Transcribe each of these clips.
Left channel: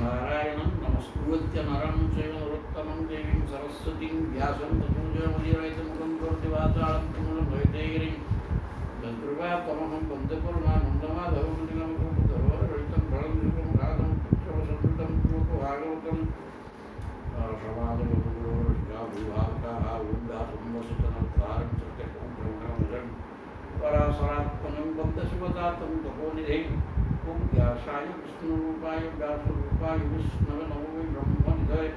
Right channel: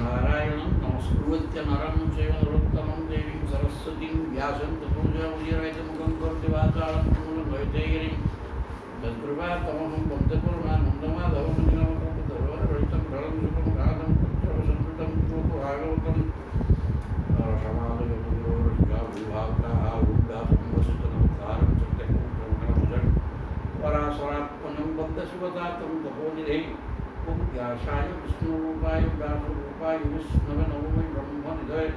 नारायणं नमस्कृत्य नरं चैव नरोत्तमं देवीं सरस्वतीं व्यासं ततो जयमुदीरयतमुखं करोति वाचालं मूलमैतेगिरिं तद्कृपातमहं वन्दे पूर्णानन्दमाधवं निगमकल्पतरोरहृतं फलं सुखं राधं पुत्रवसंकृतं भागवतं समादगुरुर्गाभूभावकाः ऊर्गासंवसितनमुद्धारं सत्यकं पराशरात्मनं वन्दे शिवदातं तपोनिधिं ओम व्यासाय विष्णुरूपाय व्यासरूपाय विष्णवे नमो वै ब्रह्मनिधये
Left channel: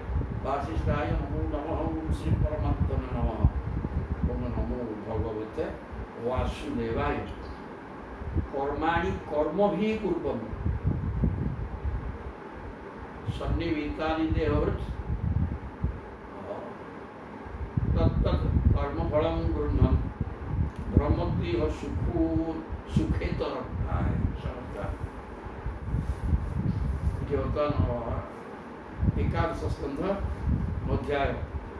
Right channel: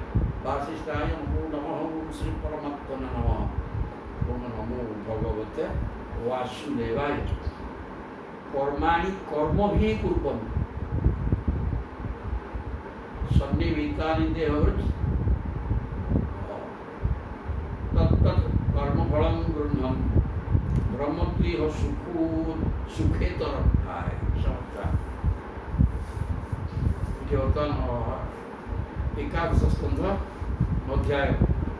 वासिष्ठाय नमो नमः ओम श्री परमात्मने नमः ओम नमो भगवते वासुदेवाय कर्माणि कर्मभिः कुर्वन् सन्निहितानि देहवृत् तत्तत् कर्मफलं गृह्णन् ब्रह्मत्वीह सुखेतरं है समझता एकादश स्कंध अध्याय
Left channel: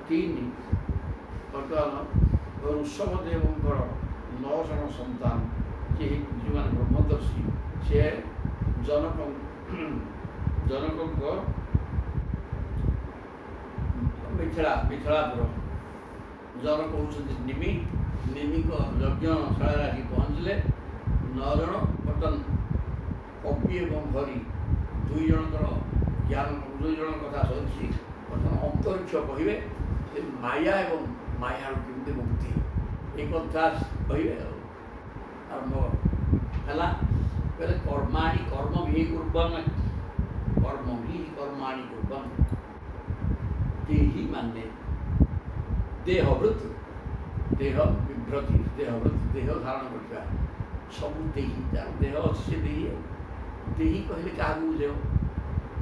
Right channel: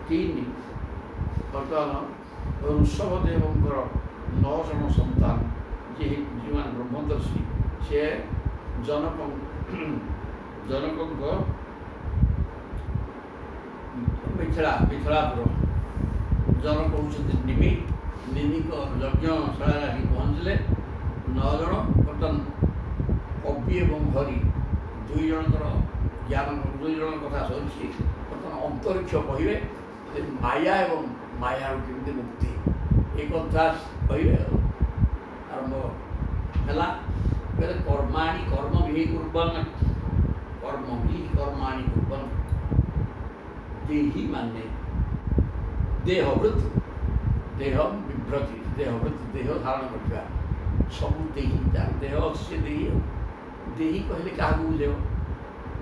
3 बर्तमान ऋषभदेव 9 जन सन्तान जी मैंने ब्रह्मदर्शी से जनक मिथिलापुर जनक होती निमि यज्ञशाला पहुँचले 9 जन बर्तमान कवि एवं हरि 2 जनकर ज्ञान 2 जन कथा सरी बर्तमान अंतरिक्ष कहे माया एवं माया केमती मुक्ति एक कथा कहे आरंभ है कहते कर्माणि कर्मभिः कुर्वन् कर्मभिः कर्माणि कुर्वन् देहि माने देहवृत देह विभ्रति देहवृत देह धारण करवा सब देही देह अच्छे देही देही कहले क्या बुझे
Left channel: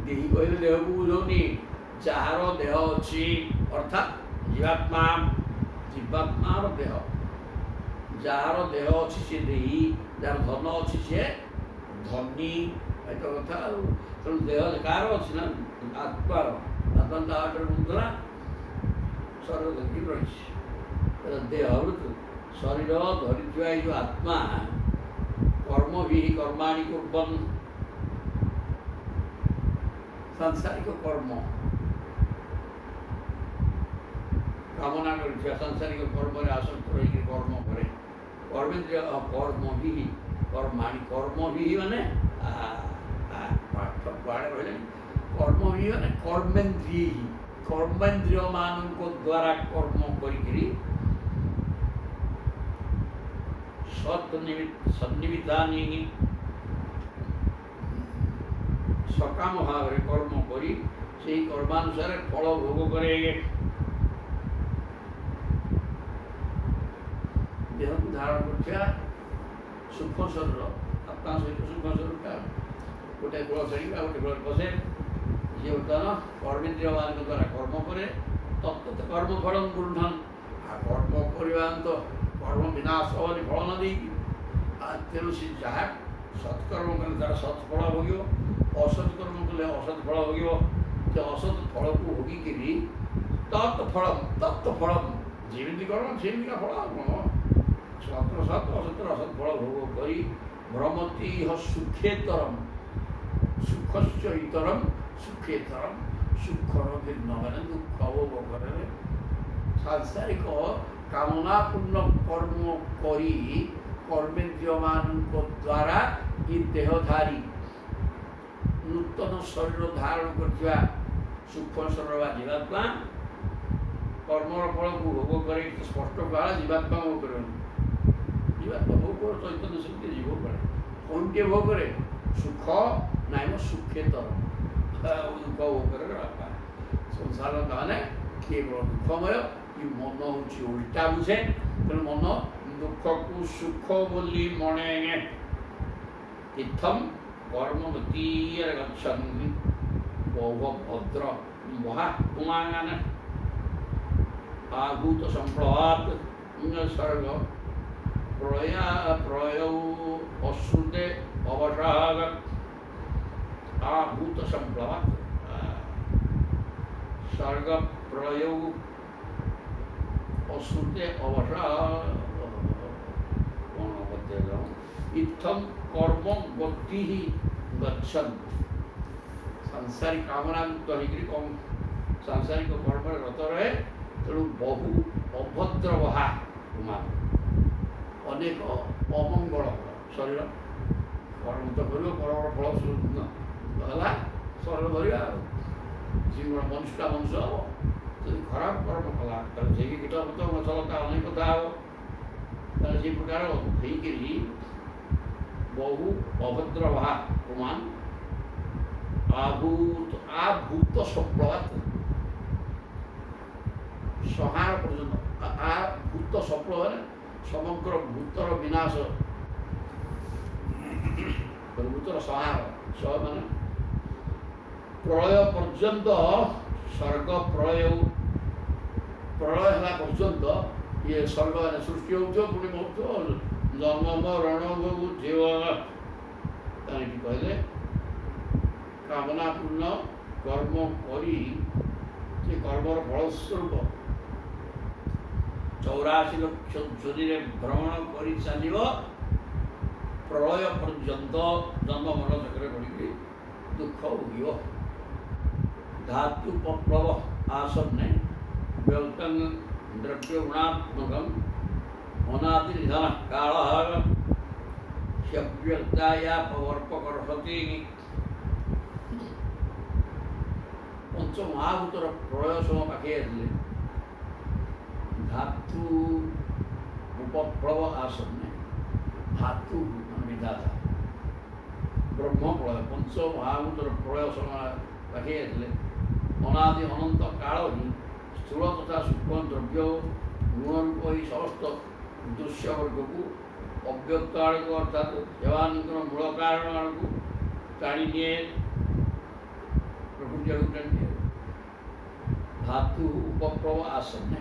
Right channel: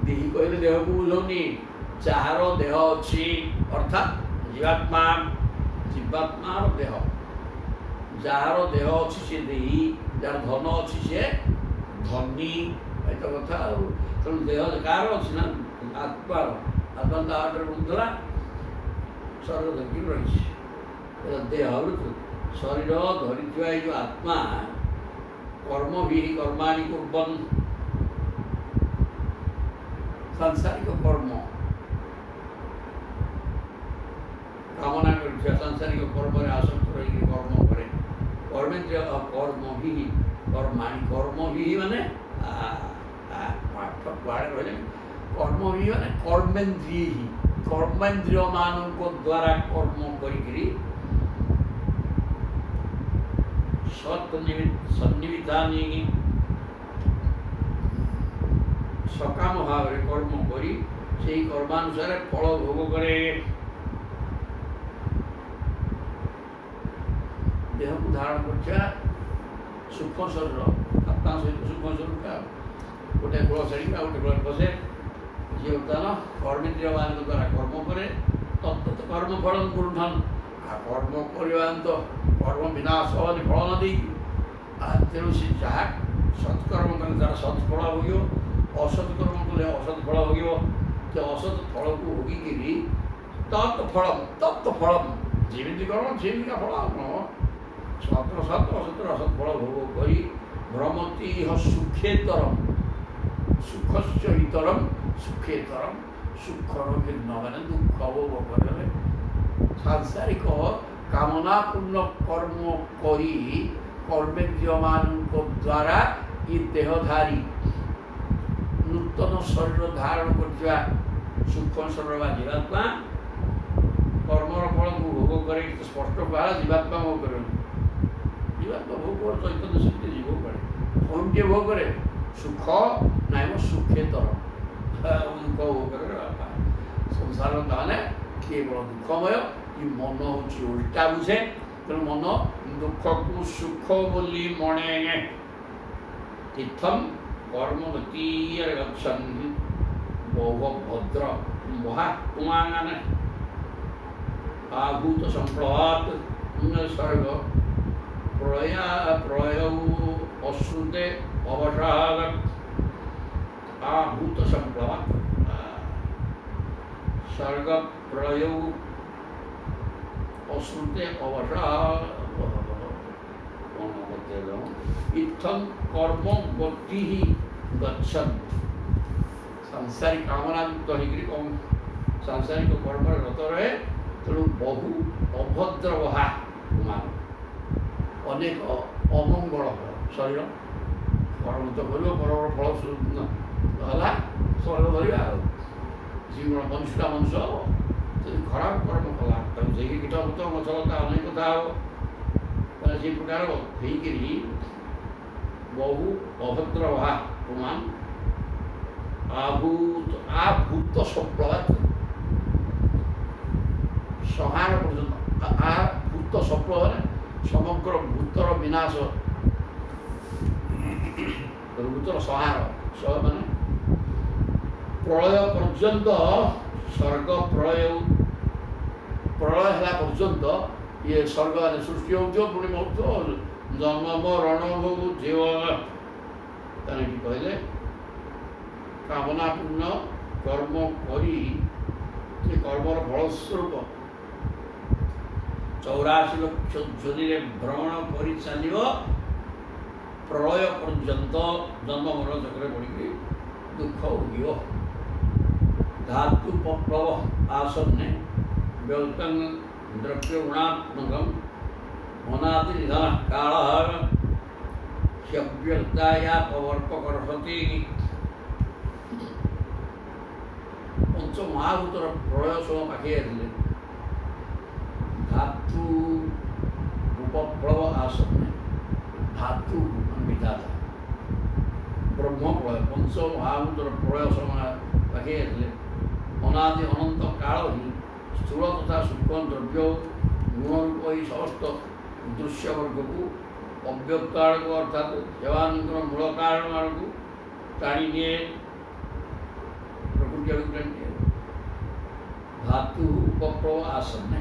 देही कहले देह को बुझौनी जार देह अच्छी अर्थात जीवात्मा जीवात्मार देह जार देह अच्छी से देही जार धन अच्छी से धनी तो कथा तेणु देह कार अच्छी ना आत्मार आत्मा बुद्धरा स्वर्ग धरिकी रही देहवृत शरीर धरी जो आत्मा कर्म भी कर्माणि कुर्वन् सांसारिक कर्म कामना कर सांसारिक कर्म आसक्त रही कर्म करे कर्मेन्द्रिय कर्म भी कर्माणि कर्म भी माने पाठ पाठ कहले कर्म भी माने कर्मेन्द्रिय कर्मेन्द्रिय मानक द्वारा कर्म करी सन्निहितानि सकाम भाव कर्म करी से कर्मानुसार फल भोग करे देह को धारण कर सूक्ष्म शरीर आत्मा सहित सूक्ष्म शरीर का गोटे कूल छाड़ी गोटे कूल बसे ये बर्तमान कर्मेन्द्रिय मान द्वारा कर्म करे तत्त कर्म फल गृह्णन् कर्म करवा तो कर्म विनाश वाली फल न दी तेणु से जहाँ सत्कर्म कले तार सत्फल भोग असत्कर्म कले असत फल भोग तो असत फल को भोगिकी तत्फल जमी कर्म सेमिका फल सत्र सत असतर असत फल भोग कर भ्रमतीह सुखेतरम सुखस्य इतरम सुखेतरम सुखर भिन्न मैंने दुख भोग करे सांसारिक कामनापूर्ण कर्म करी कर्मेन्द्रिय मान द्वारा ये देहधारी नूतन शरीर धारण कर सूक्ष्म शरीर जीवात्मा कर्मर फल को भोग करे स्पष्ट कहा जीवात्मा भोग करे जीवात्मा भोग कर चैतन्य शक्ति जीव करे कौन के भोग करे सुख ना सुखेतर दुख भोग करे संसार माने केवल दुखमय कि मन हूँ उल्टा बुझे तेणु मन दुख को सुख बोली मणे इत्थम कर्मवती गच्छन् बहु भद्र महात्मान आहूत संप्लवात् सर्ग प्रलय अश्रुते अवसाद आहूत संप्लवात् सर्ग प्रलय अश्रुते अवसाद इत्थम कर्म गति गच्छन् ସାଂସାରିକ କାମନାଯୁକ୍ତ ହେଇକରି ସାଂସାରିକ କର୍ମରେ ରତ ରହେ। ତେଣୁ ବହୁ ଅଭଦ୍ର ବହା ମାନ ଅନେକ ଅମଙ୍ଗଳ ଶରୀର କର୍ମ ତ କରିବ, କର୍ମର ଫଳ ହେଲା ଶରୀର ଧରିବା ଆଉ ଜୀବନ ମନୁଷ୍ୟଟା ମଣିଷ ହେବ। ଯଦି ଖରାପ କର୍ମ କଲା ତାକୁ ଯାଇକି କୀଟ ପତଙ୍ଗ ଗଛ ଲତା ଅନେକ କଥା ହେବ। ତାହେଲେ ସେ ପ୍ରକାର ହେଇକିରି ବହୁ ଅଭଦ୍ର ବହା ମାନ ଆଭୂତ ସପ୍ଳବାତ ସଂହାର ପର୍ଯ୍ୟନ୍ତ ଭୂତ ସପ୍ଳବ ମାନେ ସମଗ୍ର ଭୂତର ବିନାଶ, ଭୂତର ସଂହାର ମାନେ ପ୍ରଳୟ ପର୍ଯ୍ୟନ୍ତ ସ୍ୱର୍ଗ ପ୍ରଳୟ ହେଲା ପର୍ଯ୍ୟନ୍ତ ଇଏ ସ୍ୱର୍ଗ ମାନେ ସୃଷ୍ଟି ହେଉଥିବ, ପୁଣି ମରୁଥିବ, ଜନ୍ମ ମରଣ ଭୋଗୁଥିବ। କାହିଁକି କହିଲେ କାମନାପୂର୍ଣ୍ଣ କର୍ମ କରି ସେ କର୍ମର ଫଳସ୍ୱରୂପ 84 ଲକ୍ଷ ଯୋନିରେ ଭ୍ରମଣ କରି ଚାଲିବ, ପ୍ରଳୟ ପର୍ଯ୍ୟନ୍ତ ଜନ୍ମ ମରଣ ଚକ୍ରରେ ପଡ଼ିକି ଦୁଃଖ ଭୋଗିବ। ଧାତୁ ପପ୍ଳବ ଆସନ୍ନେ ବ୍ୟକ୍ତଂ ଦ୍ରବ୍ୟ ଗୁଣାତ୍ମକଂ ଅନାଦି ନିଧନ କାଳ ହ୍ୟବ୍ୟକ୍ତାୟା ପବର୍ପକର୍ଷତି। ପଞ୍ଚମହାଭୂତର ପ୍ରଳୟ ସମୟ ପାଖେଇ ଆସିଲେ ଧାତୁ ଉପପ୍ଳବ ଆସନ୍ନେ, ଧାତୁ ବିଧାତା ବ୍ରହ୍ମ ପ୍ରଳୟ ପଞ୍ଚମହାଭୂତର ପ୍ରଳୟ ସମୟ ପାଖେଇ ଆସିଲେ ଅନାଦି ଅନନ୍ତ କାଳ ହିଁ ସ୍ଥୂଳ ତଥା ସୂକ୍ଷ୍ମ ଦ୍ରବ୍ୟ ଗୁଣରୂପ ଏହି ସମସ୍ତ ଦୃଶ୍ୟବର୍ଗକୁ ଅବ୍ୟକ୍ତ ଆଡ଼କୁ ଅର୍ଥାତ୍ ସେମାନଙ୍କର ମୂଳ କାରଣ ଆଡ଼କୁ ଟାଣି ନିଏ, ପ୍ରକୃତି ଆଡ଼କୁ ଟାଣି ନିଏ। ଧାତୁ ଉପପ୍ଳବ ଆସନ୍ନେ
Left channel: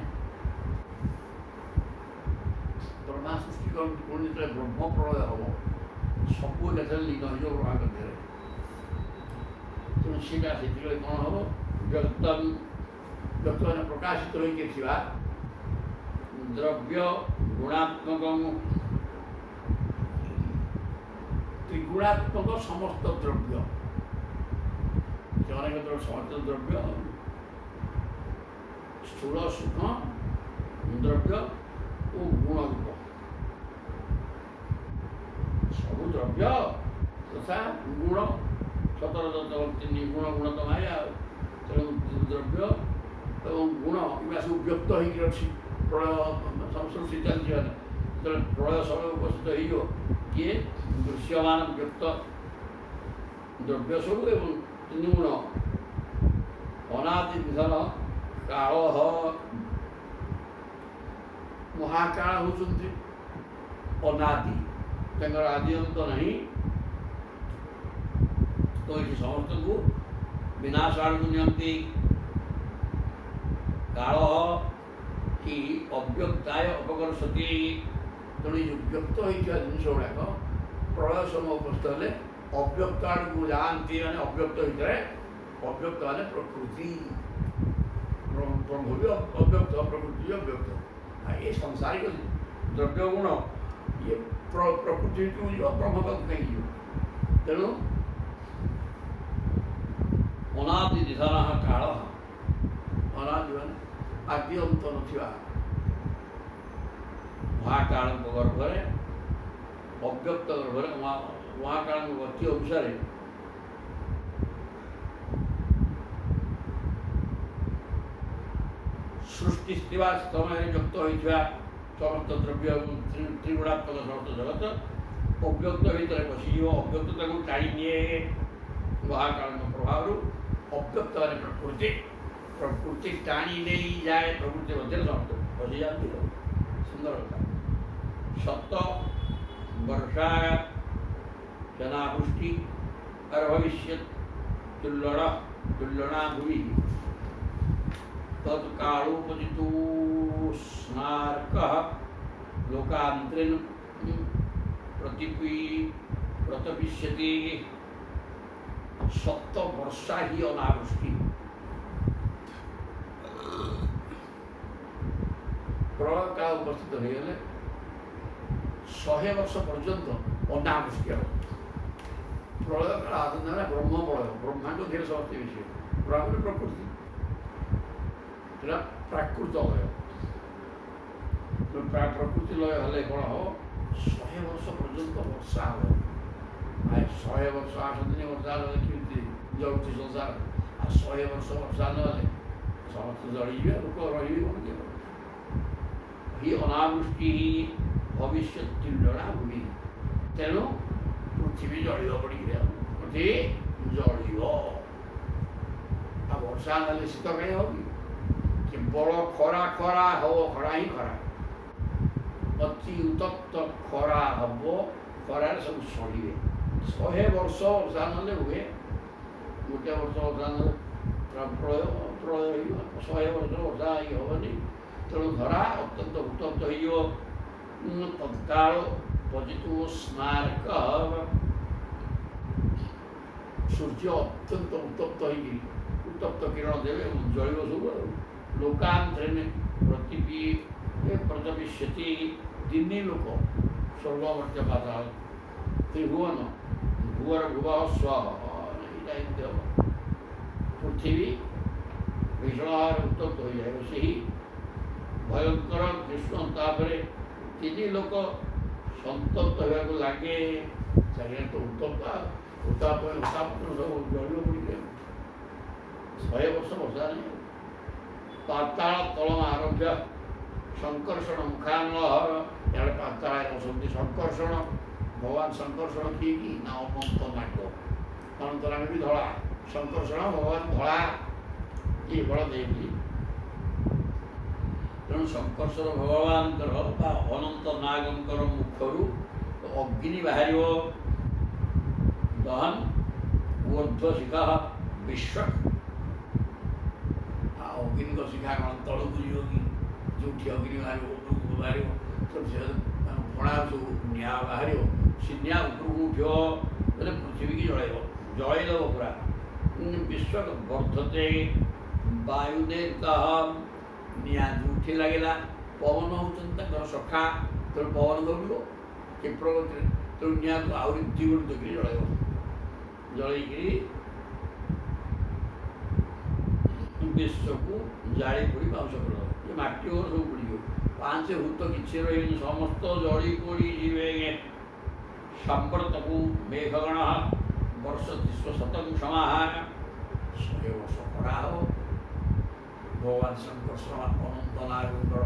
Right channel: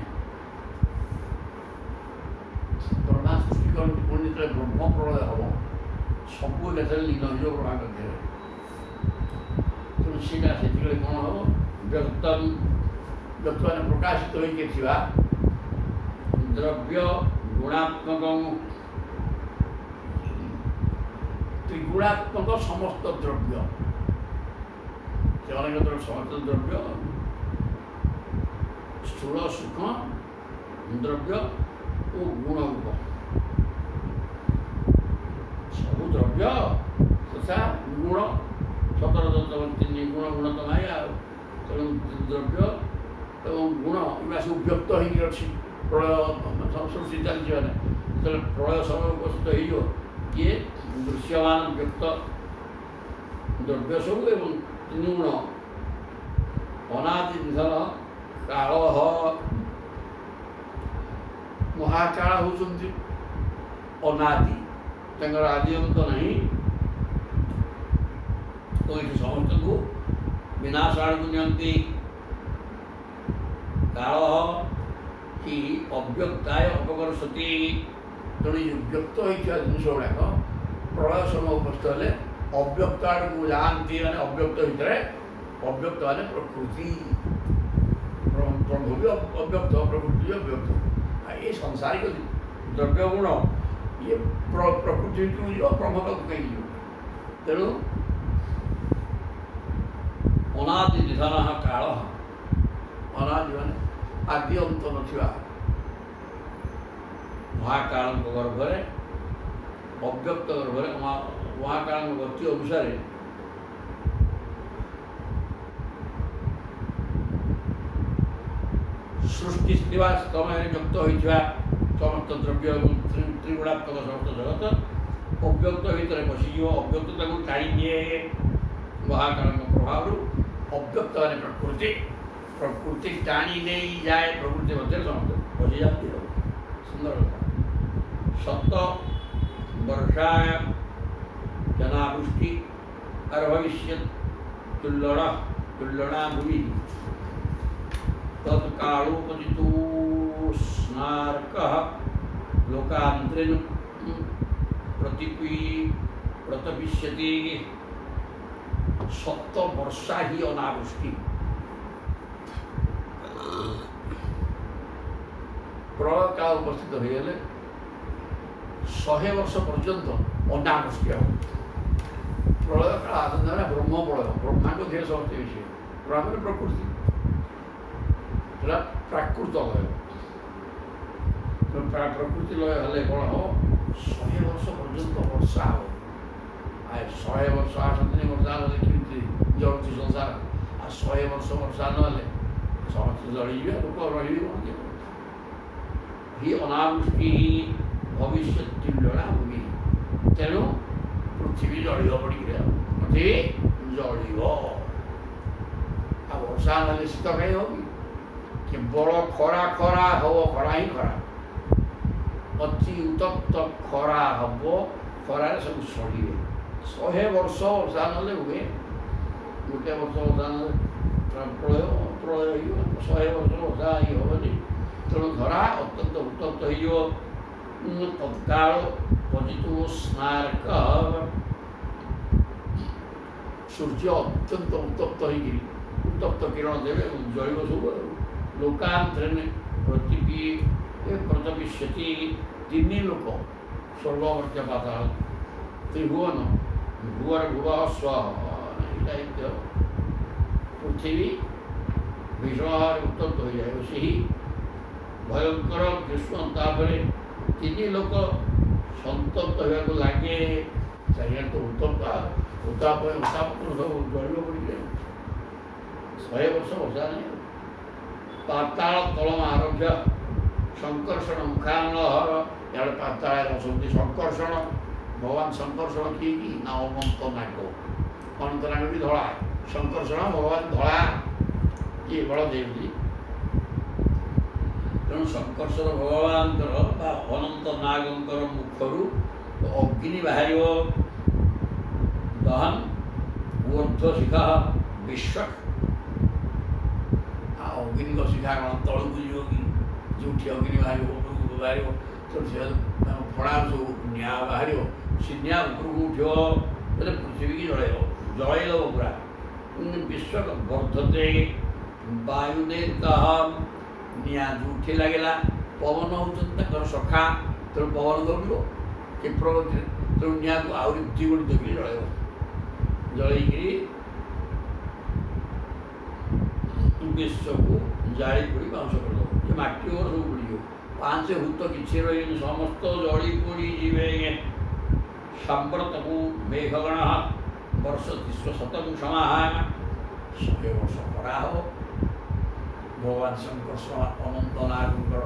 ବ୍ରହ୍ମା ସୃଷ୍ଟି କରନ୍ତି, ପୁଣି ଯେତେବେଳେ ବ୍ରହ୍ମ ପ୍ରଳୟ ହେବ ସବୁ ଏକାଥରେ ଲୀନ ହେଇଯିବ ବ୍ରହ୍ମାଙ୍କ ଦେହରେ। ତେଣୁ ସେଇଟା ସେଥିପାଇଁ କ'ଣ ହେବ ବ୍ୟକ୍ତମାନେ ପ୍ରକାଶିତ ହୋଇକି ଥିବା ଦ୍ରବ୍ୟ ଗୁଣାତ୍ମକ ତ୍ରିଗୁଣାତ୍ମକ ସମସ୍ତ ଦ୍ରବ୍ୟ, ସେମାନଙ୍କର ସମସ୍ତ ଦ୍ରବ୍ୟ ସ୍ଥୂଳ ସୂକ୍ଷ୍ମ ଦ୍ରବ୍ୟ ଓ ଗୁଣରୂପ ସବୁ ଦ୍ରବ୍ୟ ତଥା ଗୁଣ 17 ଗୁଣ ଗୁଣ ତ ମାୟା। ତେଣୁ ଦ୍ରବ୍ୟ ଏବଂ ଗୁଣ ଏଗୁଡ଼ା ସବୁ ବ୍ୟକ୍ତ ହେଇକି ଅଛି ପ୍ରଳୟ ସୃଷ୍ଟି ଚାଲିଛି। ମାନେ ଯେତେବେଳେ ପ୍ରଳୟ ସମୟ ଉପସ୍ଥିତ ହେଇଯିବ କିଏ ଦୃଶ୍ୟମାନ ବ୍ୟକ୍ତ ଦ୍ରବ୍ୟ ସବୁ ଏବଂ ଗୁଣ ଅନାଦି ନିଧନ କାଳ ମହାକାଳ ହେଉଛନ୍ତି ଅନାଦି, ତାଙ୍କର ଆଦି ଅନ୍ତ ନାହିଁ। ତ ଏଠି ସମସ୍ତଙ୍କୁ ବିନାଶ ଆଡ଼କୁ ନିଅନ୍ତି। କାଳ କି ଅବ୍ୟକ୍ତାୟ ଅପକର୍ଷତି। ତେଣୁ ଏ ଯେଉଁ ବ୍ୟକ୍ତ ହୋଇଥିବା ଜିନିଷ ଗୁଡ଼ାକ ପ୍ରଳୟ ସମୟ ଉପସ୍ଥିତ ହେଲେ ଅବ୍ୟକ୍ତ ଆଡ଼କୁ ଯାଆନ୍ତି। ମାନେ ଅବ୍ୟକ୍ତ ଭିତରେ ଅବ୍ୟକ୍ତ ମାନେ ପ୍ରକୃତି, ବ୍ରହ୍ମ ବି ଅବ୍ୟକ୍ତ, ପ୍ରକୃତି ବି ଅବ୍ୟକ୍ତ। ଏ ସଂସାରିକ ଦ୍ରବ୍ୟ ଗୁଣ ଇଏ ପ୍ରକୃତି ଭିତରକୁ ଯିବ, ବ୍ରହ୍ମ ପାଖକୁ କାହିଁକି ଯିବ? ତେଣୁ ଅନାଦି ନିଧନ କାଳ, ଅନାଦି ମାନେ ଆଦି ଅନ୍ତ ନଥିବା ମହାକାଳଙ୍କ ଗର୍ଭରେ ଅବ୍ୟକ୍ତ ଗର୍ଭରେ ମହାକାଳଙ୍କ ଗତି ଅନୁସାରେ ସୃଷ୍ଟି ଥିବା ସମୟରେ ବ୍ୟକ୍ତ ହୋଇଥିବା ସମସ୍ତ ଦ୍ରବ୍ୟ ଏବଂ ତ୍ରିଗୁଣାତ୍ମକ ସମସ୍ତ ଜଗତ ଅବ୍ୟକ୍ତ ଭିତରେ ପଶିଯିବ। ଅବ୍ୟକ୍ତ ତାକୁ ଟାଣି ନିଏ ମହାକାଳଙ୍କ ପ୍ରଭାବରୁ। ଅବ୍ୟକ୍ତ ମାନେ ପ୍ରକୃତି ଟାଣି ନେଇଯାଏ, ପ୍ରକୃତି ମଧ୍ୟରେ ସମସ୍ତେ ପଶିଯାଆନ୍ତି। ଆଉ ସୁନ୍ଦର କଥା। ସତ ବର୍ଷା ଜନାବୃଷ୍ଟି ଆର ଭବିଷ୍ୟତ୍ ତୁଲ୍ୟଣା ଭୂମି तत्कालोपदितो स्नार्कः लोकान्तरेण प्रतपिष्यति। 7 ବର୍ଷା ହିଁ ଅନାବୃଷ୍ଟି। ପ୍ରଳୟ କାଳ ଉପସ୍ଥିତ ହୋଇଗଲେ 100 ବର୍ଷ ପର୍ଯ୍ୟନ୍ତ ଅନାବୃଷ୍ଟି ହେବ। ପ୍ରଳୟ କାଳ ଆନନ୍ଦ ହେଲା ବ୍ରହ୍ମ ପ୍ରଳୟ, ବ୍ରହ୍ମାଙ୍କ ଧିରେ ସମସ୍ତେ ମିଶିବେ। ବ୍ରହ୍ମରେ ପ୍ରକୃତି ସେଟା ପ୍ରାକୃତ ଲୟ। ପ୍ରକୃତି ଲୟ ହେଲେ କ'ଣ ହେବ? 100 ବର୍ଷ ପର୍ଯ୍ୟନ୍ତ ବର୍ଷା ହେବ। 100 ବର୍ଷ 8 ଦିନ ବର୍ଷା ହେଲେ କେମିତି ଜଳୁଛି ସଂସାର? ଆଉ 100 ବର୍ଷ ବର୍ଷା ନହେଲେ ସମସ୍ତେ ଜଳିଯିବେ, ଲୋକ ରହିବେ କ'ଣ କେବଳ। ହି ଅନାବୃଷ୍ଟି ଭବିଷ୍ୟତି ଜଣା ଭୂମି। ତେଣୁ ପୃଥିବୀ ଜଳିବ ପଡ଼ିକିରି, ପୃଥିବୀ ଜଳିବ। ଆଉ ବର୍ଷା ନହେଲେ ଶୀତ କାହିଁ ହେବ କି? କେବଳ ଖରା ଖରା ହେବ, ଖରା ହିଁ ଖରା। ଅତି ଉତ୍ତପ୍ତ ଖରା ହେବ, ଖରାରେ ସବୁ ସଢ଼ିବେ। 100 ବର୍ଷ ବର୍ଷା ନହେଲେ ହୁଏ, ଗୋଟେ ବର୍ଷ ବର୍ଷା ନହେଲେ ପ୍ରଳୟ ହେଇଯିବ। 100 ବର୍ଷ ବର୍ଷା ହେଇ ହେବନି। ତେଣୁ ଧରା ଅତ୍ୟନ୍ତ ଉତ୍ତପ୍ତ ହେଇଯିବ। ତତ୍କାଳ ପଜିତୁ ସ୍ନାର୍କ, ସୂର୍ଯ୍ୟ ଅତ୍ୟନ୍ତ ଉତ୍ତପ୍ତ ହେଇକିରି ଉତ୍ତପ୍ତ କିରଣ ଦେବେ ଏବଂ ଜଳିବ ସବୁ। ଲୋକାନ୍ତରେଣ ପ୍ରତିବିଶ୍ୟତି, ତିନି ଲୋକ ସ୍ୱର୍ଗ ମର୍ତ୍ତ୍ୟ ପାତାଳ ତ୍ରିଭୁବନ ଭୁବର ଭୁବ ସ୍ୱ, ଏଇଟା ଏମିତି ହେବ। ପୃଥିବୀ ଭୀଷଣ ଭାବରେ ଉତ୍ତପ୍ତ ହୋଇଯାଏ। ସେହି ଭୟଙ୍କର ଗ୍ରୀଷ୍ମ, ତାପରେ ତିନି ଲୋକ ସନ୍ତପ୍ତ ହେବାକୁ ଲାଗେ। ଚାରିଆଡ଼େ ତ ଉତ୍ତପ୍ତ, ଉତ୍ତାପ ସବୁ ଜଳିବ ପଡ଼ିଯାଏ। 100 ବର୍ଷ ବର୍ଷା ନାହିଁ। ପାତାଳ ତଳମ ଆରଭ୍ୟ ସଂକର୍ଷଣ ମୁଖାନଳହର, ଇଆଡ଼େ ପାତାଳରେ ଅଛନ୍ତି ସଂକର୍ଷଣ। ଭଗବାନ ସଂକର୍ଷଣ କିଏ କି? ନା ଅନନ୍ତ ନାଗ। ଅନନ୍ତ ନାଗ ବି ଧଳା, ସଂକର୍ଷଣ ଭଗବାନ ଧଳା। କିଏ? ବଳଦେବଜୀ। ତେଣୁ ସଂକର୍ଷଣ ଭଗବାନଙ୍କର ବା ଅନନ୍ତ ନାଗଙ୍କର ମୁଖରୁ ଅଗ୍ନି ବାହାରିବ। ଦହନ ଊର୍ଦ୍ଧ୍ୱ ଶିଖା ବିଶ୍ୱ। ଆଉ ଅଗ୍ନିଙ୍କ ଶିଖା କ'ଣ ତଳକୁ ଯିବ କି? ଯେଉଁଠି ଅଗ୍ନି ବାହାରିବ ଉପରକୁ ବାହାରିବ। ତେଣୁ ସେ ଫଣାରୁ ସବୁ ନିଆଁ ବାହାରିବ। ସେ ନିଆଁ ଉପରକୁ ଉଠିବ, ବୋଲେ ପୃଥିବୀକି ଜଳେଇବ, ଜଳେଇଦେବ ପୁରା। ବିଶ୍ୱ ବର୍ଦ୍ଧତେ ବାୟୁନେତାଃ, ନିଆଁ ଯେଉଁଠି ଲାଗିଲା, ପବନ ହେଉଛନ୍ତି ତାଙ୍କର ସଖା। ତେଣୁ ପବନ ଦୌଡ଼ିବ କ୍ଷିପ୍ର ଗତିରେ। ତେଣୁ ନିଆଁକୁ ଆହୁରି ଦ୍ୱିଗୁଣିତ କରି ଜଳେଇବ। ଜଳେଇକିରି ବିଶ୍ୱକୁ ଜାଳି ପୋଡ଼ି ପାଉଁଶ କରିଦେବ। ଯେ ମାଟି ଓର ସବୁ ପୋଡ଼ିଯିବ। 5 ଭୂତ କିଛି ରହିବେନି, ସମସ୍ତ ଜଳି ପୋଡ଼ିଯିବେ। ସାମ୍ପ୍ରତକୁ ମେଘଗଣ ବର୍ଷ 300 ସମାହାନ। 100 ବର୍ଷ ଖରା ହେବ। ଭଗବାନ ଶଙ୍କର୍ଷଣ ଅନନ୍ତ ନାଗଙ୍କର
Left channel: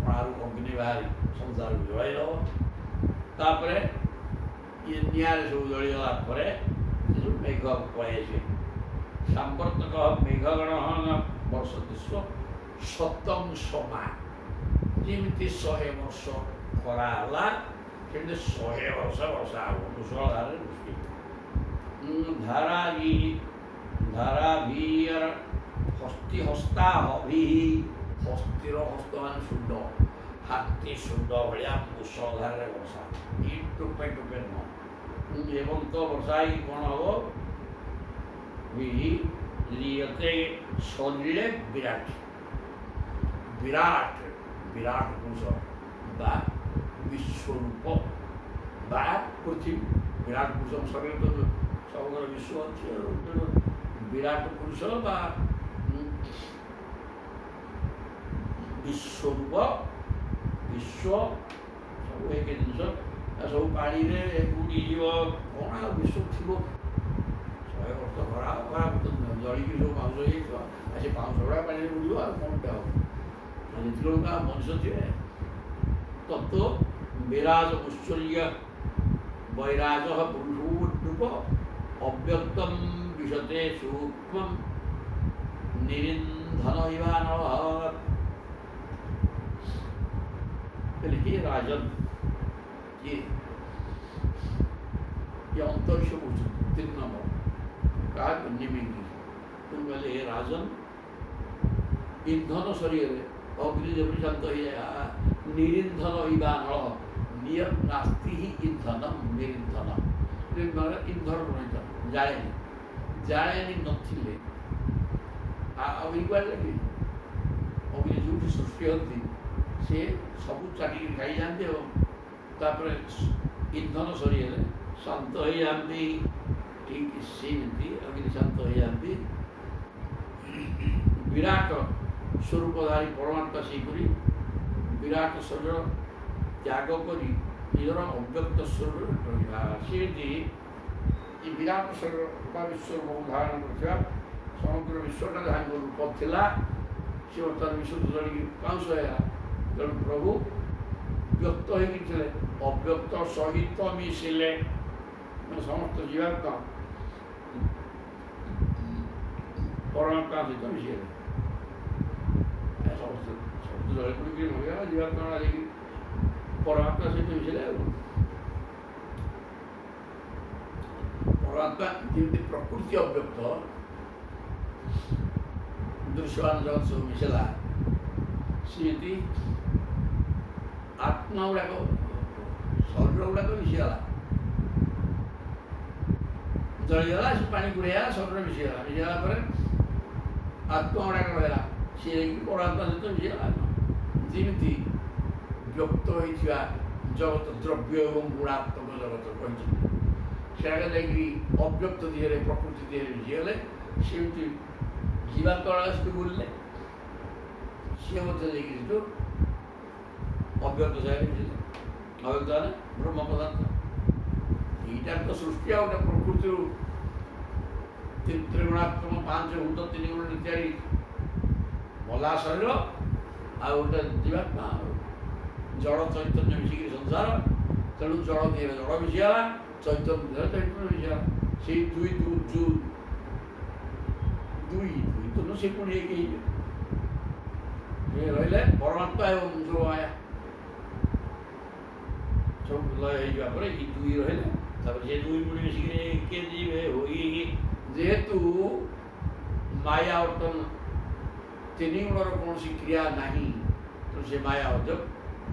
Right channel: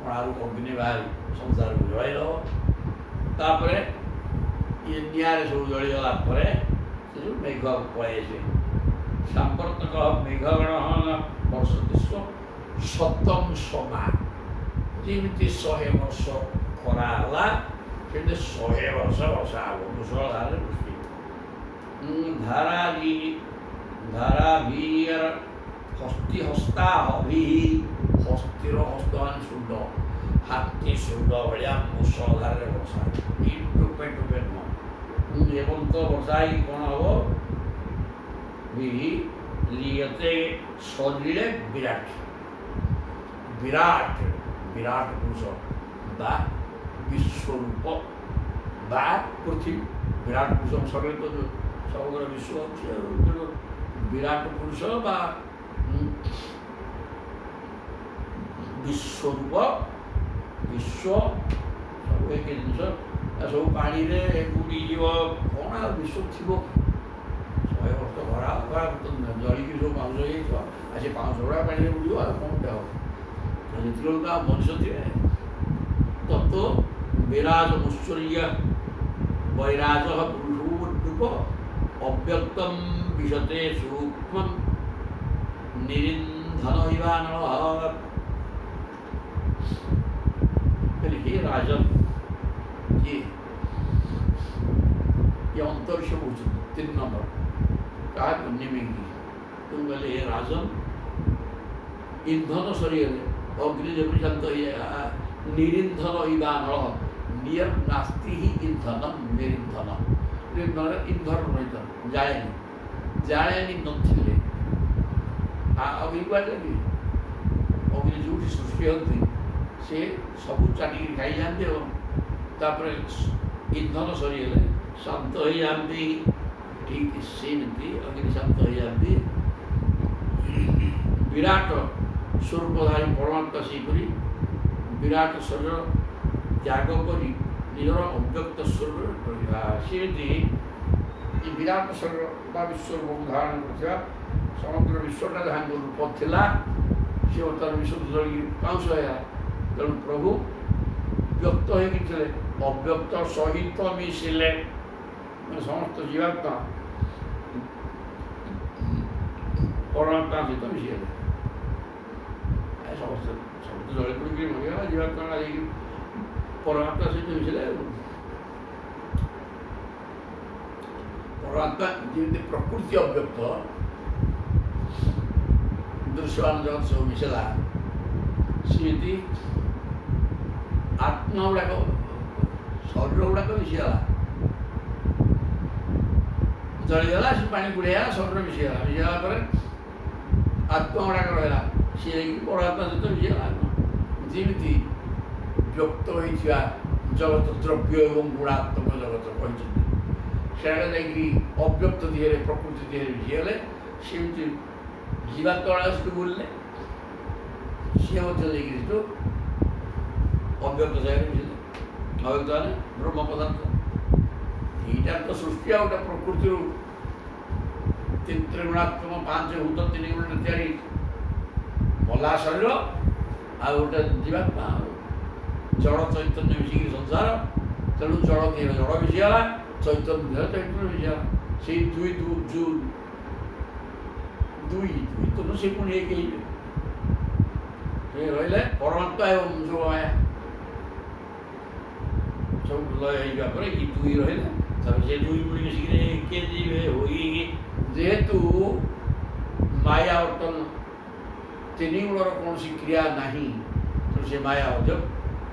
କଣାରୁ ଅଗ୍ନି ବାହାରି ସଂସାରକୁ ଜଳାଇଦେବ। ତାପରେ ଇଏ ନିଆଁରେ ସବୁ ଜଳିଗଲା ପରେ ସେ ସବୁ ମେଘ ପଳାଇ ଆସିବେ। ସାମ୍ପ୍ରତକ ମେଘଗଣ ବର୍ଷ 300 ସମା। ଯେମିତି 100 ବର୍ଷ ଖରା ହେଲା, ସେମିତି 100 ବର୍ଷ ବର୍ଷା ହେବ। ମୁଷଳଧାରରେ ବୃଷ୍ଟି। ଧାରାଭିର ହସ୍ତି ହସ୍ତା ହଭି, ହସ୍ତିର ହସ୍ତ ମାନେ ଶୁଣ୍ଡ, ହାତୀ ଶୁଣ୍ଡ ଭଳିଆ ମୁଷଳଧାରରେ ବର୍ଷା। ଏଇ ଟୋପେ ଟୋପେ ନୁହଁ। ଏବଂ ତ ବର୍ଷା ହେଇକି କ'ଣ ହେବ? ଲିୟତେ ସଲିଳେ ବିରାଟ। ବିରାଟ ବିରାଟ ପୁରୁଷ ବା ବିଶ୍ୱରୂପ ବା ପୃଥିବୀ। ବିରାଟ ପୁରୁଷ ସଙ୍ଗେ ତ ସବୁଙ୍କର ବିଶ୍ୱ ଅଛି। ତେଣୁ ବିରାଟ ପୁରୁଷ ବା ବିଶ୍ୱରୂପ, ବିଶ୍ୱ ସବୁ ଏକ ଜିନିଷ। ସବୁ ପାଣିରେ ବୁଡ଼ିଯିବ। କ'ଣ ଆଉ ବିଶ୍ୱ ଥିବ? 100 ବର୍ଷ ଖରା ଜଳିକି ସବୁ ପାଉଁଶ ହେଇଯାଇଥିବ। ଆଉ ସେ ପାଉଁଶ ଗୁଡ଼ା ପାଣିରେ ବୁଡ଼ିବ। ଆଉ କ'ଣଟା ହେବ? ଯେତେବେଳେ ତ ଆଉ ମଣିଷ ଥିବେ। ତତ୍ତ୍ୱ ବିରାଜ ମୁଶ୍ଚର୍ଯ୍ୟ ବୈରାଜ ପୁରୁଷୋପ ଅବ୍ୟକ୍ତମ ବିଶତେ ସୂକ୍ଷ୍ମ ନିରିନ୍ଧନ ଇବାନଳ। हे राजन, ये अंतरिक्ष पूछते 3 नंबर कहा निमिंगी। तुम बोले हे राजन, ईंधन शरीर अग्नि जब शांत हो जाएगा। निरिंधन इबान, नियर नास्ति ही ईंधनम निरिंधन। ईंधन रही जाएनी, जाएनी नथिले अग्नि कुआडे लगे? अग्नि जो सृष्टि होती से सबू चाटिकी खाई जाते और तापर ईंधन सरीगले शांत हो जाती। ठीक सेमती अग्निशांत हो जाती विराट स्वरूपधारी परमात्मा सेहीपरि विराट शरीर त्याग करी निजर अव्यक्त स्वरूप रहा सेमती ये विराट शरीर बा विश्वरूप धारण कर समग्र विश्वटा जहाँ रूप थिला सी बर्तमान विश्व जलिक पाँच है तेणु प्रभु व्यक्त होते अव्यक्त सहित मिशिले समस्त जीवात्मा परमात्मा सहित मिशिगले समस्त समस्त जल पड़ी मरीगला जीवात्मा परमात्मा सहित मिशिले परमात्मा जमी प्रकृति अव्यक्त दृश्यमान जगत सब मिशला सेमती आत्मा गुड़ाक शरीर गुड़ाक मिशीगला जलीगला से पानी गुड़ेगा शरीर मिशीगला मिशीगला पर आत्मा गुड़ाक रहा सी परमात्मा सहित मिशीगला जमी व्यक्त होता जगत द्रव्य एवं गुणात्मक जगत कहते अव्यक्त दिहरे प्रकृति दिहरे मिशीगले सेमती जीवात्मा से बोलने सी अव्यक्त जगह मिले अव्यक्त मैंने ब्रह्म पदार्थ यहीटार तो सृष्टि आ गए प्रकृति त्रिगुणात्मक पांच भूत तीन गुण तैयारी मला शरीर आ गोटे जीवात्मा जड़ चैतन्य मिसिक संसार तेणु जड़ देह जड़ मिशीगला चैतन्य देह चैतन्य मिशीगला से दुई तो से पुणी एक रही परमात्मा एवं जो माया सब लय होगा ये दुई रही से दुई पुणी मिसिक जेहेतु माया बर्तन तीन गुणर कौन क्रिया नहीं तो से माया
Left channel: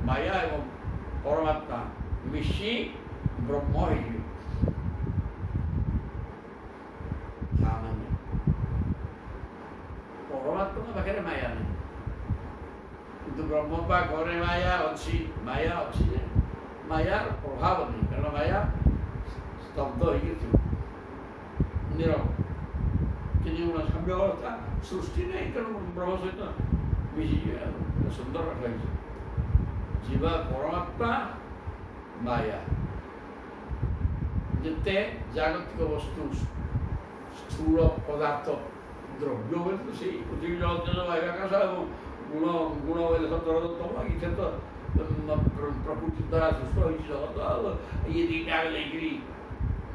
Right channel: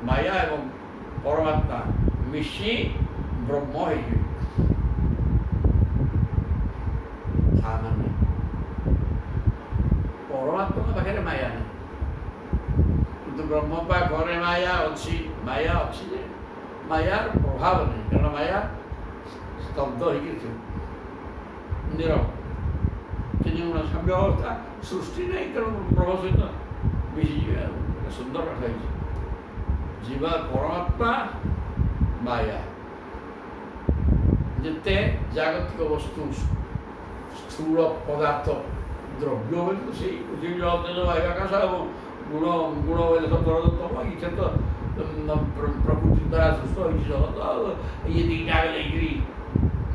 माया एवं परमात्मा मिशी ब्रह्म हो परमात्मा पाखे माया नहीं किंतु ब्रह्म पाखे माया अच्छी मायार प्रभाव नहीं कारण माया स्तब्ध हो नीरव तीन गुण साम्य अवस्था सृष्टि नहीं तेणु ब्रह्म सहित मिसी सुंदर कथा जीवा परमात्मा माया जिते जागतिक वस्तु स्थूल पदार्थ द्रव्य बोले से पृथ्वी जल तेज वायु आकाश गुण गुण बोले सब जगत इथे तो प्रकृति द्वारा सृष्ट हो जगत ये दीटा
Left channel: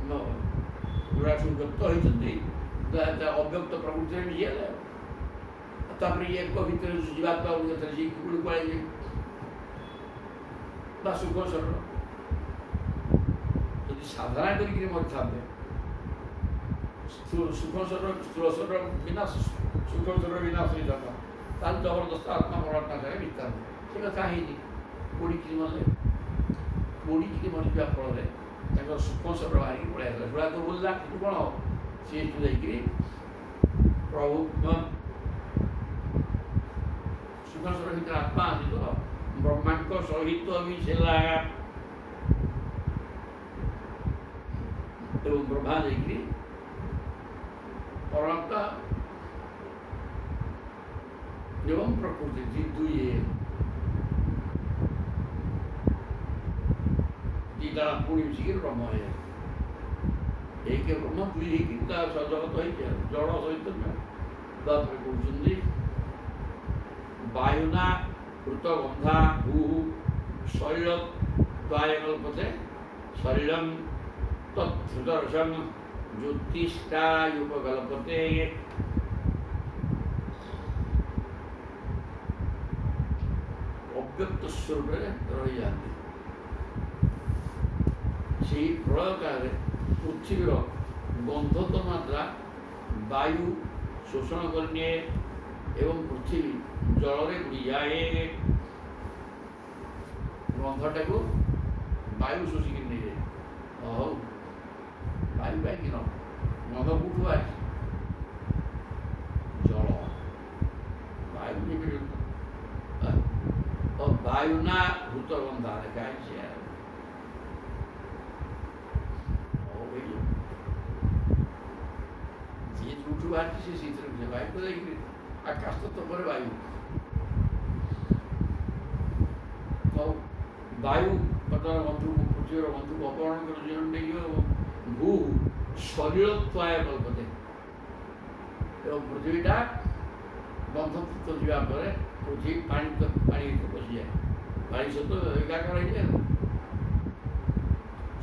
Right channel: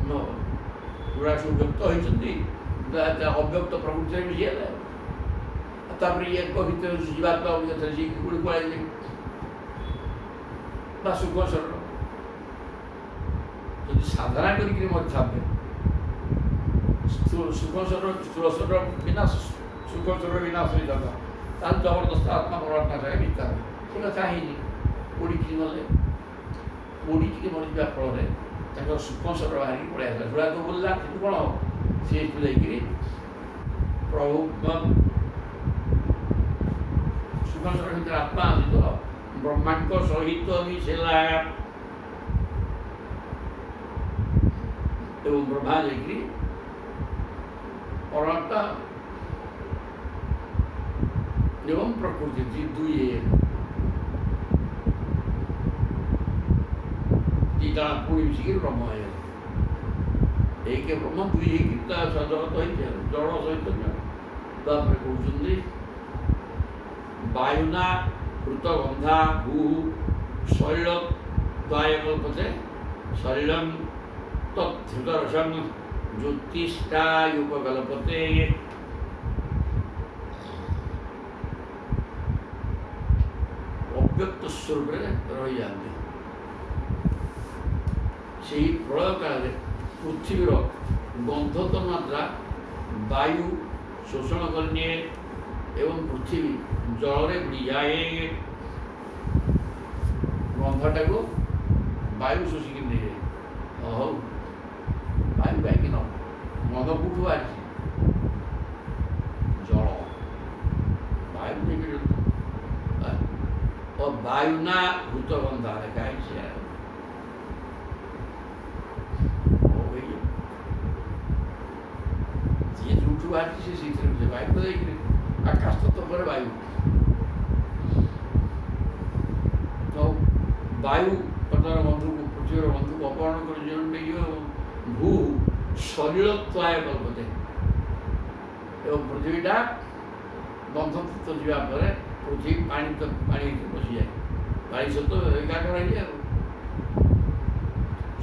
गुड़ा सब व्यक्त होती अव्यक्त प्रकृति मिशीगले तापर ये भर जीवात्मा गुड़ी पड़े सुख शरीर जब साधना करके मरता सुख शरीर स्थूल शरीर विनाश सुख शरीर विनाश हो जाता जबरदस्त आत्मा परमात्मा सारे मिता से कथा है पोड़ी मरीजा फल सुख शरीर बाहर पड़े आसा जुड़ा तो बोलला कौन सी प्रभु सुख शरीर भर आत्मा आसी तो ब्रह्मांड सहित मिशेला एवं ब्रह्मा जाकि परमात्मा एवं प्रकृति दुई दीटा पुणी मिसिक ब्रह्म है एक ब्रह्म दुई जगत हो जड़ सहित कहते वायुना ऋतगंधा भू शरीर कल्पते शरीर तद्धृतरसम ज्योतिष्ठायुपकल्पते अव्यक्त स्वरूप रही जाते से प्रलय काल पृथ्वीर गंधत मात्रा वायु शोषण करने एवं पृथ्वी जल बुड़ी जाए गंधटा को वायु शोषिक नहीं जाए हौ वायु कहीं न गंध कौटू बाहर जल वायु नहीं और वायुना भूत गंधा देखा ବାହାରିଛି ସେ ସେଇଥିରେ ମିଶେ। ବାୟୁ ତ ଯାଇକିରି ଆକାଶ ତତ୍ତ୍ୱ ପରେ ବାୟୁ। ଆଉ ବାୟୁ ବର୍ତ୍ତମାନ ବନ୍ଧୁକୁ ପୃଥିବୀର ବନ୍ଧୁକୁ ଅପହରଣ କରି ଜୀବନ ନେଇଯିବ। ଭୂ ସଲିଳତ୍ୱାୟ କଳ୍ପତେ, ଏବଂ ପୃଥିବୀଟା ବନ୍ଧତ୍ୱ ଯିବା ପରେ ପୃଥିବୀ ପାଣି ଭିତରେ ପଶିଯାଏ। ପାଣି ସହିତ ଏକାକାର ହେଇଯାଏ ଆଉ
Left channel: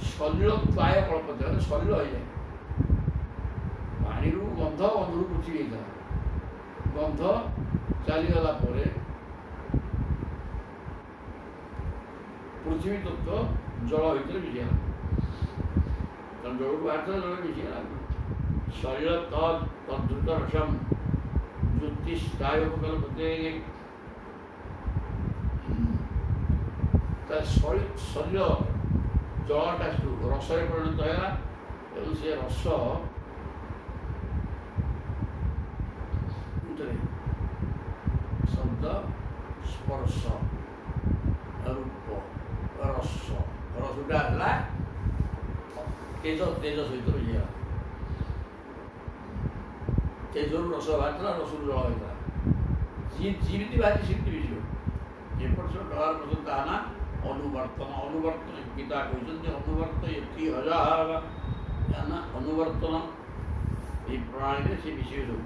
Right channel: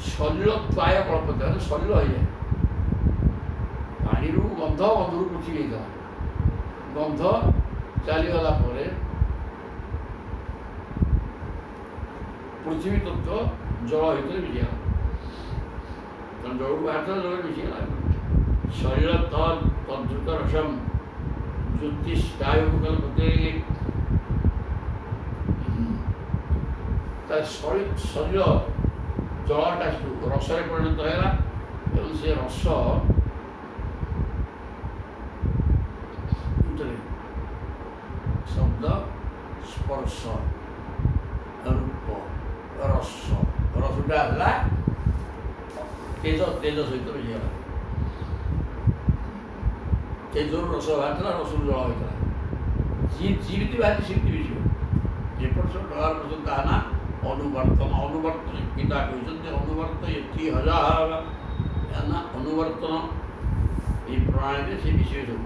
ସଲିଳତ୍ୱାୟ କଳ୍ପତେ, ମାନେ ସଲିଳ ହେଇଯାଏ। ପାଣିରୁ ଗନ୍ଧ, ଗନ୍ଧରୁ ପୃଥିବୀ ହେଇଥିଲା। ଗନ୍ଧ ଚାଲିଗଲା ପରେ ପୃଥିବୀ ତତ୍ତ୍ୱ ଜଳ ଭିତରେ ମିଶିଗଲା। ତେଣୁ ଜଳକୁ ବାହାରିଥିଲା, ଜଳରେ ମିଶିଗଲା। ସଲିଳ ତଦ୍ରୁତ ରସମ୍ ଜ୍ୟୋତିଷ୍ଠାୟକୁ କଳ୍ପତେ, ତା ସଲିଳ ଜଳଟା ସେଠୁ ରସରେ ପରିଣତ ହେଲା। ଏବଂ ସେ ରସ ଶବ୍ଦ, ସ୍ପର୍ଶ, ରୂପ, ରସ, ରସଟା ହେଲା ତେଜ ସହିତ ମିଶିଗଲା। ତେଜରୁ ରସ ବାହାରିଥିଲା, ରସରୁ ଜଳ ହୋଇଥିଲା। ଯେମିତି ବାହାରି ସେମିତି ମିଶିବ। ଏପଟ ସବୁ ଡର ପର୍ଯ୍ୟନ୍ତ ତାହା ନା ଅନୁବର୍ତ୍ତନ। ଅନୁବର୍ତ୍ତନ ଗୀତା କହିଛନ୍ତି ଅନୁବର୍ତ୍ତ ଏଠି ହଜାର ନା ଅନୁବର୍ତ୍ତନ। এই ପ୍ରଣାଳୀରେ ସେ ମିଶିବେ ସବୁ।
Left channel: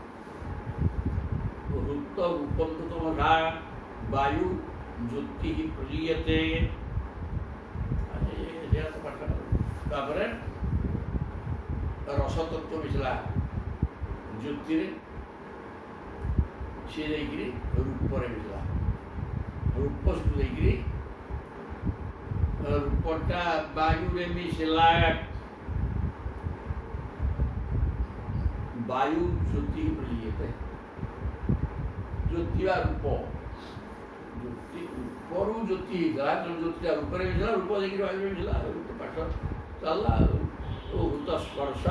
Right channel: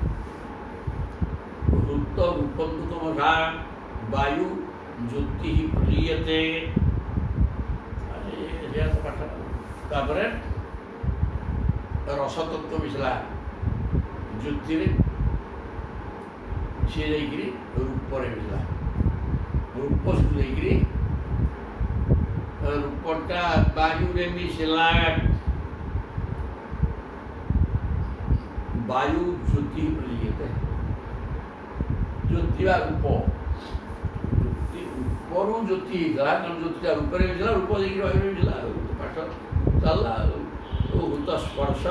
ଋତ ରୂପନ୍ତୁ ତମସା ବାୟୁ ଜ୍ୟୋତି ପ୍ରଲୀୟତେ, ପାଠ। ତାପରେ ରସତତ୍ତ୍ୱ ମିଶିଲା ଜ୍ୟୋତିରେ, ସିଏ ଯାଇକିରି ରୂପରେ ମିଶିଲା। ରୂପ ସେଠୁ ଯାଇକିରି ରୂପଟା ବାୟୁରେ ମିଶିଲା। ବାୟୁ ଜ୍ୟୋତି ପ୍ରଲୀୟତେ, ଜ୍ୟୋତି ବା ରୂପ, ରୂପରୁ ଜ୍ୟୋତି ହେଇଥିଲା। ତେଣୁ ଜ୍ୟୋତିଟା ରୂପରେ ମିଶିଲା, ରୂପ ଯାଇକିରି ବାୟୁରେ ମିଶିଲା। ପାଠ ଚାଲିଲା। ହୃତ ସ୍ପର୍ଶ,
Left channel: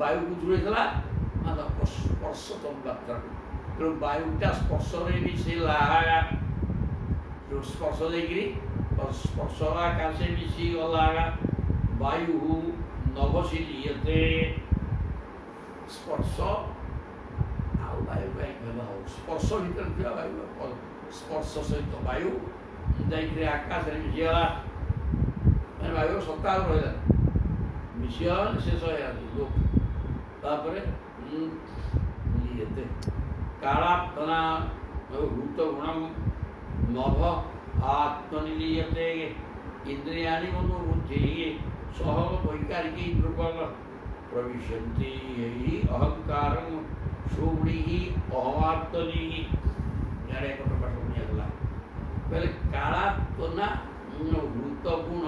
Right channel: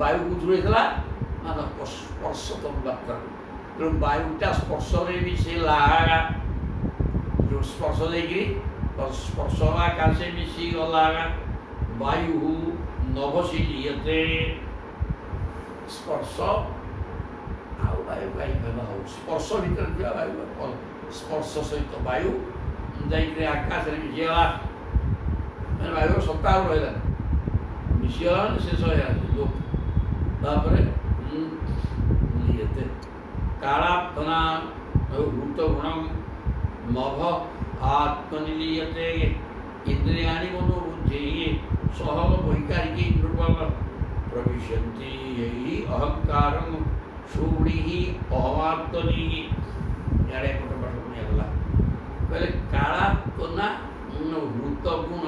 ବାୟୁ କୋଉଥିରୁ ହେଇଥିଲା ନା ସ୍ପର୍ଶ ତନ୍ମାତ୍ରାରୁ। ତେଣୁ ବାୟୁଟା ସ୍ପର୍ଶରେ ମିଶିଲା। ଯେଉଁ ସ୍ପର୍ଶ ଦେଇକିରି ସ୍ପର୍ଶ ଆକାଶେ ମିଶିଗଲା। ବାୟୁ ନଭସି ଲିୟତେ, ସ୍ପର୍ଶ ଆଉ ବାୟୁ ହଉ, ସ୍ପର୍ଶ ଭିତରେ ଥିବା ବାୟୁ ସ୍ପର୍ଶ ସହିତ ବାୟୁ ଯାଇକିରି ଆକାଶରେ ମିଶିଗଲା। ମାନେ ବାୟୁର ସତ୍ତା ଆଉ ରହିଲା, ମିଶିଗଲା, ଶେଷ ହେଇଗଲା। ତାପରେ ଲିୟତେ କାଳାପ୍ତନା ହୃତ ଗୁଣଂ ନଭ ଆତ୍ମନିଲୀୟତେ, ଇନ୍ଦ୍ରିୟାଣି ମନୋବୁଦ୍ଧି ସହ ବୈକାରିକୀ ନୃପଲ ପ୍ରବିଶନ୍ତି ଅହଙ୍କାରଂ ସୁଗୁଣି ଅହମାତ୍ମନି। ଇଆଡ଼େ ଗୋଟେ ପାଠ ନିଆଗଲା। କହିଲେ କାଳାପ୍ତନା ହୃତ ଗୁଣ,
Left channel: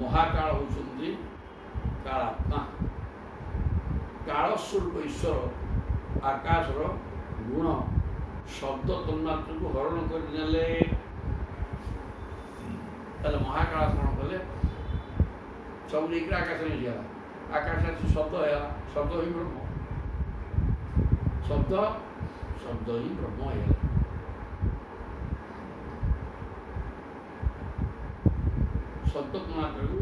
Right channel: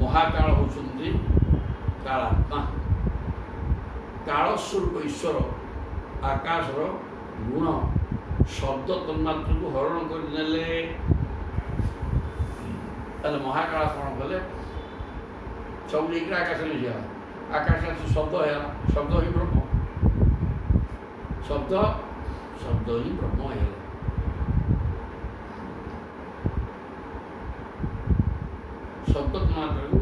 ମହାକାଳ ହେଉଛନ୍ତି କାଳାତ୍ମା। କାଳ ସ୍ୱରୂପ ଈଶ୍ୱର ଆକାଶର ଗୁଣ ଶବ୍ଦ ତନ୍ମାତ୍ରକୁ ହରଣ କରିନେଲେ। ତାହେଲେ ମହାକାଳ କ'ଣ କଲେ? ସବୁ ଯାଇକିରି ଆକାଶରେ ମିଶିଗଲା। ଆକାଶରେ ଶବ୍ଦ ହେଇଗଲା। ଶବ୍ଦ ହିଁ ବ୍ରହ୍ମ। ଶବ୍ଦ ହିଁ ବ୍ରହ୍ମ ହେଇଗଲା। ଶବ୍ଦ ତନ୍ମାତ୍ରକୁ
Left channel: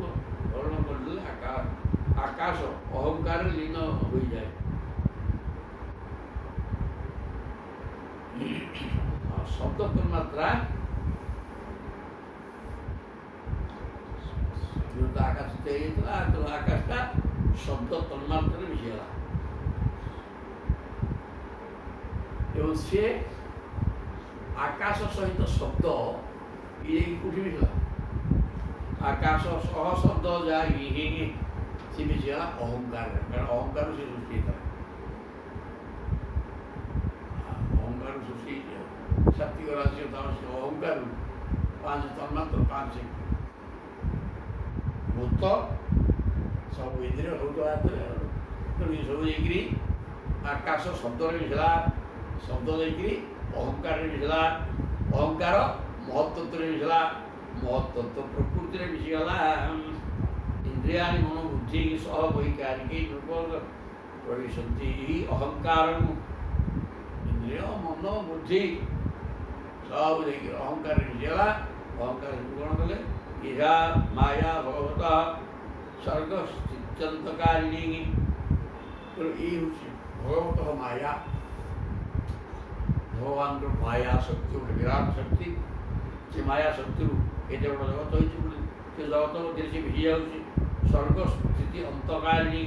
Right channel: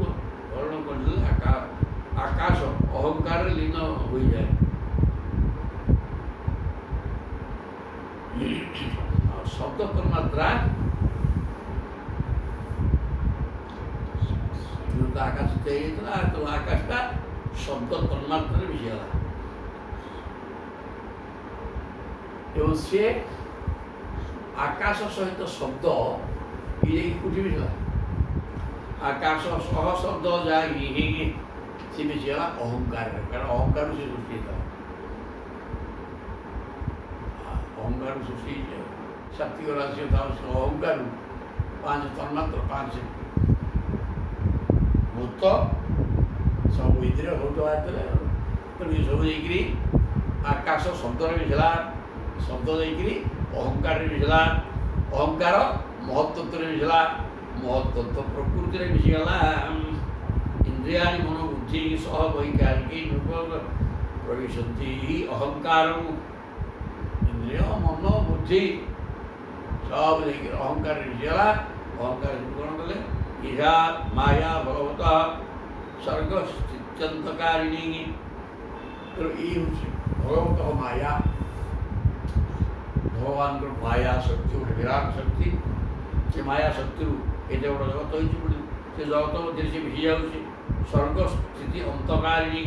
ହରଣ କରିଦେଲେ ଆକାଶ ଅହଙ୍କାରରେ ଲୀନ ହୋଇଯାଏ। ଶବ୍ଦ ତନ୍ମାତ୍ରା ଆକାଶ ହେଇଯାଇଥିଲା, ତେଣୁ ଆକାଶଟା ଶବ୍ଦ ତନ୍ମାତ୍ରାରେ ମିଶିଗଲା। ଏବଂ ସିଏ ଆକାଶ ସହିତ ଶବ୍ଦ ଇଏ କୋଉଠି ମିଶିଲା? ଆକାଶ ସହ ଶବ୍ଦ ଯାଇକି ସେ ମିଶିଗଲା ଅହଙ୍କାରରେ। କାରଣ ଅହଙ୍କାରରୁ ସେ ସୃଷ୍ଟି ହେଇଥିଲା। ଅହଙ୍କାରରୁ ସୃଷ୍ଟି ହେଇଛି। ସାତ୍ଵିକ ରାଶି ଅହଙ୍କାରରୁ 5 ତନ୍ମାତ୍ର, 5 ଭୂତ, ସବୁ ଇନ୍ଦ୍ରିୟ ସବୁ ବାହାରିଥିଲେ। ତେଣୁ ଏସବୁ ଯାଇକିରି ଆକାଶ ଶବ୍ଦରେ ମିଶିଲା। ଶବ୍ଦ ଯାଇକିରି ଅହଙ୍କାରରେ ମିଶିଲା। ଅହଙ୍କାର ମହତ୍ତତ୍ୱରେ ମିଶିଲା। ମହତ୍ତତ୍ୱ ପ୍ରକୃତିରେ ମିଶିଗଲା। ଇନ୍ଦ୍ରିୟାଣି ମନୋବୁଦ୍ଧି ସହ ବୈକାରିକୀ ପ୍ରବିଶନ୍ତି ଅହଙ୍କାର। ଇନ୍ଦ୍ରିୟ ମନ ବୁଦ୍ଧି ସବୁ ଯାଇକିରି ଅହଙ୍କାରରେ ମିଶିଗଲା। ଅହଙ୍କାର କ'ଣ କଲେ? ଇହା ମାୟା ଭଗବତ ସ୍ୱର୍ଗ ପ୍ରତ୍ୟନ୍ତକାରିଣୀ। ତେଣୁ ଏଇ ହେଉଛି ଭଗବତଃ ମାୟା। ଭଗବାନଙ୍କର ମାୟା ଶକ୍ତି ଗୋଟେ ବିରାଟ ଶକ୍ତି। ସେ ମାୟା ଶକ୍ତିରୁ ଏତେ ବଡ଼ ଜଗତ ହୋଇଛି ବୋଲି ସେ ଜଗତ ମଧ୍ୟରେ ସେ ମିଶି ଯାଉଛି। ସ୍ୱର୍ଗ ସ୍ଥିତି ଅନ୍ତକାରିଣୀ,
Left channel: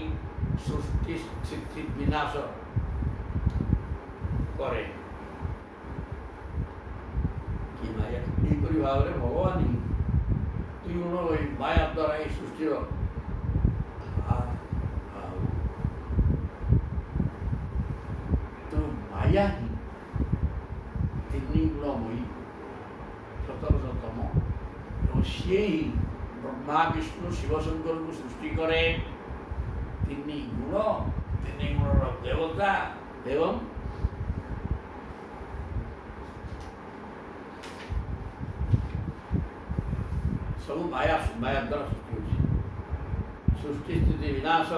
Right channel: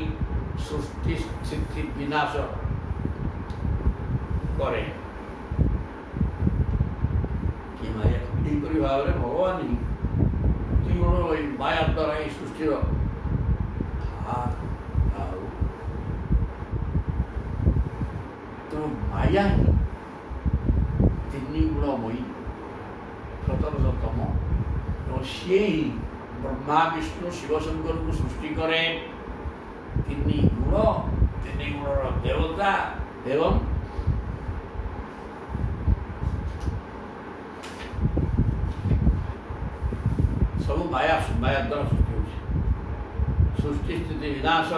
ସୃଷ୍ଟି ସ୍ଥିତି ବିନାଶ କରେ। କି ମାୟା ଏହିପରି ଭାବରେ ଭଗବାନ ହିଁ ଦୁଇ ଗୁଣ ଏଇ ମାୟା ଦ୍ୱାରା ଏଇ ସୃଷ୍ଟିର ଆଉ ତେଣୁ ମାୟା ହିଁ ତିନି ଗୁଣମୟୀ ସତରଶତମ। ଏବଂ ସିଏ ହିଁ ବ୍ରହ୍ମା ବିଷ୍ଣୁ ଶିବଶଙ୍କରଙ୍କୁ ସୃଷ୍ଟି କରେ। ତିନି ଗୁଣର ଦେବତା ଏବଂ ସବୁ ମାୟା ଦ୍ୱାରା ସୃଷ୍ଟି ହେଉଛି। ସୃଷ୍ଟି ସ୍ଥିତି ବିନାଶ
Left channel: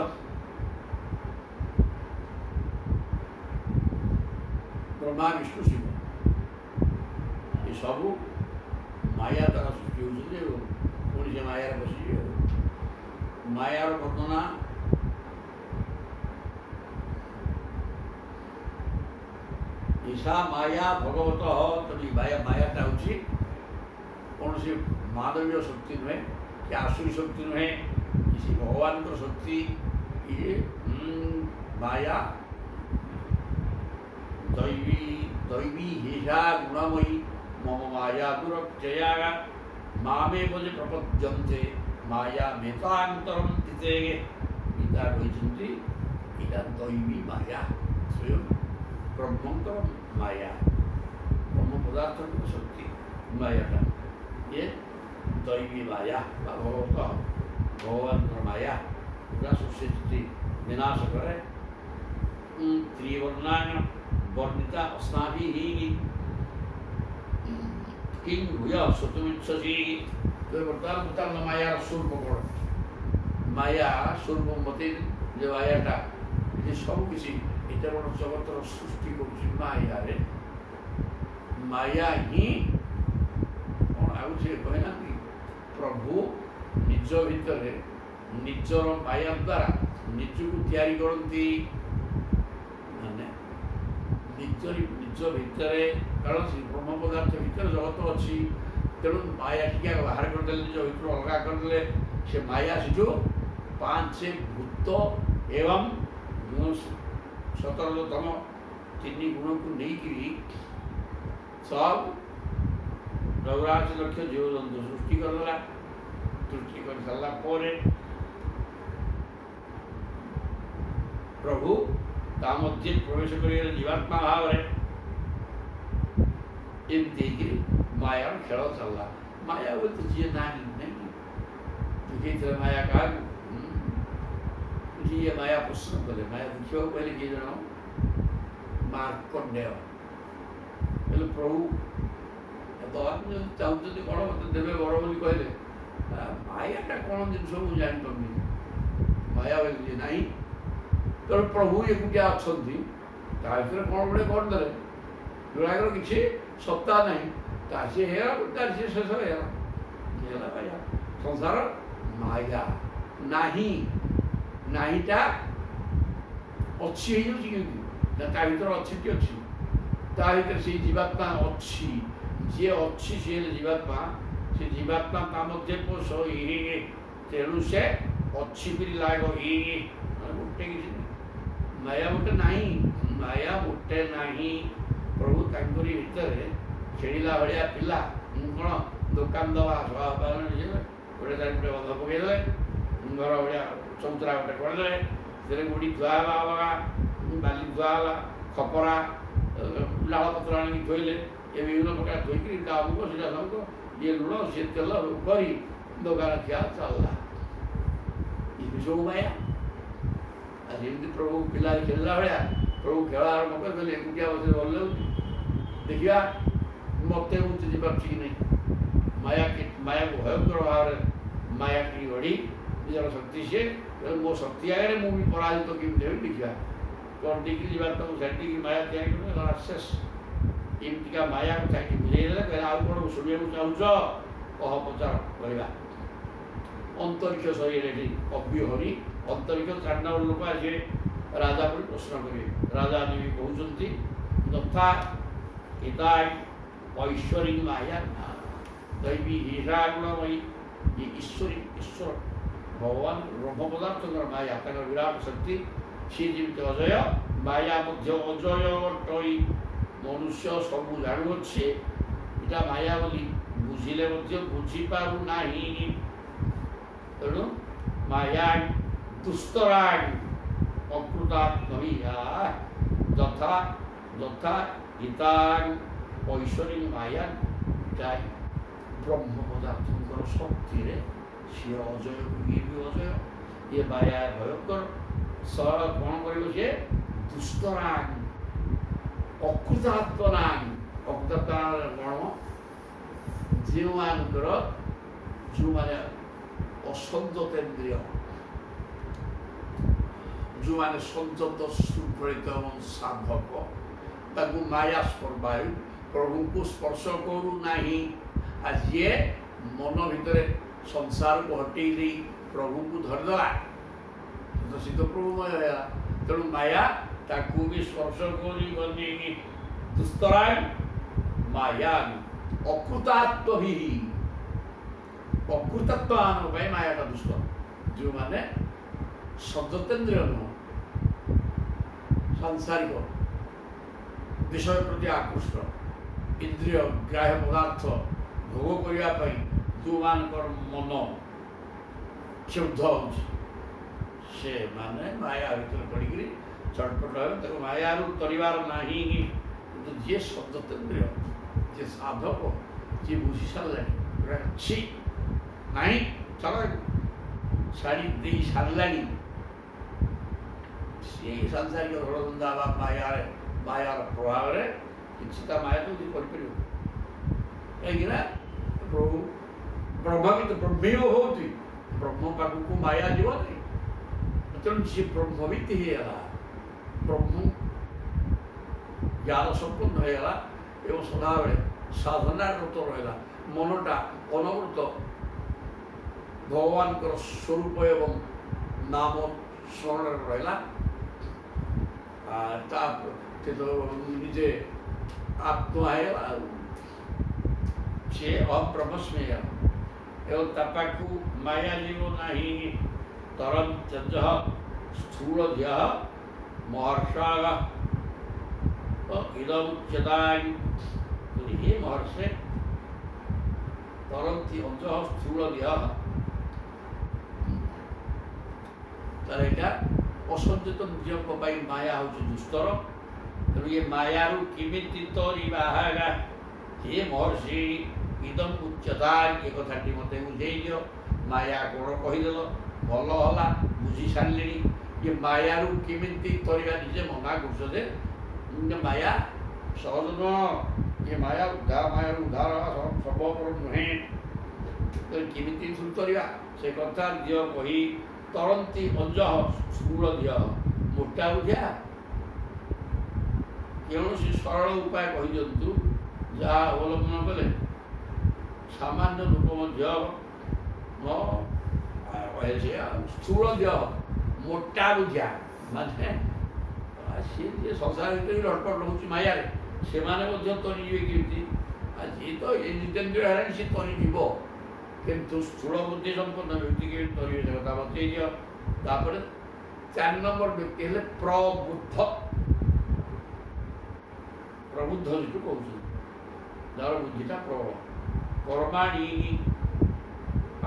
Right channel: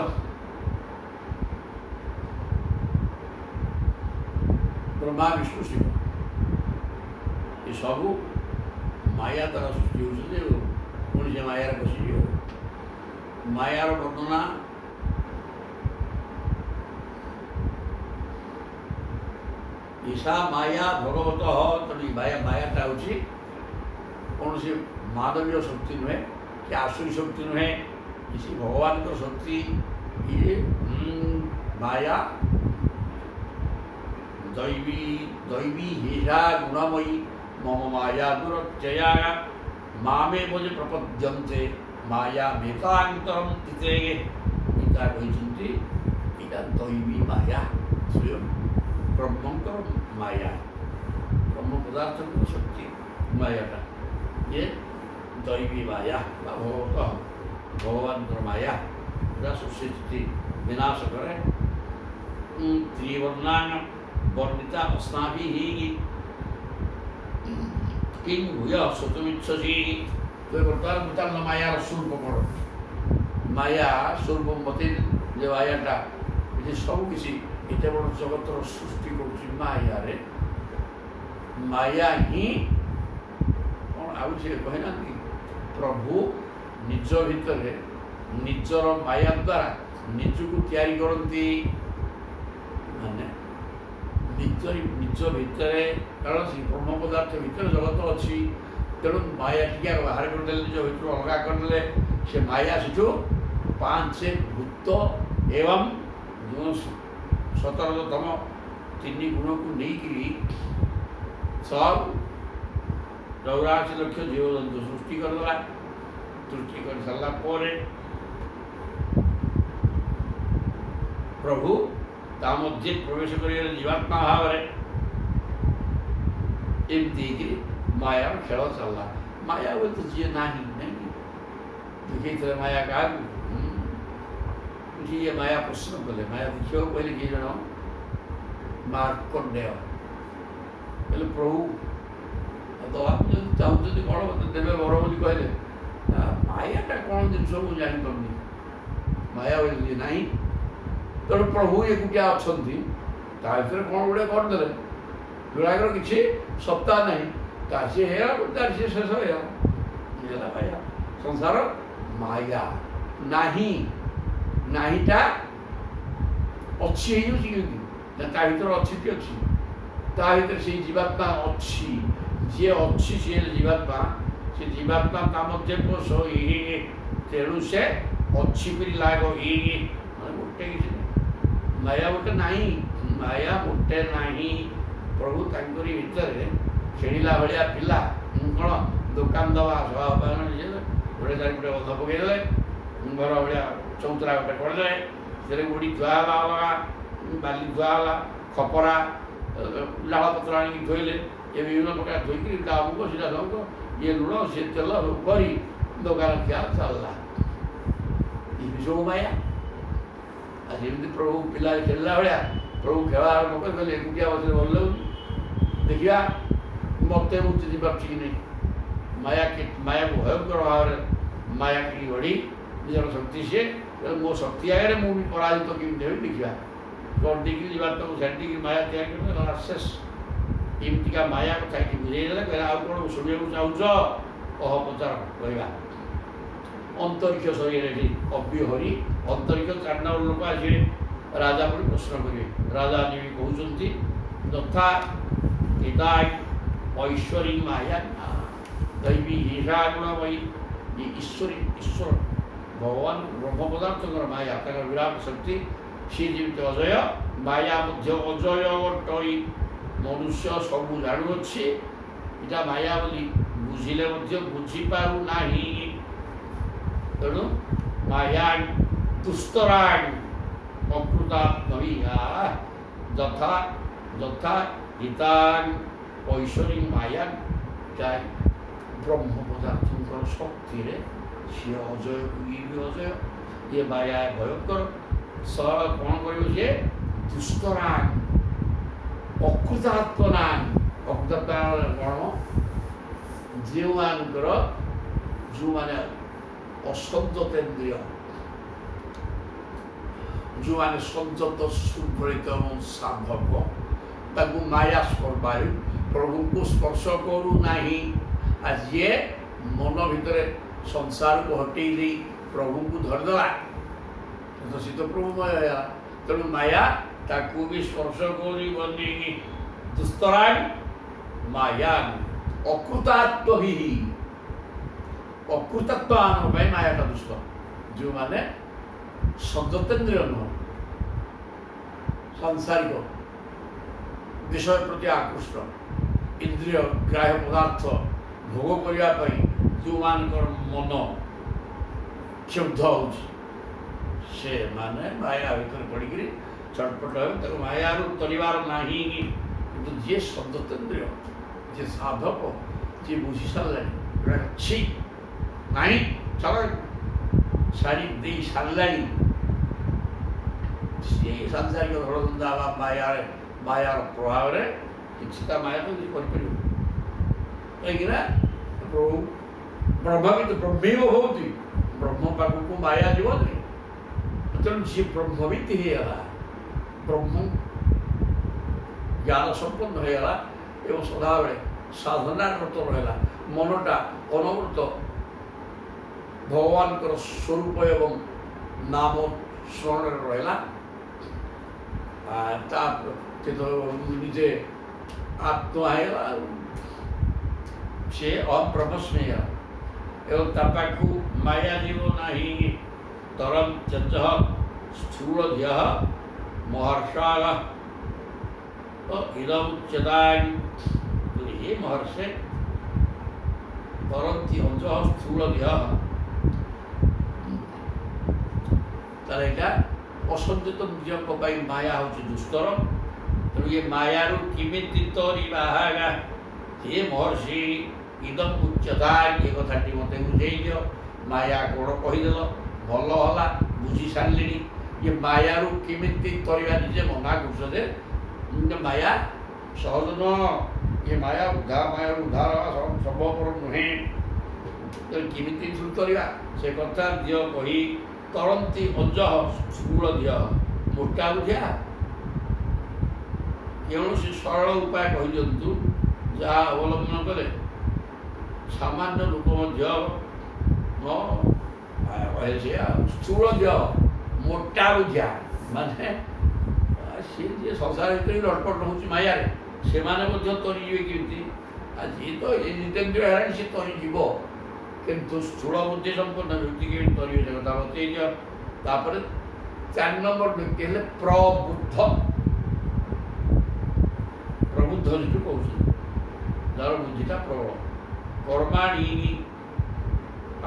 ବ୍ରହ୍ମା ବିଷ୍ଣୁ ଶିବ ଏସବୁ ମାୟା ଦ୍ୱାରା ସୃଷ୍ଟି ହେଉଛନ୍ତି ଏବଂ ପୁଣି ସେ ମାୟାରେ ବସିଯିବେ। ମାୟାର ବର୍ଣ୍ଣନା ଈଶା ମାୟା ଭଗବତଃ। ତେଣୁ ମାୟାଟା ହେଉଛି କୌଣସି ମାନବୀୟ ଶକ୍ତି ନୁହେଁ କି ଆସୁରୀ ଶକ୍ତି ନୁହେଁ, କିଛି ଭଗବାନଙ୍କର ଶକ୍ତି। ଇଏ ମାୟା ଦୈବୀ ହେଷା ଗୁଣମୟୀ ମମ ମାୟା ଦୁରତ୍ୟୟା ମାମେବ ଯେ ପ୍ରପଦ୍ୟନ୍ତେ ମାୟା ମେତାନ୍ତରଂ ଚିତେ। ଗୀତା କହିଛନ୍ତି ଏଇଟା ଦୈବୀ ମାୟା, ସ୍ୱୟଂ ବ୍ରହ୍ମଙ୍କର ମାୟା, ବ୍ରହ୍ମ ପଦାର୍ଥଙ୍କର ଶକ୍ତି ମାୟାଟା। ଇଏ ଦୈବୀ ମାୟା ବା ଭଗବାନଙ୍କର ମାୟା ପୁରା ସୃଷ୍ଟି ବିନାଶ କରେ। ତ୍ରିବର୍ଣ୍ଣାନ ବର୍ଣ୍ଣିତା ଅସ୍ମାଭିଃ କିଂ ଭୂୟ ଶ୍ରୋତୁମିଚ୍ଛସି। ତେବେ ବର୍ତ୍ତମାନ ପଚାରିଲ ମାୟାର ସ୍ୱରୂପ କ'ଣ? ମାୟା ସ୍ୱରୂପ ବତେଇ ଯେ ମାୟାଟା ଏଠି ସବୁକିଛି ଏତେ ବଡ଼ ଜଗତର ସୃଷ୍ଟି କରୁଛି ମାୟାରେ। ମାୟା ହିଁ କ'ଣ ଆଉ ସେ କହିନାହାନ୍ତି ପ୍ରଭୁ ନିଜ ଭିତରେ ନିଜର ମାୟା ଦ୍ୱାରା ନିଜକୁ ତିଆରି କରନ୍ତି। ମାନେ ନିଜ ଭିତରେ, କାରଣ ସେ ବ୍ରହ୍ମ ପଦାର୍ଥ ଭିତରେ ଜଗତ ଅଛି। ତେଣୁ ମାୟା ଟିକେ ବାହାର କରିଦେଲେ, ନିଜ ଭିତରୁ ଅଲଗା କରିଦେଲେ, ସେ ମାୟା ସେଠୁ ପାଞ୍ଚ ଭୂତ ଏବଂ ଯେଉଁ 17ତମ ତିନି ଗୁଣକୁ ନେଇକିରି ସବୁ 84 ଲକ୍ଷ ଜୀବଜନ୍ତୁ ସୃଷ୍ଟି କରିଦେଲା। ସୃଷ୍ଟି କରିସାରିଲା ପରେ ପ୍ରଭୁ ତା ମଧ୍ୟରେ ପ୍ରବେଶ କରିଗଲେ ଜୀବାତ୍ମା ଭାବରେ। ଏମିତି ହେଇକିରି ମାୟାର ଖେଳ ଚାଲିଲା। ମାୟା ବୋଲି ତ ଯିଏ ନାହିଁ ଦେଖେଇଥିଲେ ମାୟା କାହାକୁ? ଯିଏ ମାୟା ପ୍ରଶ୍ନ କଲେ, ମାୟା ଦେଖିବାକୁ କହିଲେ କିଏ ଜଣ? ମାର୍କଣ୍ଡେୟ। କହିଲେ ପ୍ରଭୁ ଦେବାକୁ ଯଦି ଚାହୁଁଛନ୍ତି କ'ଣ ମୋତେ ଦେବେ ବର ବୋଲି କହିଲେ। ମାୟାଟା କ'ଣ ଜିନିଷ ମୁଁ ଜାଣିପାରୁନି, ମାୟା ବୋଲି ନାହିଁ। ତେଣୁ ପ୍ରଭୁ ଏକୁଟିଆ ଅଛନ୍ତି, ତା ଭିତରେ କ'ଣ ଗୋଟେ କରିଦେଲେ ଯୋଡ଼ାକର କିଛି ସତ୍ତା ନାହିଁ। ତା ସିଏ ହେଇଗଲା, ତାର ସିଏ ଶେଷ ହେଇଗଲା, ହେଲା ମାୟା। ସଂସାର ମାୟା ନାହିଁ, ନାହିଁଟା ଅଛି ହେଇଯାଉଛି। କେମିତି? ତା ଭିତରେ ଅଛିଟି ଅଛି, ତା ଭିତରେ ସେଇ ଜୀବାତ୍ମା ଅଛି। ଯିଏ ଅଛି ସିଏ ହେଲେ ଜୀବାତ୍ମା। ସେ ଜୀବାତ୍ମା ତା ମଧ୍ୟରେ ପୋଷ ତେଣୁ ସେ ଅଛି ପିରି ଲାଗ ମାନେ ଗୋଟେ କିଛି ନାହିଁ। ମାୟା ଗୋଟେ ନାହିଁ, ମାୟା ଗୋଟେ ନାହିଁ। ପ୍ରଭୁ ତାଙ୍କରି ଭିତରେ ଖେଳିଲା ଭଳିଆ ପିଲା କ'ଣ ଦୋକାନ ଦେବା ଗୋଟେ ଚାରିପଟେ ବନ୍ଧ ପକାଇଦେଲେ, ଘର ଭଳିଆ ଚଉତରା ଗୋଟେ କରିଦେଲେ, ସେଥିରେ ଗୁଡ଼ି ଧୁଆ ହେଲା, ଅଲଗା ବାଲି ଧୁଆ ହେଲା, ଖପରା ଡାଳପତ୍ର ଆଣିକି ଧୋଇଲେ, ଏ ବିଭିନ୍ନ ପ୍ରକାର ଧୋଇକିରି ତା ଅମୁକ ସେଇଟା ସମୁକ ଇଏ ଲୁଣ ସିଏ ତେଲ ସବୁ କରି ଦୋକାନ ଖିଆ ଚାଲିଲା। ଏ ସବୁ ମାୟା। ଆଉ ଯେମିତି ପ୍ରଭୁ ପିଲା ଖେଳିଲା ଭଳିଆ ପ୍ରଭୁ ଖେଳ ଆରମ୍ଭ କରିଦେଲେ, ଏକୁଟିଆ ବସିଲେ ଭଲ ଲାଗୁଛି। ଦେଖିବା ମୋତେ ମୁଁ ଚିହ୍ନିପାରୁଛି କି ନାହିଁ। ମାୟାକୁ ଭୟଙ୍କର ଭାବରେ ମାୟା କିଣି ଗଢ଼ି ନିଜର ଶକ୍ତି ସିଏ। ମୋ ଶକ୍ତି ଆଗରେ ମୁଁ ବି ପରାଜିତ କେମିତି ହେବି ଦେଖିବା। କରିଦେଇକି ଯିବା ତାକୁ ଛାଡ଼ିଦେଇକି ମାୟା ତିଆରି କରିଦେଲେ ଶେଷ। ଏମିତିକା ମାୟା କଥା ଏଠି ବୁଝେଇ ଦେଲେ। କହିଲେ ଆଉ କ'ଣ ଶୁଣିବାକୁ ଚାହୁଁଛ? କହ, ପଚାର, କହିବା। ଅନ୍ତରିକ୍ଷ ଶରୀରରେ ଏଠି କବି ହରି ଅନ୍ତରିକ୍ଷ 4 ନମ୍ବର ଲୋକ ଆସିବେ ରାଜା ପରି ପ୍ରଶ୍ନ କରିବେ। ରାଜା ଦେବୀ କହୁଛନ୍ତି ଯଥା ଇଦା ଐଶ୍ୱରୀ ମାୟା ଦୈବୀ ହିଂସା ଗୁଣମୟୀ ये ईश्वर भगवान ब्रह्म पदार्थकर माया ताकर विराट शक्ति सी जीवित अजय माया मध्य अजय टई मनुष्य सबू जाणुअछि इटा माया बोली बुझिले मध्य बुझी पारु नाही तेणु माया दुस्तराण अकृतात्मया यथा यथा हितान ऐश्वरी माया ब्रह्म पदार्थଙ୍କର ଶକ୍ତିରେ ସିଏ ଅଜୟ ଇଏ ବି ଅଜୟ ଇଏ ମାୟା ଭୟଙ୍କର ସରଳ କ'ଣ କରିବ ସିଏ ଦୁଷ୍ଟରାଗ ଅକୃତାତ୍ମନାଗ ଅକୃତାତ୍ମନା କ'ଣ ଯେଉଁମାନେ ଅସଂଯତେନ୍ଦ୍ରିୟ ଯେଉଁମାନେ ସଂଯତ ଶୃଙ୍ଖଳିତ ଏବଂ ସାଧକ ତାକୁ ମାୟା ସ୍ପର୍ବାୟୁ ପ୍ରଭୁଙ୍କୁ ସ୍ପର୍ଶ କରୁନାହିଁ आज ये मन भितर संसार को हटे नहीं प्रभु को धरदेला तो सी तो प्रभुमय है तेणु माया ताकू भी स्पर्श करी दुस्तराग माया अकृतात्व ही अकृतत्व माया का दुष्ट जो माने संजतेन्द्रिय नुह सांसारिक विषय प्रति आकृष्ट इंद्रिय ग्राह्य पदार्थ भोग करने जो मानकर मन क्षुब्ध से माने माया भर पड़ी चटपट हो माया तरीबार नहीं कि जी संजतेन्द्रिय जी साधक जी बुझी सारे अच्छी नहीं चल छाड़ी दे सारे सी सांसारिक धड़धंदा मायार प्रभाव में किसी माया तो कर कहीं ब्रह्म तो ब्रह्म होती ब्रह्म पाखक माया जीवनी तेणु सी ब्रह्मविद होगा ब्रह्म ज्ञान संपन्न होगा एवं सदाबले साधना रत रहा मनटा अनवृत भगवान स्वरूप एवं नाम स्मरण रहा तो निजे आत्मा है से अब्रह्मस्मेय एवं तपाकू माया जीव नहीं तरम चज स्थूल ध्य महर्षा इदमुच्यतानि हे महर्षे तरंती अंज स्थूल ध्य तार यहाँ असंचित निजों माया हूँ दुस्तर तेणु ये मायारू किमिति तरीबाहागा हे महर्षि इदम उच्चता ये कथाटी मत बुझे माया कौन कहीदेल भल है बुझी सारे ये मायारू किमिति तरीबा निजे मना कर माया सहज नुह ये माया उद्धार संभवपर नुहे तो किमिति तरीबा से कथा दिय कही तरंती अंज स्थूल दिय मोटा बुझा कौन सरल उपाय कही दिंतु जहाँ अवलंबन कले सामान्य लोक स्थूल देह मोटा बुझा माने सी जी संसार भर लटपट रोच माया से तरीजे कि जी तो ये जितेन्द्रिय है सी तरीज किंतु स्थूल बुद्धि संपन्न व्यक्ति के तरीबे से कथा बतई दिपर 4 नंबर व्यक्ति है प्रबुद्ध प्रबुद्ध जो कौन जार बुद्धिटा प्रबल कर्माणी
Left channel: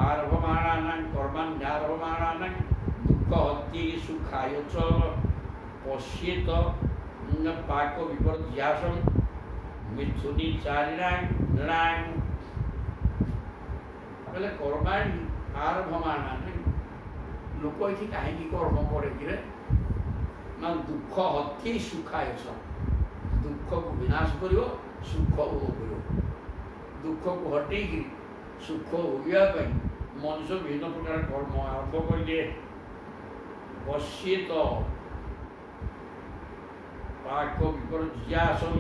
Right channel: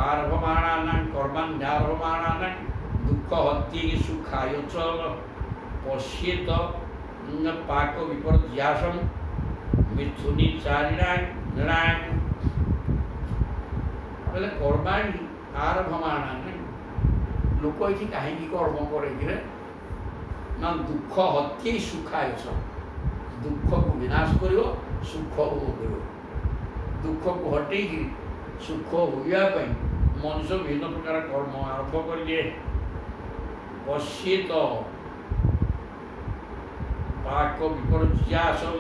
आरभमाणा कर्माण्यारभमाणा दुख हत्ये सुखाय पश्येत पाक विपर्यासम मिथुनी चारिणां बोले कर्माणी आरभमाणा लोक ये कहीं कर्म करे ना दुख हत्ये सुखाय दुख को विनाश कर सुख भोग कर दुख को हटे सुख होगापी मनुष्य विभिन्न प्रकार कर्म आरंभ करेंगे पश्येत पाक विपर्यासम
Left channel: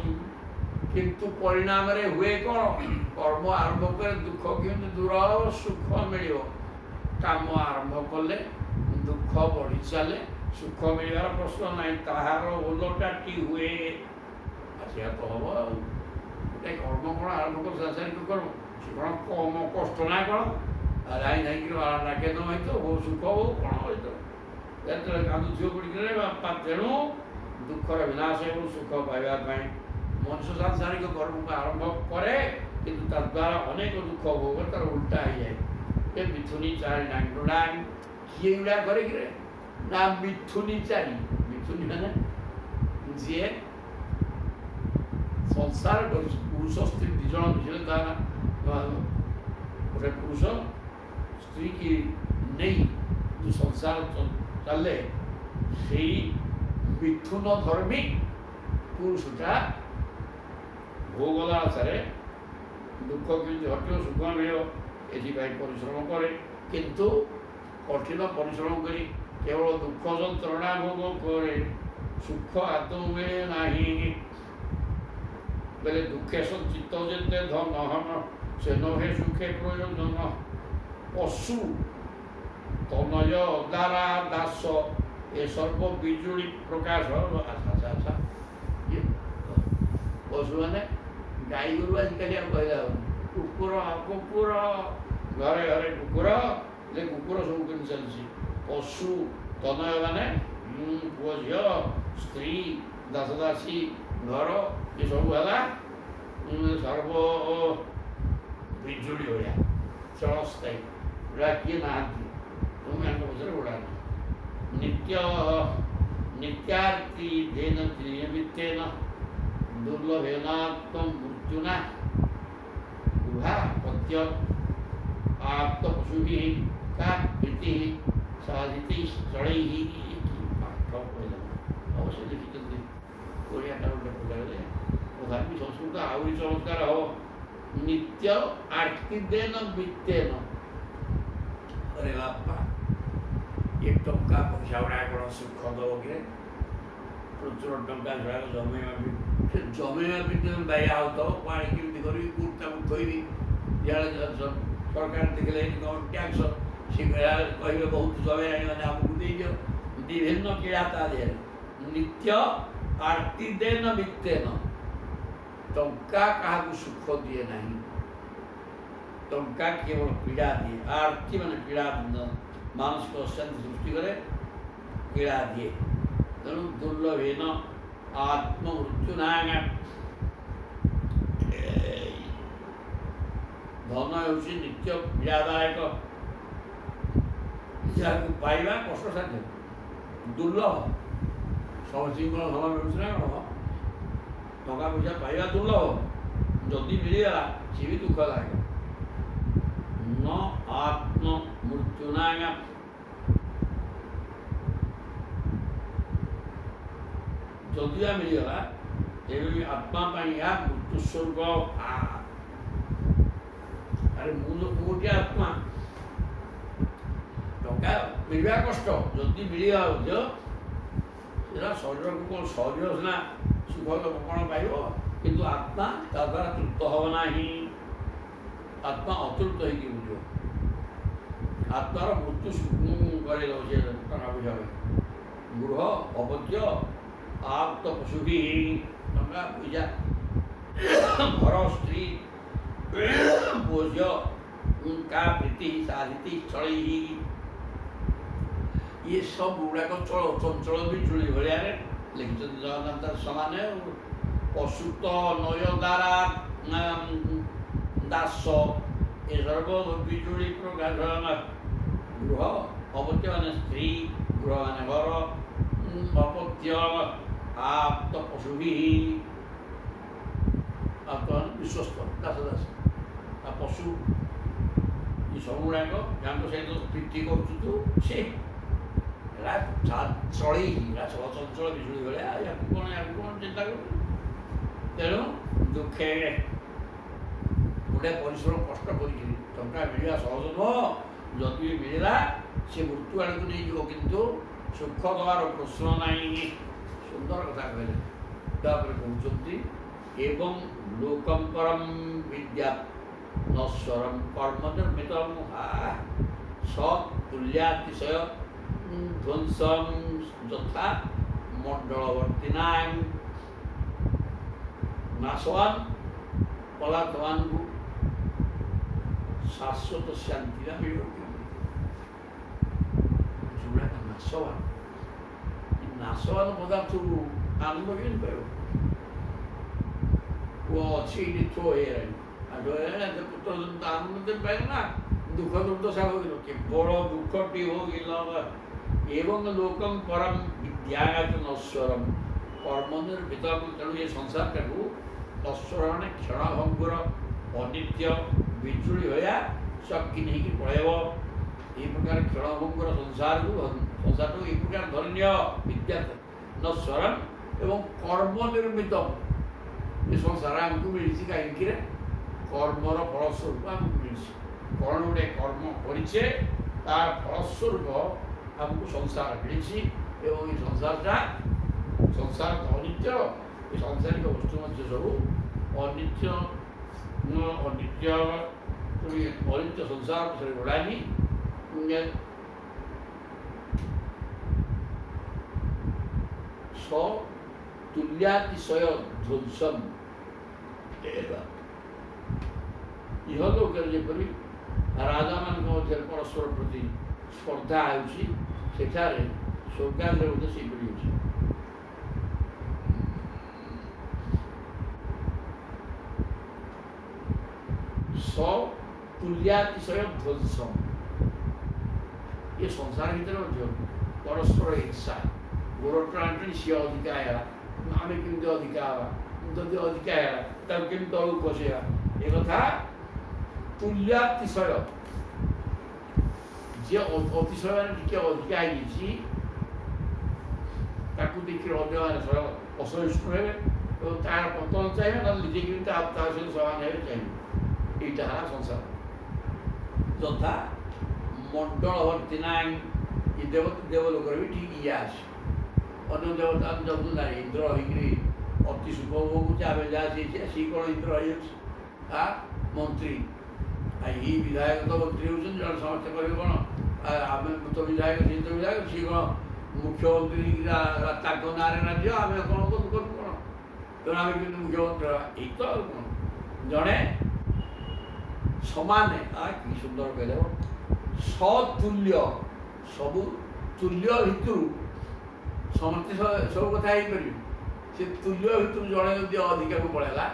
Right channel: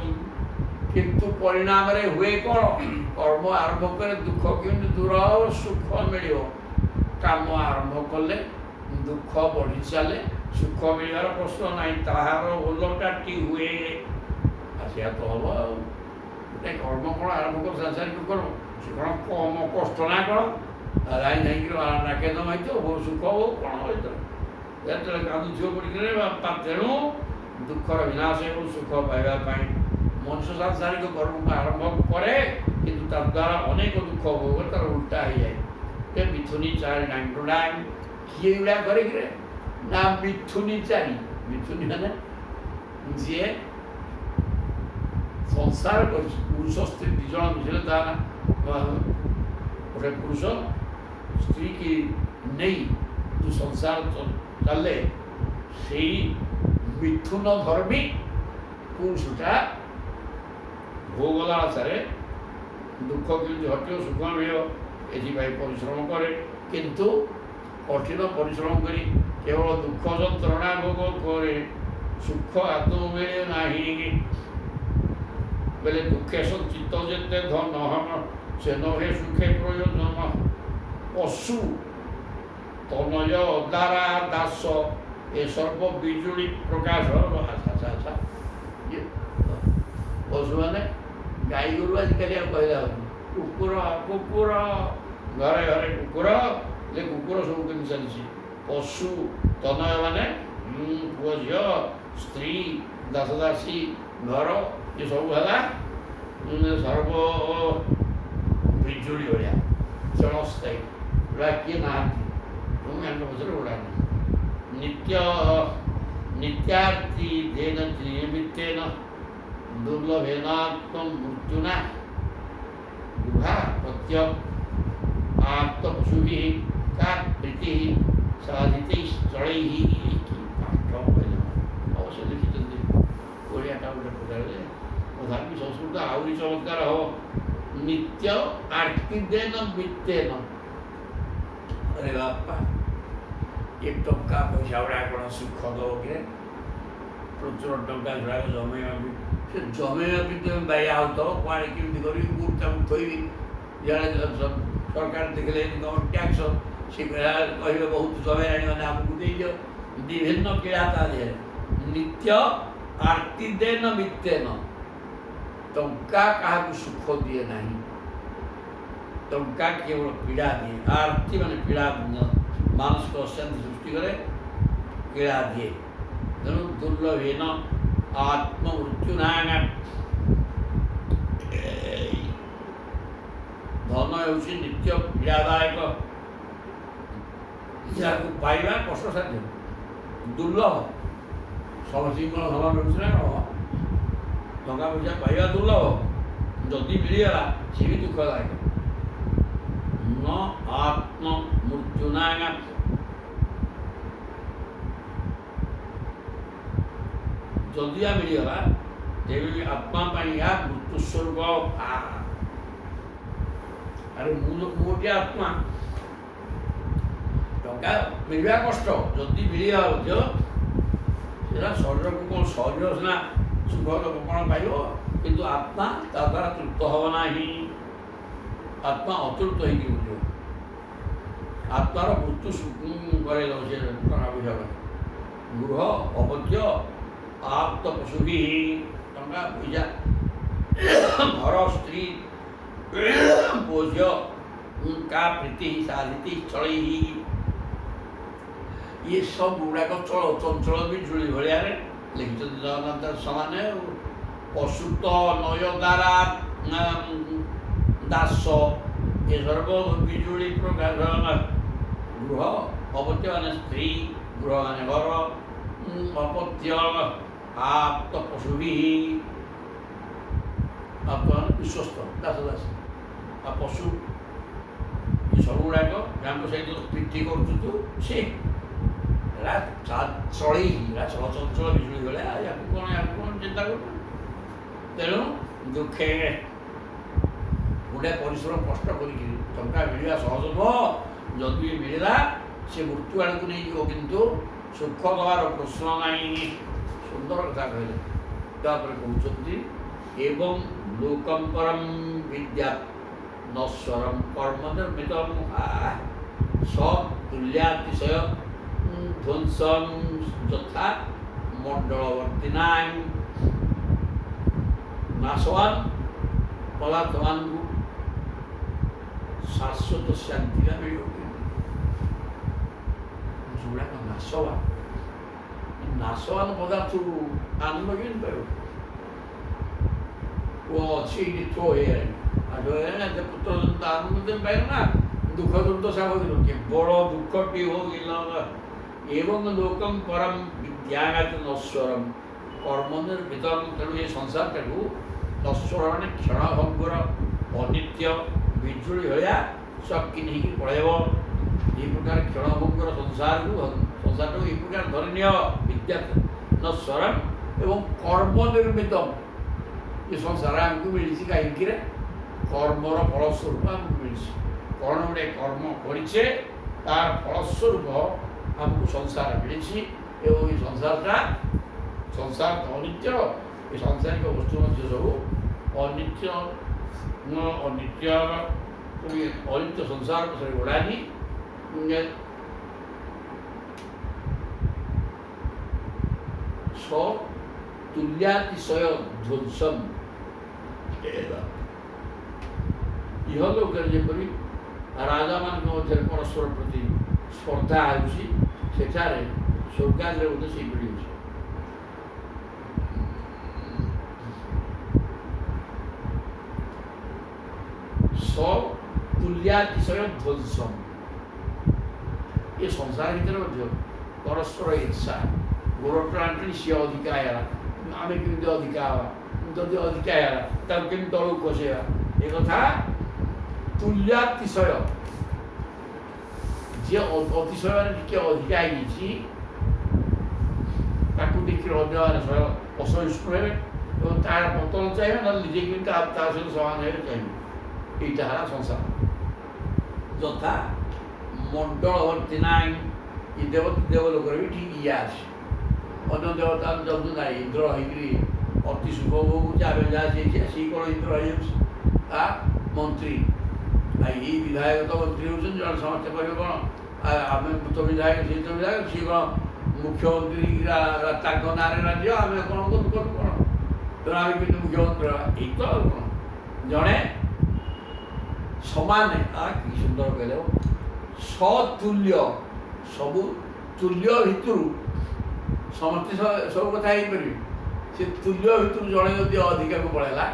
किंतु परिणाम रे हुए कौन कर्म आरंभ करे दुख कि दूर सुख मिल କାମ ଆରମ୍ଭ କଲେ ଦୁଃଖ ବଢ଼ି ଚାଲେ, ସୁଖ ମିଳିବାର ପ୍ରଶ୍ନ ନାହିଁ, ତାହାର ଓଲଟାଟି ହୁଏ। ଆସିବା ତ ହବ ଆଉ। ଗୋଟେ କର୍ମ କ'ଣ ଆରମ୍ଭ କର, ସାଂସାରିକ କର୍ମ, ସେ କ'ଣ କମ କଷ୍ଟ ନା କ'ଣ? ଲାଇନ୍ ହେଇକି ନାକେ ନ ହେଇଥିବ, ବହୁ ସୁଖ ହଉ କ'ଣ ହେଇଥିବ, ଯେତେବେଳେ କାନ୍ଦୁଥିବ ପଡ଼ିକରେ ବାପା। ତେଣୁ ଦୁଃଖର ବିନାଶ ଏବଂ ସୁଖ ପାଇବା ପାଇଁ ମଣିଷ ସାଂସାରିକ କର୍ମକୁ ଆରମ୍ଭ କରେ, କିନ୍ତୁ ତା ଦ୍ୱାରା ଅନେକ ଦୁଃଖ ଭୋଗ ତାର ଉଲ୍ଟା ହେଇଯାଏ। ଏ ମିଥୁନି ଚାରି ଡାଙ୍ଗ କିଏ ଏଗୁଡ଼ା କରିକିରେ ନା ମିଥୁନି ଚାରି। ମିଥୁନି ମାନେ ଯିଏ ସଂସାର କରିଛି, ପୁରୁଷ ସ୍ତ୍ରୀ ଦୁଇ ଜଣ ମିଶିଲେ ତା ନା ଗୋଟେ ପୁରୁଷ ସ୍ତ୍ରୀ କି ନେଇ ଯେଉଁ ସଂସାର ଚାଲେ, ସେଇ ମିଥୁନ ଧର୍ମୀ ପୁରୁଷଟା ଭୋଗ ଲାଳସାରେ ଦୁଃଖ କେମିତି ହଟିବ, ସୁଖ ମିଳିବ, ଏଥିପାଇଁ ପରିଶ୍ରମ କରେ। କିନ୍ତୁ କଠିନ ପରିଶ୍ରମ କରି କେବଳ ଦୁଃଖ ଯନ୍ତ୍ରଣା ଭୋଗ କରେ, ସୁଖ ଆଦୌ ମିଳେ ନାହିଁ। ବେଲେ ଦୁଃଖେ ସଞ୍ଚିତ ଯେତେ ଧନ, ସେ ନହେ ସୁଖେ ପ୍ରୟୋଜନ। ପଶୁ ତନୟ ଦ୍ୱାରା ଦାସ, ଏ ସର୍ବ ବିଜୁଳି ପ୍ରକାଶ। ଆଚ୍ଛା ପଶୁମାନେ ଗାଈ ଗୋରୁ ଆଜିକାଲି ଆଉ କହିଲା ହେଉନି, କୁକୁର ଘରେ ଘରେ କୁକୁର, ଯେ କୁକୁର ସବୁ କେମିତି ଚାଲିଛି। ପଶୁ ତନୟ ମାନେ ପୁଅ ଝିଅ, ସ୍ତ୍ରୀ, ଦାସ ଦାସୀ, ଘର, ଏସବୁ ହେଲା ସର୍ବ ବିଜୁଳି ଭଳିଆ କ୍ଷଣସ୍ଥାୟୀ। ଗୁଡ଼ା କିଏ ନାହାନ୍ତି, ତୁମେଙ୍କ ପଛରେ ଗୁଡ଼ା ନାହିଁ। ନିତ୍ୟାର୍ଥୀ ଦେନ ନିମିତ୍ତେନ, ଦୁର୍ଲଭେନାତ୍ମ ମୃତ୍ୟୁନା, ଗୃହା ପ୍ରତ୍ୟ ଆପ୍ତ ପଶୁଭି କା ପ୍ରୀତି ସାଧିତେ ଚଳେଇ। କି ପାଠ କହିଲେ ଅବଶ୍ୟ ଲେଖିଛନ୍ତି, ଓଡ଼ିଆଟା ଗୋଟେ ପଚାରିଲେ ତଥାପି ସଂସ୍କୃତ ଆହୁରି ଚମତ୍କାର ହବ। ନିତ୍ୟ ଆର୍ତି ଦେନ ବିତେନ। अरे बापा ये टंका पैसा गुड़ा कौन सुख दब कि प्रचुर टंका गुड़ाक जमेवा भी से जमेवा भी तुम बाया हो तो कड़े केमी करी गुटा थोबी इे सरकार देखले इनकम टैक्स सी कहे बहुत जमे मैंने आमको दे विभिन्न क्रीड़ा ता देहरे नित्य आरती देन बितेन टंका क्या सुख दिए ना टंका केवल पीड़ा दिए आरती मान पीड़ा मानसिक अशांति सृष्टि करे पीड़ा दिए तेणु दुर्लभेन आत्ममृत्युना धन हूँ नित्य पीड़ादायक जहाँ पाइबा कष्टसाध्य दुर्लभ समस्त धन मिलूँ ना कौन टंका पैसा पाइबा दुर्लभ जदि मिलगला सी भी दुखदायक न आत्म मृत्युना जदि मिलगला तेरे भी आत्मा या मृत्यु स्वरूप अरे मुझे आत्मा टंका मिलवा कष्ट जदि मिलगा शरीर को कौन शरीर सीना सुख कौन पाइब किंतु आत्मा ता द्वारा तृप्त हम ना आत्मा अतृप्त हो आत्मार मृत्यु करे टंका पैसा गृह अपत्य आप्त पशु भी टंका पैसा घर स्त्री बोझ का प्रीति साधित चल ये सब गुड़ाक चल चंचल बिजुड़ी भाया लिखिं जगन्नाथ समान पशुत नय द्वारा दास ये सर्व बिजुड़ी प्रकाश गृह अपत्य मान स्त्री गृह मान घर अपत्य आप्त पशु भी आप विश्वस्त दास दास आ पशु ये सब गुड़ाक जहाँ सहित प्रीति करू सी चल चंचल बिजुड़ी भाया या कौन चिंता कर तेणु दुखे गोटे परिश्रम कष्ट कर मिलवा सहज नुह जदि मिलला सी मृत्यु आड़ को नहीं जीव किंतु सुख दबार प्रश्न नहीं सुंदर कथा कहले कहते एवं लोकम परम विद्या नश्वरम कर्म निर्मित सब तुल्यातिशय ध्वंसम यथा मंडलवर्तिनां नाशवान पदार्थवान को शाश्वत शांति मिल जोड़ा का नाशवान पदार्थ को आनंद केमी पाइब वो अच्छी थ्रो है पुत्र आनंद केमी पाइल ना दुख दुर्द सागर केवल दुखटी हो एवं लोकम परम विद्यागत नश्वरम कर्म निर्मितम तेणु ये संसार टाक नश्वर मैंने क्षणभंगुर अनित्य बिजुड़ी भाया शक्ति नहीं पड़ेब ये प्रकार क्षणभंगुर संसार को ये प्रकार धरनीय विद्या नश्वरम एवं कर्म निर्मितम ये संसार आमको मिली कहीं कर्मर फलस्वरूप आमको मिली कौन गोटे कर्म करे तार फलस्वरूप आमको संसार मिली एवं ये संसार तो अनित्य ये सांसारिक वस्तु मध्य सब अनित्य अनित्य संसार से गड़ा ही तुल्यातिशय ध्वंसम यह लोक जपरी राजा मान मध्य परस्पर प्रति स्पर्धा होगी स्वर्गाद सेपरी हो तुल्यातिशय ध्वंसम ये संसार भर परस्पर इच्छा गोरटर आंटी सी अधिका है आम केमी अधिका हाँ जदि अधिका है केमी तलू कसेवा ये कथा तुल्यातिशय जी अतिशय टे अधिका देखिए अन्य असहिष्णु हे तार पतन चाहिए ना निजे सहित समान है चाहिए यहाँ संसार यथा मंडलवर्तिनां ये देवता देवलोक भी ठीक ये आसे अन्य देवता जब ना इंद्र होगी अति सुख भोग आम जहाँ सी कौन इंद्र हो मंत्री ये विधायक तो मंत्री होती जन समस्ते करेंगे कौन आम तो विधायक सी तो विधायक सी कौन मुख्यमंत्री ना राज्य आम कौन करूँ कौन तेना आम कि मुख्यमंत्री यही तो कौन जड़े समान कि सुंदर कहले सतुल्य सबू तुल्य भितर समस्ते सब कथा पारे से तुल्य भितर जड़े जदि अधिका को पड़ेगा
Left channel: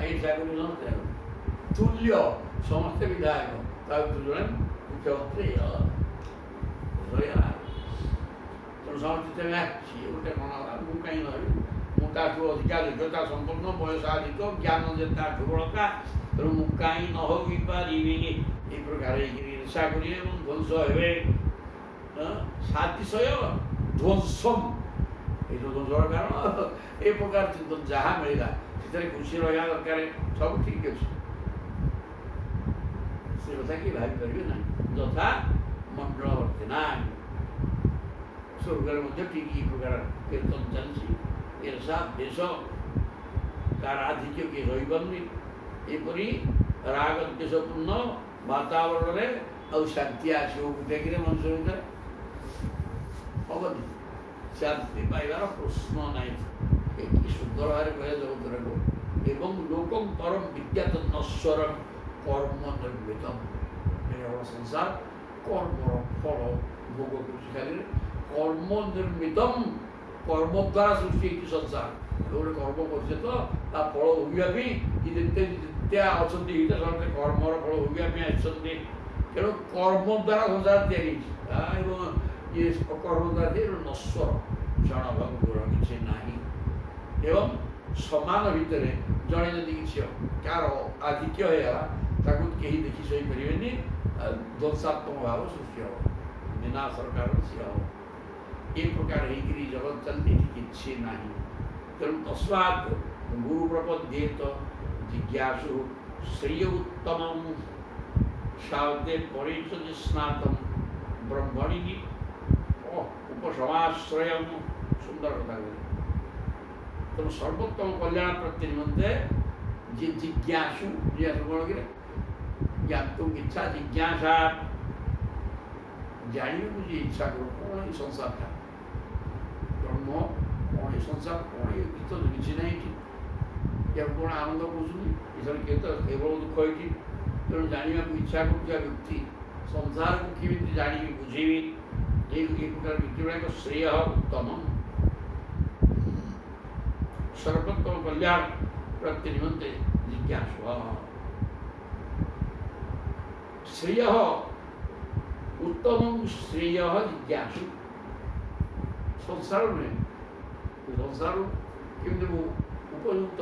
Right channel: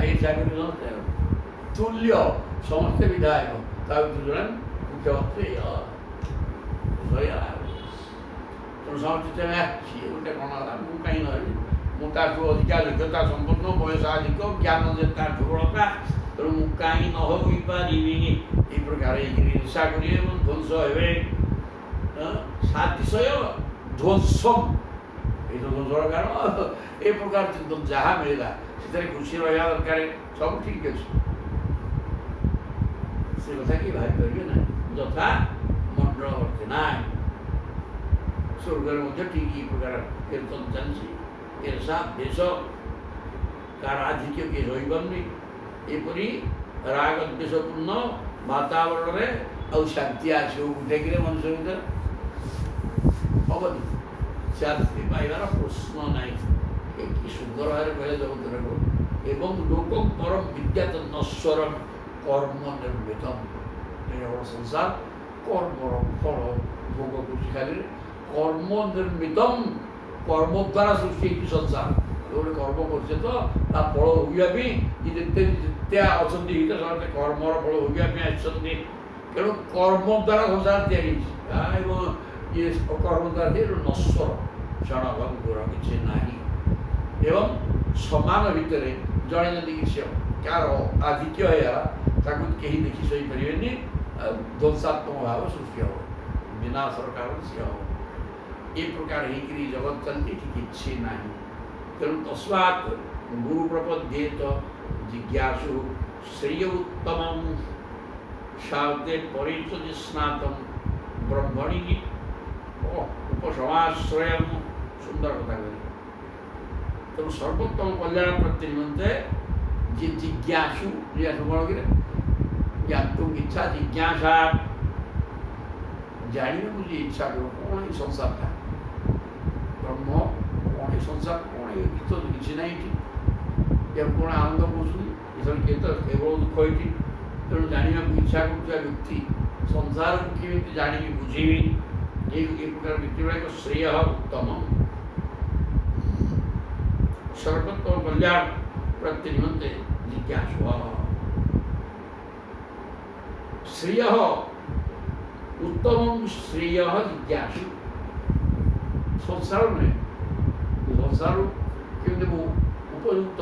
ये समस्ते तुल्य समस्ते विधायक जड़े मुख्यमंत्री तेणु समस्ते सी गोटे कौन मुझे कहीं मुझे अधिका योग्यता संपन्न बयस अधिक ज्ञान दुर्बलता तेणु मु कहीं न हो पारि ये प्रकार ईर्षा करेंगे ध्वंस हे सातिशय ध्वंसम ये तो ध्वंसर कारण ये प्रकार जहाँ मिलला से खुशी रहा दरकार सब ठीक अच्छे से कथा कि भाई पारे ना यथा मंडलवर्तिनां स्वर्गर मध्य ठीक ये प्रकार कीर्तन चलती ईर्षा देश कार आधिक्य किए रही एपरी राग द्वेषपूर्ण वातावरण में आउ शांति आसो देखिए मनुष्य भर हेनी शांति पाइबार प्रश्न ना कि सुंदर भाव कहे जगत को एवं लोकम परम विद्यात नश्वरम कर्म निर्मितम संसार कर्मर फल भोग खाली कर्म निर्मितम कर्म द्वारा सृष्टि संसार गोटे कर्म कर फल भोगापी जिते अच्छा समस्ते कर्मर फल भोगापी आसते तेणु कर्म द्वारा संसार या ये कर्म द्वारा नश्वर क्षण भंगुर किसी ना एवं समान भितर जड़े जदि किसी कार आधिक्य होगा कहीं देखी सहीपरि ध्वंसात्मक भाव सृष्टि हम विनाशर कारण सी हम ये प्रकार होकर जगत चलती किसी ना तेणु तस्मात् गुरु प्रपद्येत जिज्ञासु श्रेय उत्तम शाब्दे परिचय स्नातम ब्रह्मणि उपसमाश्रय सुंदर कथा कही तेणु सर्वोत्तम कल्याण प्रति निमंते जी जिज्ञासु जिज्ञासु कौन कि ज्ञातुम इच्छा जिज्ञासा ଜାଣିବାକୁ ଯେ ଇଚ୍ଛା କର କ'ଣ ଏଇ ସଂସାରଟା ବ୍ରହ୍ମ କ'ଣ ଏ ସଂସାର କ'ଣ ଏ ଗୀତ କିଛି ନାହିଁ ଏଠି ଏହା କ'ଣ ଆନନ୍ଦ କହୁଛନ୍ତି ଏଥର କିଏ ତ କେବଳ ଦୁଃଖ ଏଠି ତେଣୁ ଜାଣିବାକୁ ଇଚ୍ଛା କରୁଥିବା ବ୍ୟକ୍ତି ସଂସାରକୁ କେମିତି ଜାଣିବି ବୁଝେଇବି ଏ ପ୍ରକାର ବ୍ୟକ୍ତି ଗୁଡ଼ାକ ଶ୍ରେୟ ଉତ୍ତମ ସର୍ବୋତ୍ତମ କଲ୍ୟାଣ ପ୍ରାପ୍ତି ନିମନ୍ତେ ଜିଜ୍ଞାସୁ ଶ୍ରେୟ ଉତ୍ତମ ଶ୍ରେୟ ଜିଜ୍ଞାସୁ ସଂସାର ନୁହେଁ ସଂସାର କେମିତି ମୁଁ ଉପଯୁକ୍ତ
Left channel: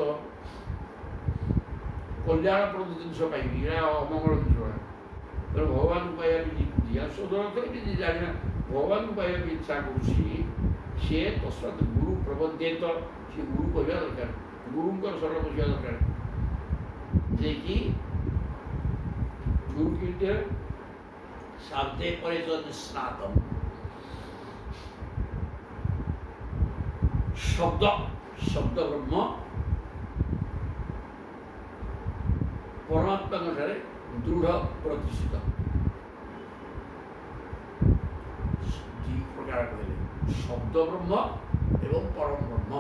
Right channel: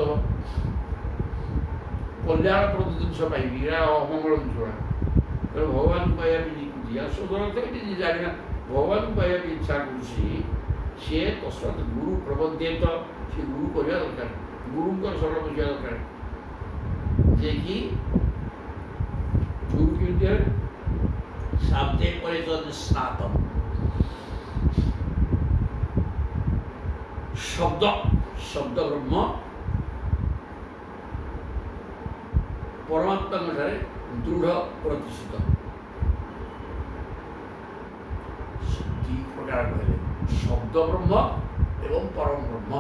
କଲ୍ୟାଣପ୍ରଦ ଜିନିଷ ପାଇବି ଏଇଟା ଅମଙ୍ଗଳ ଜିନିଷ ତେଣୁ ଭଗବାନଙ୍କୁ ପାଇବା ବି ଜିଜ୍ଞାସୁ ଏଠି ଜାଣିବା ଭଗବାନଙ୍କୁ ପାଇବା ବି ଇଚ୍ଛା କରୁଛି ସିଏ ତସ୍ମାତ୍ ଗୁରୁ ପ୍ରବଦ୍ଧେତ ସେ ଗୁରୁ କରିବା ଦରକାର ଗୁରୁଙ୍କର ଶରଣ ବସିବା ଦରକାର ଯିଏକି ଗୁରୁ କେମିତି ହେବେ ଶାବ୍ଦେ ପରେ ସ୍ନାତମ ଶବ୍ଦ ବ୍ରହ୍ମ ପରମାତ୍ମାଙ୍କ ଠାରେ ଦୃଢ଼ ପ୍ରତିଷ୍ଠିତ ଦୁଇ ପ୍ରକାର କହିଲେ ଶବ୍ଦ ବ୍ରହ୍ମ ଏବଂ ପରମ ବ୍ରହ୍ମ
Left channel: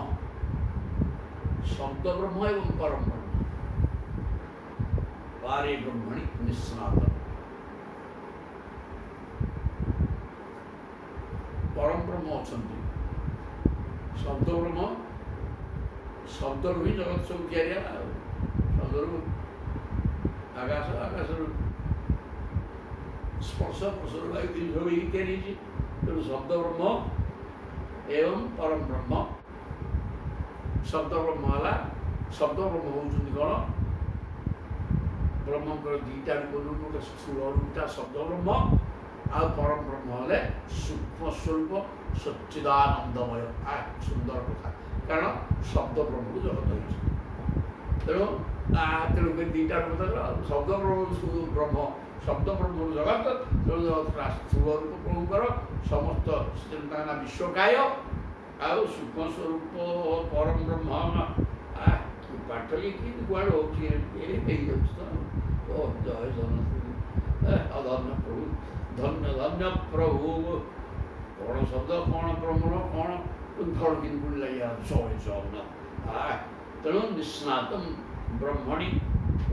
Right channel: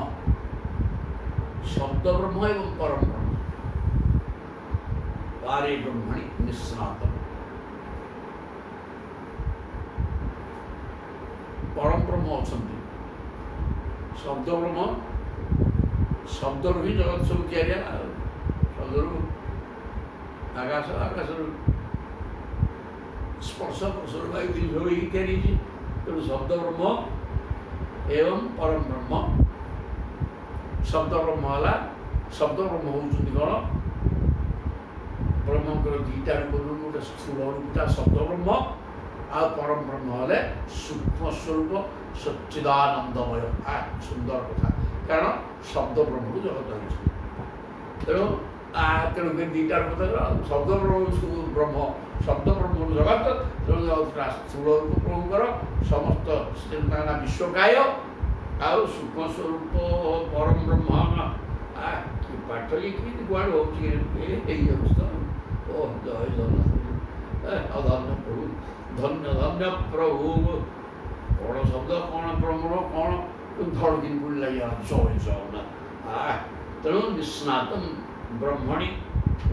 ଶବ୍ଦ ବ୍ରହ୍ମ ଏବଂ ପରମ ବ୍ରହ୍ମ ପାରେ ବ୍ରହ୍ମଣି ନିସ୍ନାତ ପରମ ବ୍ରହ୍ମ ଅଛନ୍ତି ଶବ୍ଦ ବ୍ରହ୍ମ ଶବ୍ଦରୁ ହିଁ ଜଗତ ସବୁ ତିଆରି ହେଲା ଆଉ ଶବ୍ଦରୁ ଆକାଶରୁ ସ୍ପର୍ଶ ପ୍ରସର ବାୟୁ ଜିନିଷ ହେଇକି ତିଆରି ହେଇଛି ତେଣୁ ଶବ୍ଦ ବ୍ରହ୍ମ ଏବଂ ପରମ ବ୍ରହ୍ମ ଶବ୍ଦ ବ୍ରହ୍ମ ହେଲା ଶବ୍ଦ ବ୍ରହ୍ମ ହେଉଛନ୍ତି କ'ଣ ବ୍ରହ୍ମଙ୍କର ଦୁଇଟା ରୂପରୁ ଗୋଟେ ସ୍ଥୂଳ ରୂପଟା ଶବ୍ଦ ବ୍ରହ୍ମ ଆଉ ପରମ ବ୍ରହ୍ମ ହେଲେ ସୂକ୍ଷ୍ମ ସ୍ୱରୂପ ସଚ୍ଚିଦାନନ୍ଦମୟ ସୁନ୍ଦର କଥା କାରଣ ଶବ୍ଦ ବ୍ରହ୍ମରୁ ଜଗତ ହେଇଛି ତେଣୁ ତେଣୁକରି ଦୁଇଟା କଥା ଶବ୍ଦ ବ୍ରହ୍ମ ଶବ୍ଦ ବ୍ରହ୍ମରୁ ଜଗତ ତେଣୁ ଜଗତଟା ସ୍ଥୂଳ ରୂପ ପ୍ରଭୁଙ୍କର ସମସ୍ତ ନା ବିଶ୍ୱକାୟ ଆଉ ସୂକ୍ଷ୍ମ ସ୍ୱରୂପ ପରମ ବ୍ରହ୍ମ ପାଠ କି କୁଆଡ଼େ ହେଉଛି ହେଇଯାଉଛି ତ ଓ ଜୟ ଜଗନ୍ନାଥ ଧନ୍ୟ ପ୍ରଭୁ ଧନ୍ୟ ଧନ୍ୟ ପ୍ରଭୁ କ'ଣ ଶବ୍ଦ କ'ଣ ବ୍ରହ୍ମର କ'ଣ ଧଡ଼କିନି ପଡ଼ିଲା ଜୟ ଜଗନ୍ନାଥ ତେଣୁ ନିସ୍ନାତ ବ୍ରହ୍ମଣି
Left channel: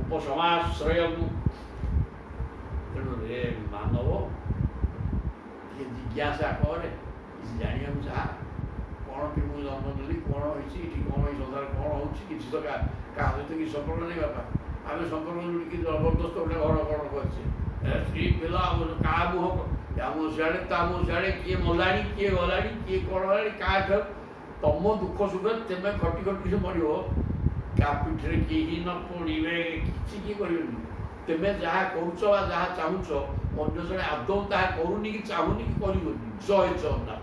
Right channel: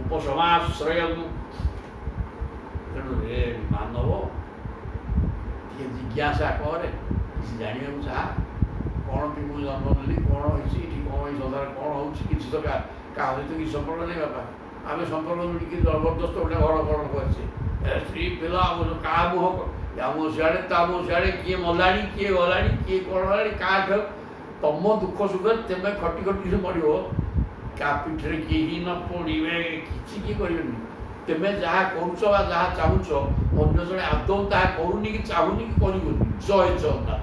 ଉପସମାଶ୍ରୟ ତେଣୁ ରେ ମାନବ ଟିକେ ଜିଜ୍ଞାସା କରେ କିଛି ଜାଣିବାକୁ ଚାହା କ'ଣ ବି ମୁଁ ଜନ୍ମ ନେଲି କ'ଣ ହେଇଛି ଏଠି କ'ଣ ଏଇ ସଂସାର କ'ଣ ହେଉଛି କିଛି ତ କାହା ସହିତ କିଛି ସମ୍ପର୍କ ନାହିଁ ବାପା ଆମେ ସମ୍ପର୍କ ଯୋଡ଼ିକି ଜବରଦସ୍ତ ଗୋଟେ ଘର କ'ଣ କରିଛେ ସ୍ତ୍ରୀ ପିଲା କାହା ମୁହଁ ଆମ ସିଆଡ଼େ ତା ମୁହଁ ସିଆଡ଼େ କିଏ ମଲାଣି କିଏ ଗଲାଣି କିଏ କ'ଣ ହେଲାଣି କାହା ତମ ଦୁଃଖ ସୁଖରେ ତେମେ ଖଟି ଖଟି ମରିବ କାହା ପିଠିରେ କେହି ନ ପଡ଼ିବେ କିଛି କିଏ କରିବେନି ତେମେ ଯାହା କରୁଛ ବା ଯାହା ଚାହୁଁଛ ଅନ୍ୟ ଜଣେ ଆଦୌ ତାହା କରୁନି କି ଚାହୁଁନି କି କରିବନି ଜୟ ଜଗନ୍ନାଥ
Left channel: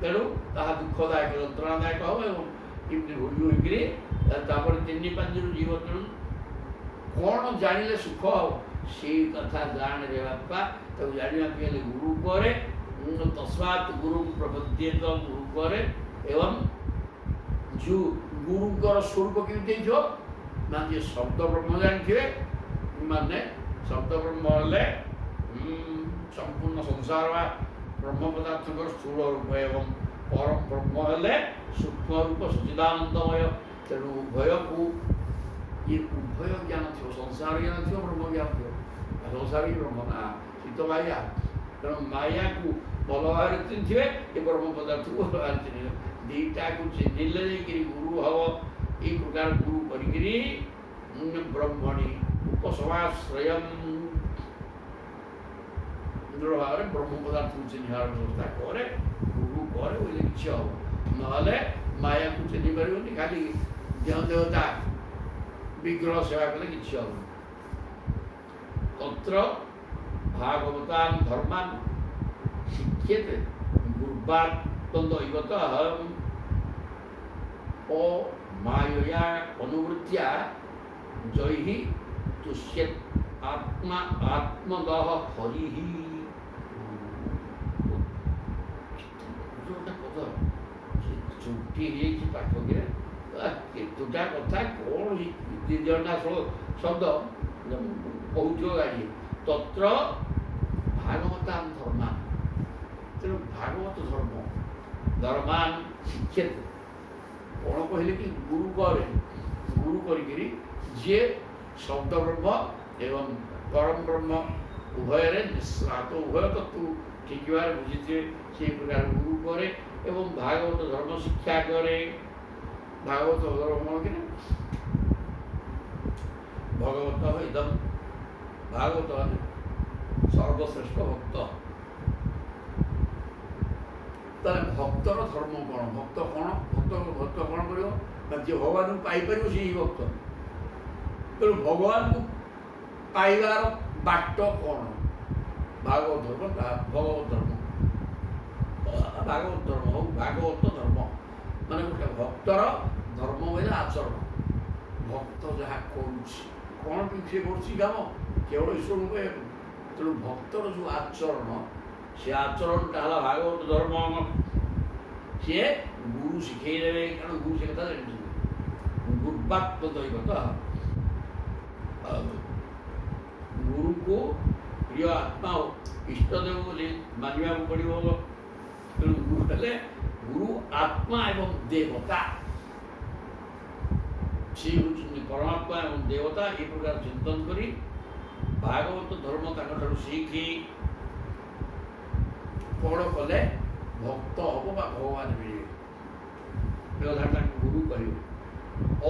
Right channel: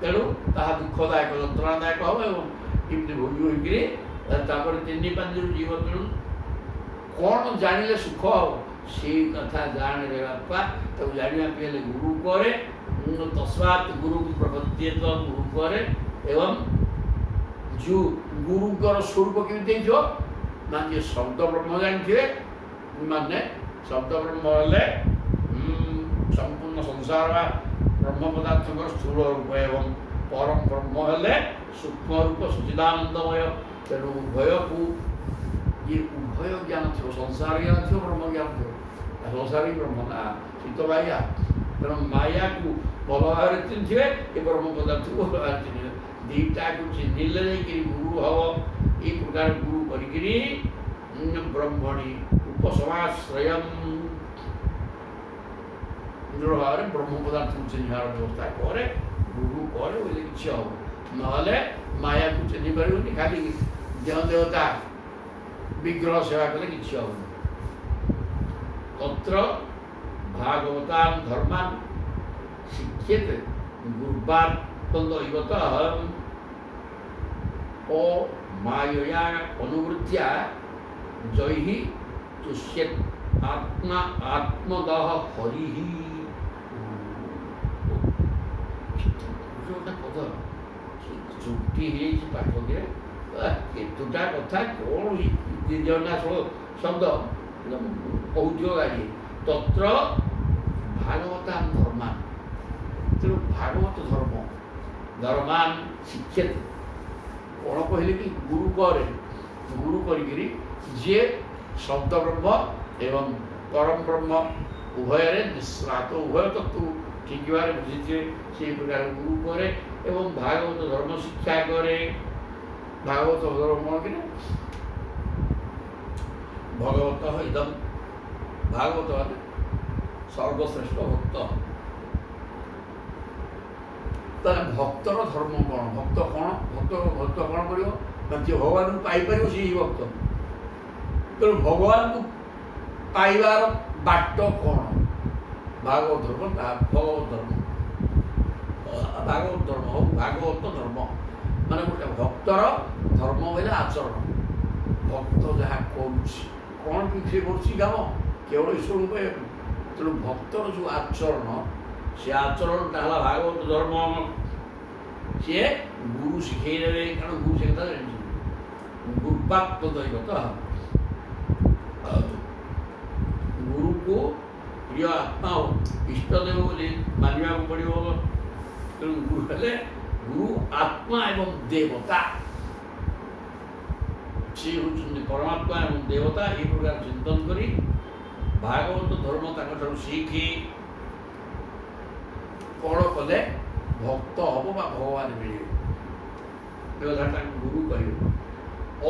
ତେଣୁ ତାହା ଦୁଃଖଦାୟକ ଯନ୍ତ୍ରଣାଦାୟକ ହେବ ଏବଂ ଏମିତି ଭୋଗୀ ହୋଇକିରି ତାପରେ 3-5 ଜୀବ ତେଣୁ କ'ଣ ଜାଣିଲେ ସୁଖ ହେବ ସେଇ କଥା ଜାଣିଲେ ବାପା ତାକୁ ଜାଣିବା ପାଇଁ ହେଲେ ଗୁରୁ ପରେ ତସ୍ମାତ୍ ଗୁରୁ ପ୍ରବଦ୍ଧେତ ଗୁରୁ ପରେ ଏବଂ ଯେଉଁ ଗୁରୁଙ୍କର ସ୍ୱରୂପ କେମିତି ହେଇଥିବ ନା ଯିଏ ଶବ୍ଦ ବ୍ରହ୍ମ ଜାଣିଥିବେ ମାନେ ଶବ୍ଦ ବ୍ରହ୍ମ ହେଲେ ସମ୍ପୂର୍ଣ୍ଣ ସଂସାର ବା ବ୍ରହ୍ମ ପଦାର୍ଥଙ୍କର ସ୍ଥୂଳ ରୂପ ଏବଂ ପରମ ବ୍ରହ୍ମ ହେଲେ ସୂକ୍ଷ୍ମ ରୂପ ସଚ୍ଚିଦାନନ୍ଦମୟ ତେଣୁ ଉଭୟକୁ ଇଏ ଉଭୟ ଜ୍ଞାନ ଥିବ ସଂସାର ଜ୍ଞାନ ଥିବ ବ୍ରହ୍ମ ଜ୍ଞାନ ଥିବ ସଂସାରୀ ବ୍ରହ୍ମ ନା ଶୀତ ମାୟା ତେଣୁ ମାୟାକୁ ଭଲ ଭାବରେ ଚିହ୍ନିଥିବେ ଏ ବ୍ରହ୍ମ ପଦାର୍ଥକୁ ଭଲ ଭାବରେ ଚିହ୍ନିବେ ଦୁଇଟାକୁ ଚିହ୍ନିଲେ ଯାଇକିରି ଗୁରୁ ହବ ଏଇ ପ୍ରକାର ଗୁରୁ କରିକିରି ବ୍ରହ୍ମଣି ଉପସମାଶ୍ରୟ ଦୃଢ଼ ଭାବରେ ବ୍ରହ୍ମ ପଦାର୍ଥକୁ ଚିହ୍ନିବାର ବ୍ୟବସ୍ଥା କରେ ଗୁରୁ କରେ ବୋଇଲେ କିଛି ହବ ନହେଲେ ମାୟାକୁ ଚିହ୍ନି ପାରିବନି ଖାଲି ଦେହ ଦେବତା ବିଗ୍ରହ ସେବା କଲେ କିଛି ହବନି ତତ୍ର ଭାଗବତାନ୍ ଧର୍ମାନ୍ ଶିକ୍ଷେତେ ଗୁରୁବାନ୍ ତନ୍ଦୈବତଃ ଓ ମାୟୟା ଅନୁବୃତ୍ତ୍ୟା ଜୈଃ ତୁଷ୍ୟେତ୍ ଆତ୍ମା ଆତ୍ମଦଃ ହରିଃ ଗୋଟେ କଥା ଚୁଟି ହେଇଛି ପାଠକରେ କେତୁଟା କଥା କ'ଣ ଜଣା ଶବ୍ଦ କହୁଛ ଗାଡ଼ି ତତ୍ର ଭାଗବତାନ୍ ଧର୍ମାନ୍ ତେଣୁ ଭାଗବତ ଧର୍ମ ଧର୍ମାନ ଶିକ୍ଷେତେ କ'ଣ କହିଲେ କି ଗୁରୁ କରେ ଗୁରୁ କରିକିରି ଯିଏ ଶବ୍ଦ ବ୍ରହ୍ମ ଏବଂ ପରମ ବ୍ରହ୍ମ ଉଭୟରେ ନିଃଶ୍ରାତ ଉଭୟ ତତ୍ତ୍ୱ ଠିକ୍ ଭାବରେ ବୁଝିଥିବେ ସେହି ପ୍ରକାର ଗୁରୁ କରେ ଏବଂ ଭାଗବତ ଧର୍ମ ଶିକ୍ଷା କରେ। ଭାଗବତ ଧର୍ମ କ'ଣ କି ଭଗବତ ଇଦମ୍ ଭାଗବତ ମାନେ ସର୍ବଶ୍ରେଷ୍ଠ ଭକ୍ତ। ତାହେଲେ ଭକ୍ତର ଧର୍ମ କ'ଣ? ଭକ୍ତ କ'ଣ ଭକ୍ତ କ'ଣ କରିବ ନା ଯିଏ ଭଗବାନଙ୍କୁ ପାଇପାରିବ ସେହି ଭକ୍ତ। ତେଣୁ ଭଗବାନଙ୍କୁ ପାଇବାର ବାଟ କ'ଣ? ଭାଗବତ ଧର୍ମ ଭଗବତ ଧର୍ମ ଭାଗବତ ଧର୍ମ ହଉ ଭାଗବତ ଧର୍ମ ମାନେ ଗୋଟେ ଭକ୍ତର ଧର୍ମ ବୋଇଲେ ଆଚରଣ। ଭକ୍ତ ଯାହା କରୁଛି କ'ଣ କି ସେ କରୁଛି କାମ କେବଳ ଈଶ୍ୱରଙ୍କୁ ପାଇବାକୁ। ତେଣୁ ଭକ୍ତର ଯେଉଁ ଆଚରଣ ସେ ଆଚରଣଟା ହେଲା ଭାଗବତ ଧର୍ମ। ସିଏ ଗୁରୁ ଶିଖେଇ ଦେବେ କାରଣ ଗୁରୁ ସେ କଥା ଜାଣିଛନ୍ତି। ଗୁରୁପାତ୍ମ ଦୈବତ ଗୁରୁକୁ ପ୍ରିୟ ଆତ୍ମା ଓ ଇଷ୍ଟଦେବ ବୋଲି ମାନିବାକୁ ପଡ଼ିବ। ତେଣୁ ଗୁରୁ ହେଲେ ଗୁରୁ ଆତ୍ମା ଏବଂ ଦେବତା। ସେ ହେଉଛନ୍ତି ପରମାତ୍ମା ଏବଂ ଦେବତା। ଏହି ପ୍ରକାର ଚିନ୍ତନ କରି ଭାଗବତ ଧର୍ମ ତାଙ୍କଠାରୁ ଶିଖି କ'ଣ କଲେ ଭକ୍ତ ହବ ବା ଭଗବାନ ମିଳିବେ। ତାଙ୍କୁ ଗୁରୁ କହିବେ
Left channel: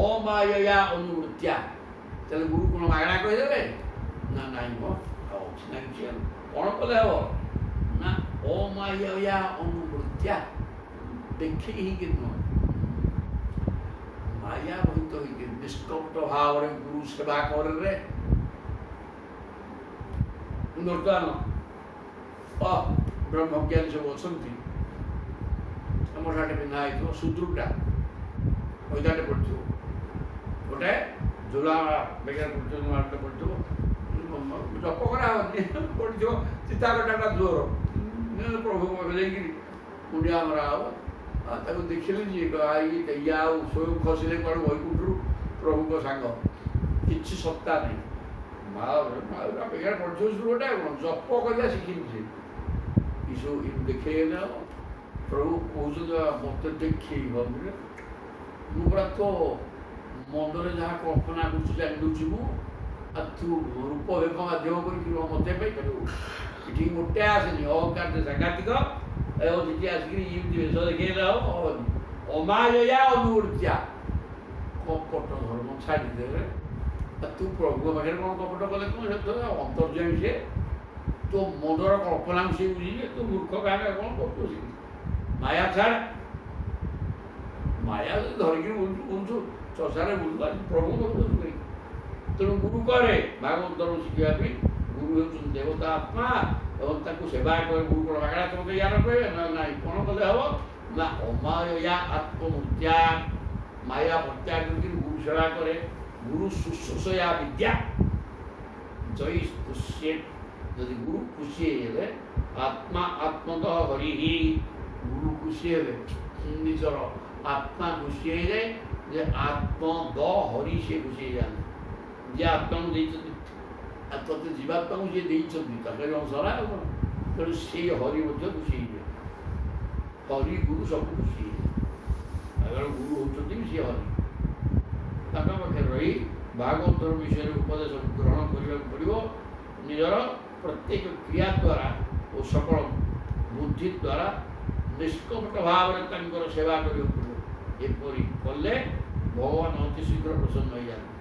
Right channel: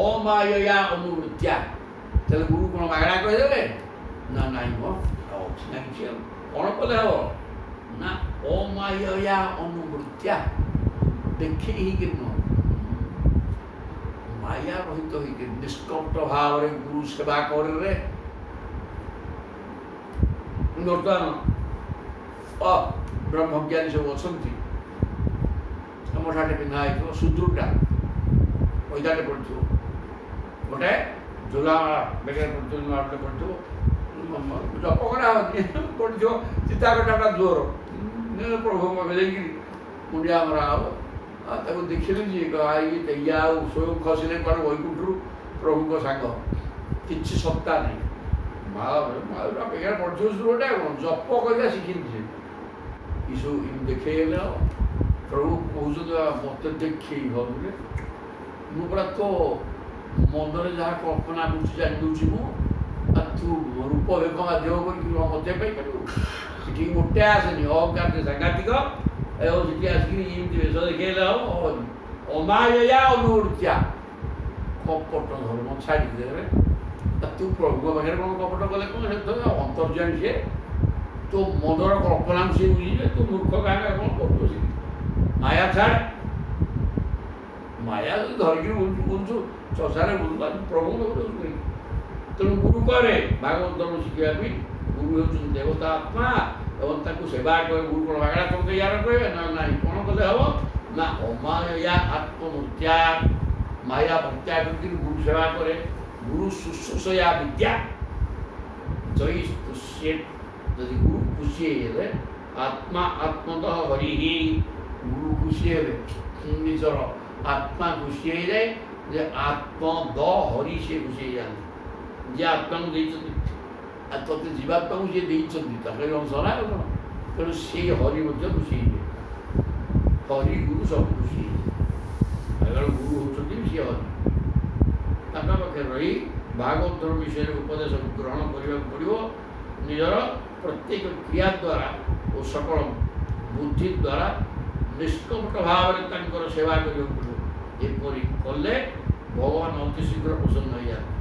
ଅମାୟା ଅନୁବୃତ୍ତିଆ। ତାହେଲେ ଗୁରୁ କ'ଣ ମାଗଣା କହିଦେବେ ନା ନାଇଁ ମ ଅଛି ନା କିଛି ଆଉ କ'ଣ କଲେ ହବ ନା ଅମାୟା ଅନୁବୃତ୍ତିଆ ଦେଖି ହେଇକି ନୁହଁ ମାୟା ରହିତ ହେଇକି ନିଷ୍କପଟ ଭାବରେ ଗୁରୁ ସେବା କରରେ। ବର୍ତ୍ତମାନ ବ୍ରହ୍ମଜ୍ଞାନୀ ସବୁ ଅଛନ୍ତି। ଆମ ଠାଟେ ପିନ୍ଧା ହେଇଥିବ ସୁଦୃଢ଼ଟା ପଇଦାଟେ ପଡ଼ିଥିବ ଗୋଟେ ଝୁଲା ବେଗରେ ପଡ଼ିଥିବ ନୂଆଟେ ପଡ଼ିଥିବ ଜପ କରାହେବନି ପଡ଼ିଥିବ ଚିତାକଟାଟା ଜୋର ପ୍ରଭୁଙ୍କ ଯାଇକିରି ମୁଣ୍ଡିଆ ମରା ହବ। ତାକୁ ଦେଖିଲେ ଯିଏ ଇଏ ଆଉ ସ୍ୱୟଂ ଖସିଲେ କୁଆଡ଼େ ବୈକୁଣ୍ଠରୁ ପ୍ରଭୁଙ୍କ ସାଙ୍ଗ କିଛି ସତ୍ତା ନାହିଁ। ମାଳଟା ବେଗାରେ ପଡ଼ିଥିବ ସୁଦୃଢ଼ଟା କ'ଣ ଜପ କରିବା ଶିଖିନି ସେ ଏସବୁ ଦେଖେଇଲେ ହବ। ପ୍ରଭୁ କହୁଛନ୍ତି ମୋତେ ଦେଖେଇ ହବରେ ମୁଁ ପୁରା ତୋ ମନରେ ଯାହା କଳ୍ପନା କରୁଛି ଜାଣିଦେଉଛି ମୁଁ ଆଉ ତୁ ରୂପ ବେଗ ମାଧ୍ୟମ କରିକି ମୋତେ ପାଇପାରିବୁ। ଏଠିକି ମୋଟେ ଆସେନି ଅହଙ୍କାର ସାଂଘାତିକ ଏବଂ ସେଠି ଆସିକିରି ଏମିତି ବେଶ ଦେଖେଇଲେ ହବନି। ଅମାୟା ଅନୁବୃତ୍ତିଆ କପଟ ଧର୍ମ ଛାଡ଼ିଦେବେ। ତୁ ପ୍ରଭୁଙ୍କ ପାଖରେ କ'ଣ କପଟ କଲେ କ'ଣ ସେ ଅନ୍ତର୍ଯାମୀ ସିଏ ତୋ ମନର କଳ୍ପନାକୁ ସିଏ ବୁଝିଯିବେ। ତୁ ମୂର୍ଖ କାହିଁକି କ'ଣ କରୁଛୁ ସେ ମାୟା ଛାଡ଼। ମାୟା ଯଦି ଧରିକିରି ବୁଲୁଛୁ ଚଷାରେ ବୁଲୁ ପ୍ରଭୁଙ୍କ ପାଖରେ। ତେଣୁ ଗୁରୁ କରେ ଭାଗବତ ଧର୍ମ ଶିଖିବା ପାଇଁ। ଗୁରୁ ହେଉଛନ୍ତି ଦେବତା ଆତ୍ମା ଏବଂ ତାଙ୍କୁ ସେବା କରେ। ଗୁରୁ କ'ଣ ମାଗଣା ତମେ ୟାର କହିବେ ନା ନାହିଁ କ'ଣ କଲେ ହବ ନା ଅମାୟା ଆତ୍ମମୂର୍ତ୍ତିଆ ମାୟା ପ୍ରତ୍ୟାଗ କରିକି ଗୁରୁ ସେବା କରେ। ଗୁରୁ ଶୁଶ୍ରୂଷୟା ବିଦ୍ୟା ଜୟୀ ତୁଷ୍ୟେ। ଯଦି ଗୁରୁ ଖୁସି ହେଇଗଲେ ଆତ୍ମା ଆତ୍ମତଃ ହରି ହି ଗୁରୁ ଖୁସି ହେଲେ ନିଜର ଆତ୍ମା ଖୁସି ହେଇଯାଏ ଯେ ଆତ୍ମ ଦ ହରି ସେ ଖୁସି ହେଇଯାଆନ୍ତି। ଯିଏ ଆତ୍ମାକୁ ଦେଇଛନ୍ତି ତତେ ଜୀବାତ୍ମାକୁ ଯିଏ ଦେଇଛନ୍ତି ତାଙ୍କର ଅଂଶ ନା କ'ଣ। ତେଣୁ ସେ ହରି ମଧ୍ୟ ଖୁସି ହେଇଯାଏ। ହରି ଗୁରୁ ସବୁ ଖୁସି ହେଇଯାଏ। କାରଣ ଗୁରୁ ହେଉଛନ୍ତି ସିଏ ହରି। ତାଙ୍କ ପାଖରେ ରହି ଭାଗବତ ଧର୍ମ ବିଷୟରେ ଉପଦେଶ ଗ୍ରହଣ କରିବାକୁ ପଡ଼ିବ। ନିଜର ପ୍ରତ୍ୟେକ କ୍ରିୟା ଦ୍ୱାରା ଓ ସକଳ ବୁଦ୍ଧି ଦ୍ୱାରା ନିଷ୍କପଟ ଭାବରେ ତାଙ୍କର ସେବା କରିବାକୁ ପଡ଼ିବ। ଏପରି କଲେ ଭଗବାନ ଅତି ଶୀଘ୍ର ପ୍ରସନ୍ନ ହୋଇଯାଆନ୍ତି।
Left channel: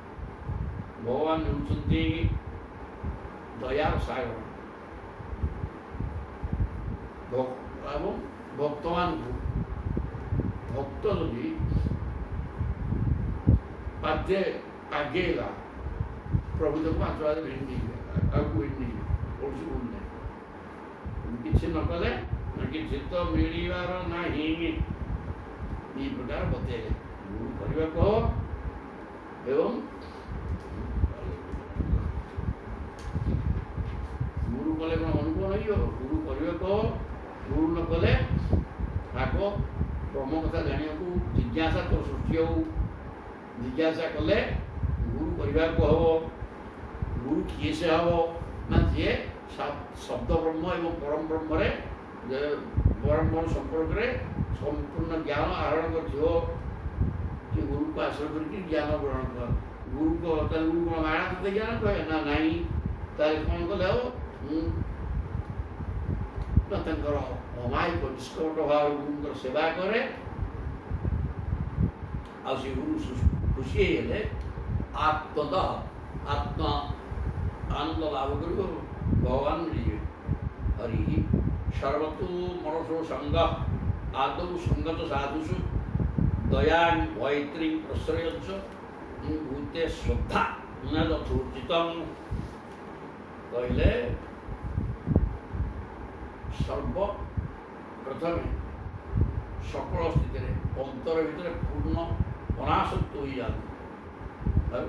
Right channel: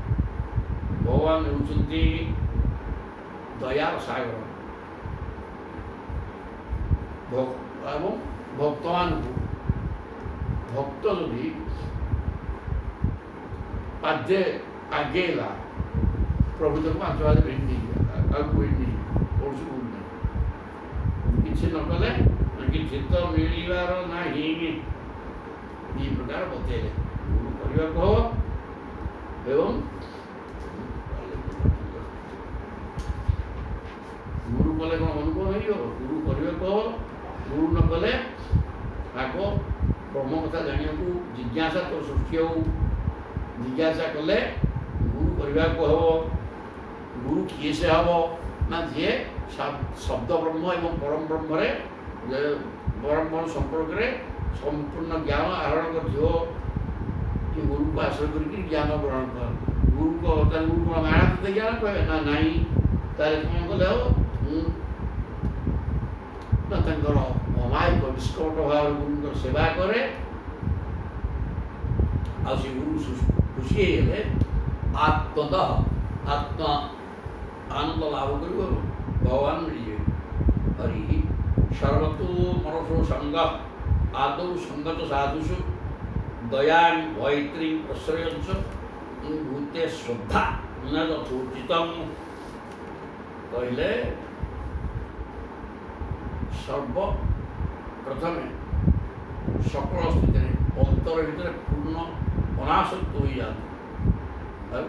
ଭଗବାନ ହେଉଛନ୍ତି ଦୟାର ସାଗର ଏବଂ ଭକ୍ତମାନଙ୍କୁ ଭକ୍ତ ଯଦି ପାଦେ ଆଗେଇଲା ପ୍ରଭୁ ତାକୁ 5 ପାଦ ଭିଡ଼ି ନେଇଯିବେ ଆଗକୁ ଭିଡ଼ି ନେଇଯିବେ। କୌଣସି ଭୁଲ ନାହିଁ। କିଛି ନ କଲେ କିଛି ତ ମିଳିବାର ନାହିଁ। এই ପ୍ରକାର ବତେଇଲେ ଗୁରୁ କରିବାକୁ ହବ ଏବଂ ଗୁରୁ କଲେ କ'ଣ ମନକୁ ହେଇଯିବ। ଗୁରୁ କରିବାକୁ ହବ। ଗୁରୁ ନ କଲେ ଆଗ ବ୍ରହ୍ମ କଥା ଜାଣିବାକୁ ଜିଜ୍ଞାସା ତ ସୃଷ୍ଟି ହଉ। ଜିଜ୍ଞାସା କଲେ ଗୁରୁ କରିବାକୁ ହବ। ଗୁରୁ କିଏ ସେ ହବ ନା ଯିଏ ଶବ୍ଦ ବ୍ରହ୍ମ ଏବଂ ପରମ ବ୍ରହ୍ମରେ ଯେ ବ୍ରହ୍ମ ସମ୍ପର୍କରେ ସମ୍ପୂର୍ଣ୍ଣ ଜ୍ଞାନ ଆହରଣ କରିଥିବ କି ଗୁରୁକୁ ଆଶ୍ରୟ କରିକି ଜ୍ଞାନ ଗ୍ରହଣ କର। ତାହେଲେ ଗୁରୁ କ'ଣ ମାଗଣା ତତେ ଜ୍ଞାନ କହେ ନା ନାହିଁ? ତାହେଲେ କ'ଣ କଲେ ହବ? ନା ତାଙ୍କର ଅମାୟିକ ନିଷ୍କପଟ ଭାବରେ ଗୁରୁଙ୍କର ସେବା କରେ। ଆଉ ସେ ଗୁରୁ ଖୁସି ହେଇଗଲେ ଆତ୍ମତଃ ଆତ୍ମା ଆନନ୍ଦ ଲାଭ କରିବ, ଭଗବାନ ମିଳିଯିବେ। ହରି ସର୍ବତୋ ମନସୋ ସଙ୍ଗ ଆଦୌ ସଙ୍ଗତ ସାଧୁଷୁ ଦୟା ମୈତ୍ରୀ ପ୍ରଶ୍ରୟଞ୍ଚ ଭୂତେ ଶ୍ରଦ୍ଧା ନ ଯଥୋଚିତମ୍। କହିଲେ ସର୍ବପ୍ରଥମେ ସକଳ ସ୍ଥିତିରେ ଅନ୍ତର ଭିତରେ ପୂର୍ଣ୍ଣ ଅନାସକ୍ତ ହୋଇଯାଆନ୍ତି। ଆଉ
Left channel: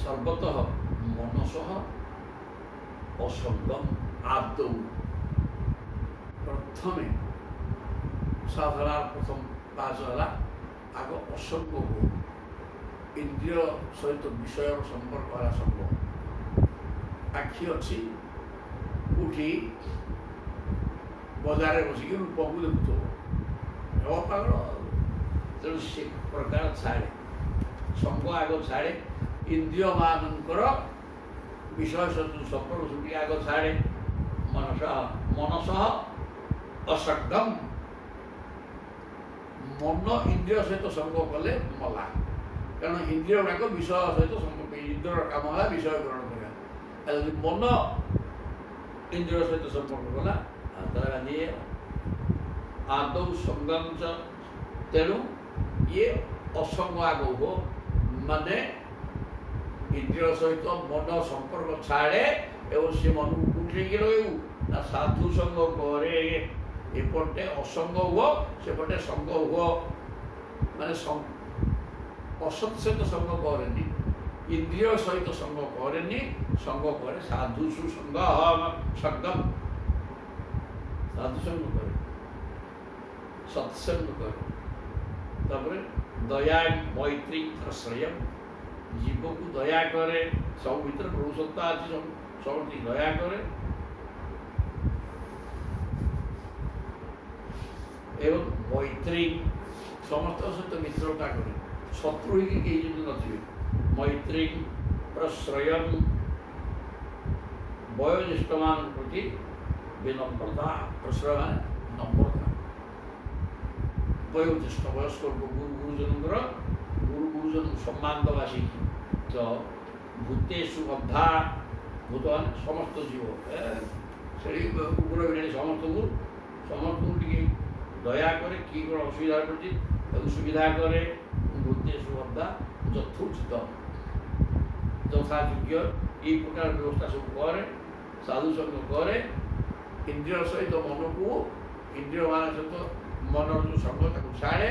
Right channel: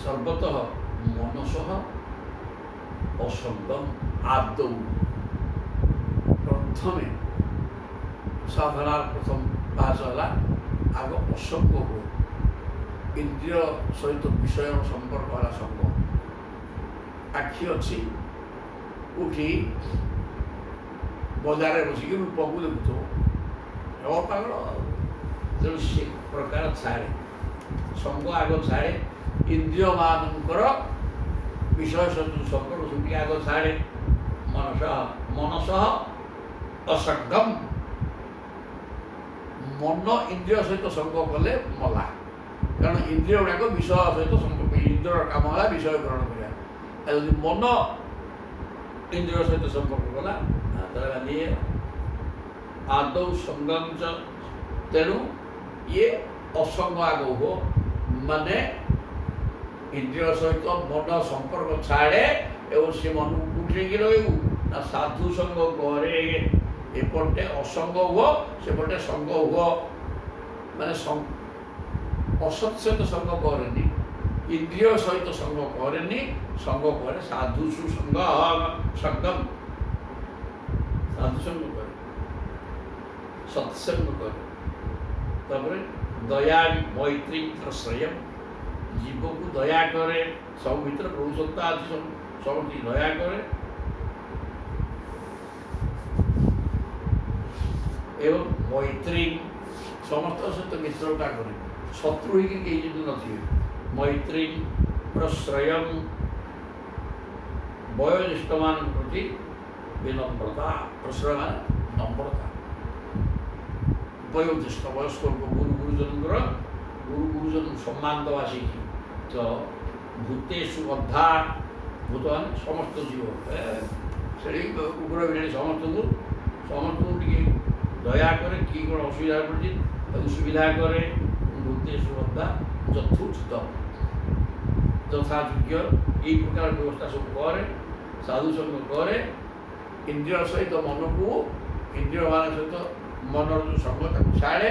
ସର୍ବତଃ ମନସଃ ଅସଙ୍ଗମ୍ ଆଦୌ। ପ୍ରଥମେ ସାଧନାର ପ୍ରଥମ ପାହାଚ ହେଲା ଆଗ ଅସଙ୍ଗ ହୁଅ। ଇନ୍ଦ୍ରିୟ ସହିତ ବିଷୟର ସମ୍ପର୍କ ହେଲା ସଙ୍ଗ। ଆଖି ଅଛି ଉଠି ବଜାରରେ ବସିକି ରୂପକୁ ଦେଖୁଥିବ, ହେବ ପାଗଳ। ତେଣୁ ସେ ପ୍ରକାର ଛାଡ଼େ, ସଙ୍ଗ ଆଗ ଛାଡ଼େ। ଇନ୍ଦ୍ରିୟମାନଙ୍କର ବିଷୟ ସହିତ ସମ୍ପର୍କ ସୁଟିକି ଆଗ ଛାଡ଼େ। ମନସଃ ଅସଙ୍ଗମ୍। ମନ ଇନ୍ଦ୍ରିୟ ସହିତ ସଙ୍ଗ କଲେ ମଲା। କାରଣ ଇନ୍ଦ୍ରିୟ ଗୁଡ଼ାକ ବିଷୟ ସହିତ ସମ୍ପର୍କ, ଇନ୍ଦ୍ରିୟର କାମ ହେଲା ବିଷୟ ଗ୍ରହଣ କରିବା। ଆଉ ଯଦି ମନ ଇନ୍ଦ୍ରିୟ ସହିତ ସମ୍ପର୍କ କଲା ତାହେଲେ ଗାନ୍ଧୀ ଆଦୌ ସଙ୍ଗଞ୍ଚ। ତେଣୁ ଇଏ ଅସଙ୍ଗ ଆଗ ହୁଅ, ମାନେ ଇନ୍ଦ୍ରିୟ ସହିତ ମନ ସମ୍ପର୍କ ଛାଡ଼େ ଏବଂ ସେ ମନକୁ କୁଟେଇକି ରହିବୁ ନା ସାଧୁ ସଙ୍ଗ କରେ। ଏପଟେ ଅସଙ୍ଗ ହୁଅ, ସେପଟେ ସଙ୍ଗ ହୁଅ। ମାନେ ଅସତ୍ ସହିତ ସଙ୍ଗ କରେନି, ଇନ୍ଦ୍ରିୟ ସହିତ ସଙ୍ଗ କରେନି, ସଙ୍ଗ କରେ ସାଧୁ ସୁସଙ୍ଗ ସଙ୍ଗମ। ସାଧୁ ସଙ୍ଗ କରେ, ସତ୍ସଙ୍ଗ କରେ। ତାପରେ ଦୟା ମୈତ୍ରୀ ପ୍ରଶ୍ରୟ, ଜୀବକୁ ଦୟା କରେ। ସବୁ ଭିତରେ ପ୍ରଭୁ ସତ୍ତା ଅଛି, ସମସ୍ତଙ୍କୁ ଦୟା କରେ। ଏବଂ ମୈତ୍ରୀ, ସମସ୍ତଙ୍କ ସହିତ ମିତ୍ରତା କରେ। ଶତ୍ରୁ ହେଇକି କେହି ଯଦି ନଥିବେ। ମୈତ୍ରୀ ପ୍ରଶ୍ରୟ, ବୟୋଜ୍ୟେଷ୍ଠମାନଙ୍କ ପ୍ରତି ବିନମ୍ରତା। ପ୍ରଶ୍ରୟ ମାନେ ନମ୍ରତା। ବୟୋଜ୍ୟେଷ୍ଠ ବୟସ୍କ ଗୁରୁଜନଙ୍କର ଗୁରୁଜନଙ୍କୁ ସମ୍ମାନ ଦେବା ଶିଖି। ତ ଭୂତେଷୁ ଅଧା, ଭୂତ ମାନେ ସମସ୍ତ ଜୀବ, ସେଠି କୁକୁର ବିଲେଇ ସମସ୍ତଙ୍କୁ ଟିକେ ଦୟା କରେ। କି କ'ଣ ଅସୁବିଧା ପଡ଼ିଛି ତାକୁ ସୁବିଧା କରେ। ଭୂତେଷୁ ଅଧା ଯଥୋଚିତ, ଯଥାଯୋଗ୍ୟ ଏଇ ପ୍ରକାର ବ୍ୟବସ୍ଥା ସବୁ କରେ। ସାଧୁସଙ୍ଗ କରେ। ଇନ୍ଦ୍ରିୟ ସହିତ ମନକୁ, ଇନ୍ଦ୍ରିୟମାନ ସହିତ ମନର ଯେଉଁ ସଙ୍ଗ ତାକୁ ଛାଡ଼େ।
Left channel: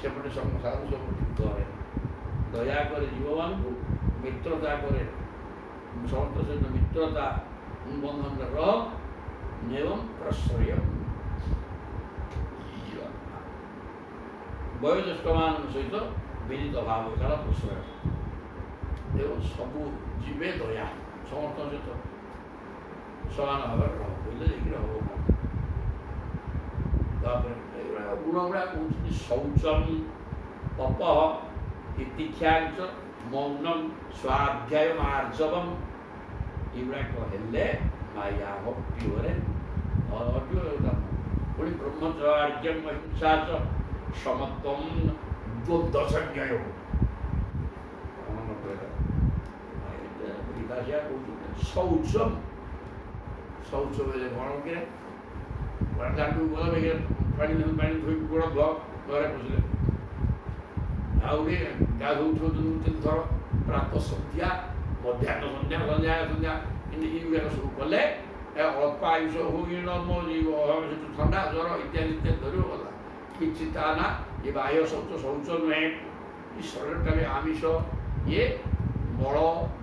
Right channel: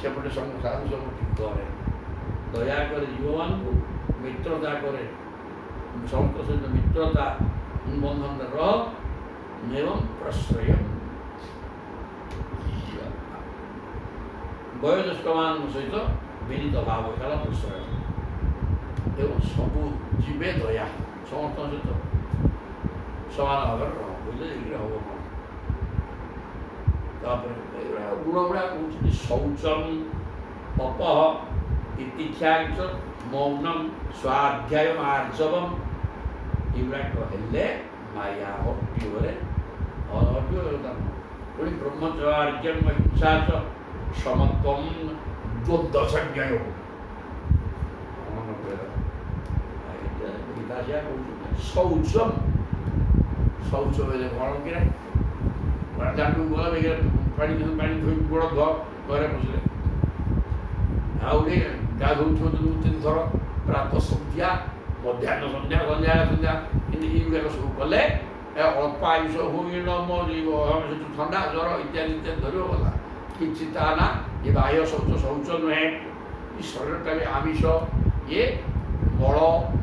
ସେପଟେ ସାଧୁସଙ୍ଗ ଠିକ୍ କରେ। ଦୟା କରେ ଜୀବମାନଙ୍କୁ, ମିତ୍ରତା କରେ, ସମସ୍ତଙ୍କ ସହିତ ମିତ୍ରତା ବନ୍ଧନରେ ରହ। ଏବଂ ପ୍ରଶ୍ରୟ, ବୟୋଜ୍ୟେଷ୍ଠମାନଙ୍କ ସହିତ ବିନୀତ ଭାବ ହେଲା ପ୍ରଶ୍ରୟ। ଏବଂ ସବୁ ଜୀବେ ଦୟା, ସମସ୍ତଙ୍କ ସହିତ ସମାନ ଭାବରେ ରହ ବୋଇଲେ ଯାଇକି ହବ। ତାପରେ ଏଇଗୁଡ଼ା ଗୁଣ ଗୁଡ଼ାକ କହୁଛନ୍ତି ଶୌଚମ ତପଃ ତିତିକ୍ଷାଞ୍ଚ ମୌନମ ସ୍ୱାଧ୍ୟାୟ ଆର୍ଜବମ୍। ଏଗୁଡ଼ାକ ହେଲେ ମାୟା ହଟିବରେ ହଟିବ। ପୁଣି ବ୍ରହ୍ମଚର୍ଯ୍ୟଂ ଅହିଂସା ଚ ସମତ୍ୱଂ ଦ୍ୱନ୍ଦ୍ୱ ସଂଜ୍ଞୟ। ଗୀତା ସେଇଆ କହୁଛନ୍ତି। ଶୌଚମ, ଶୌଚ ବେଲେ କ'ଣ କିରେ ଦାଣ୍ଡକୁ ଗଲା ବେଗରେ ପାଣି ଧୋଇ ଗୋଡ଼ ଧୁଅ, ଘରେ ପଶିଲେ। ଆଉ ଗୋଟେ ଗାଧୋଉଥିବ ଦିନକୁ 3 ଥର, ପ୍ରାତଃ ସନ୍ଧ୍ୟା, ମଧ୍ୟାହ୍ନ ସନ୍ଧ୍ୟା, ସନ୍ଧ୍ୟା କିନ୍ତୁ ଏଇଗୁଡ଼ାକ ସବୁ କଲେ ଅଳ୍ପ ଆୟୁଷ ହୋଇ ନ ମରିବ। ସେଠୁ ଥଣ୍ଡା ଜ୍ୱର ଇତ୍ୟାଦି ଧରିବ ଗଲା। କିଛି ତା ନା ଏ ବାହ୍ୟ ଶୌଚ ନୁହେଁ। ଏ ଶରୀରଟା ବି ଆମିଷ, ଇଏ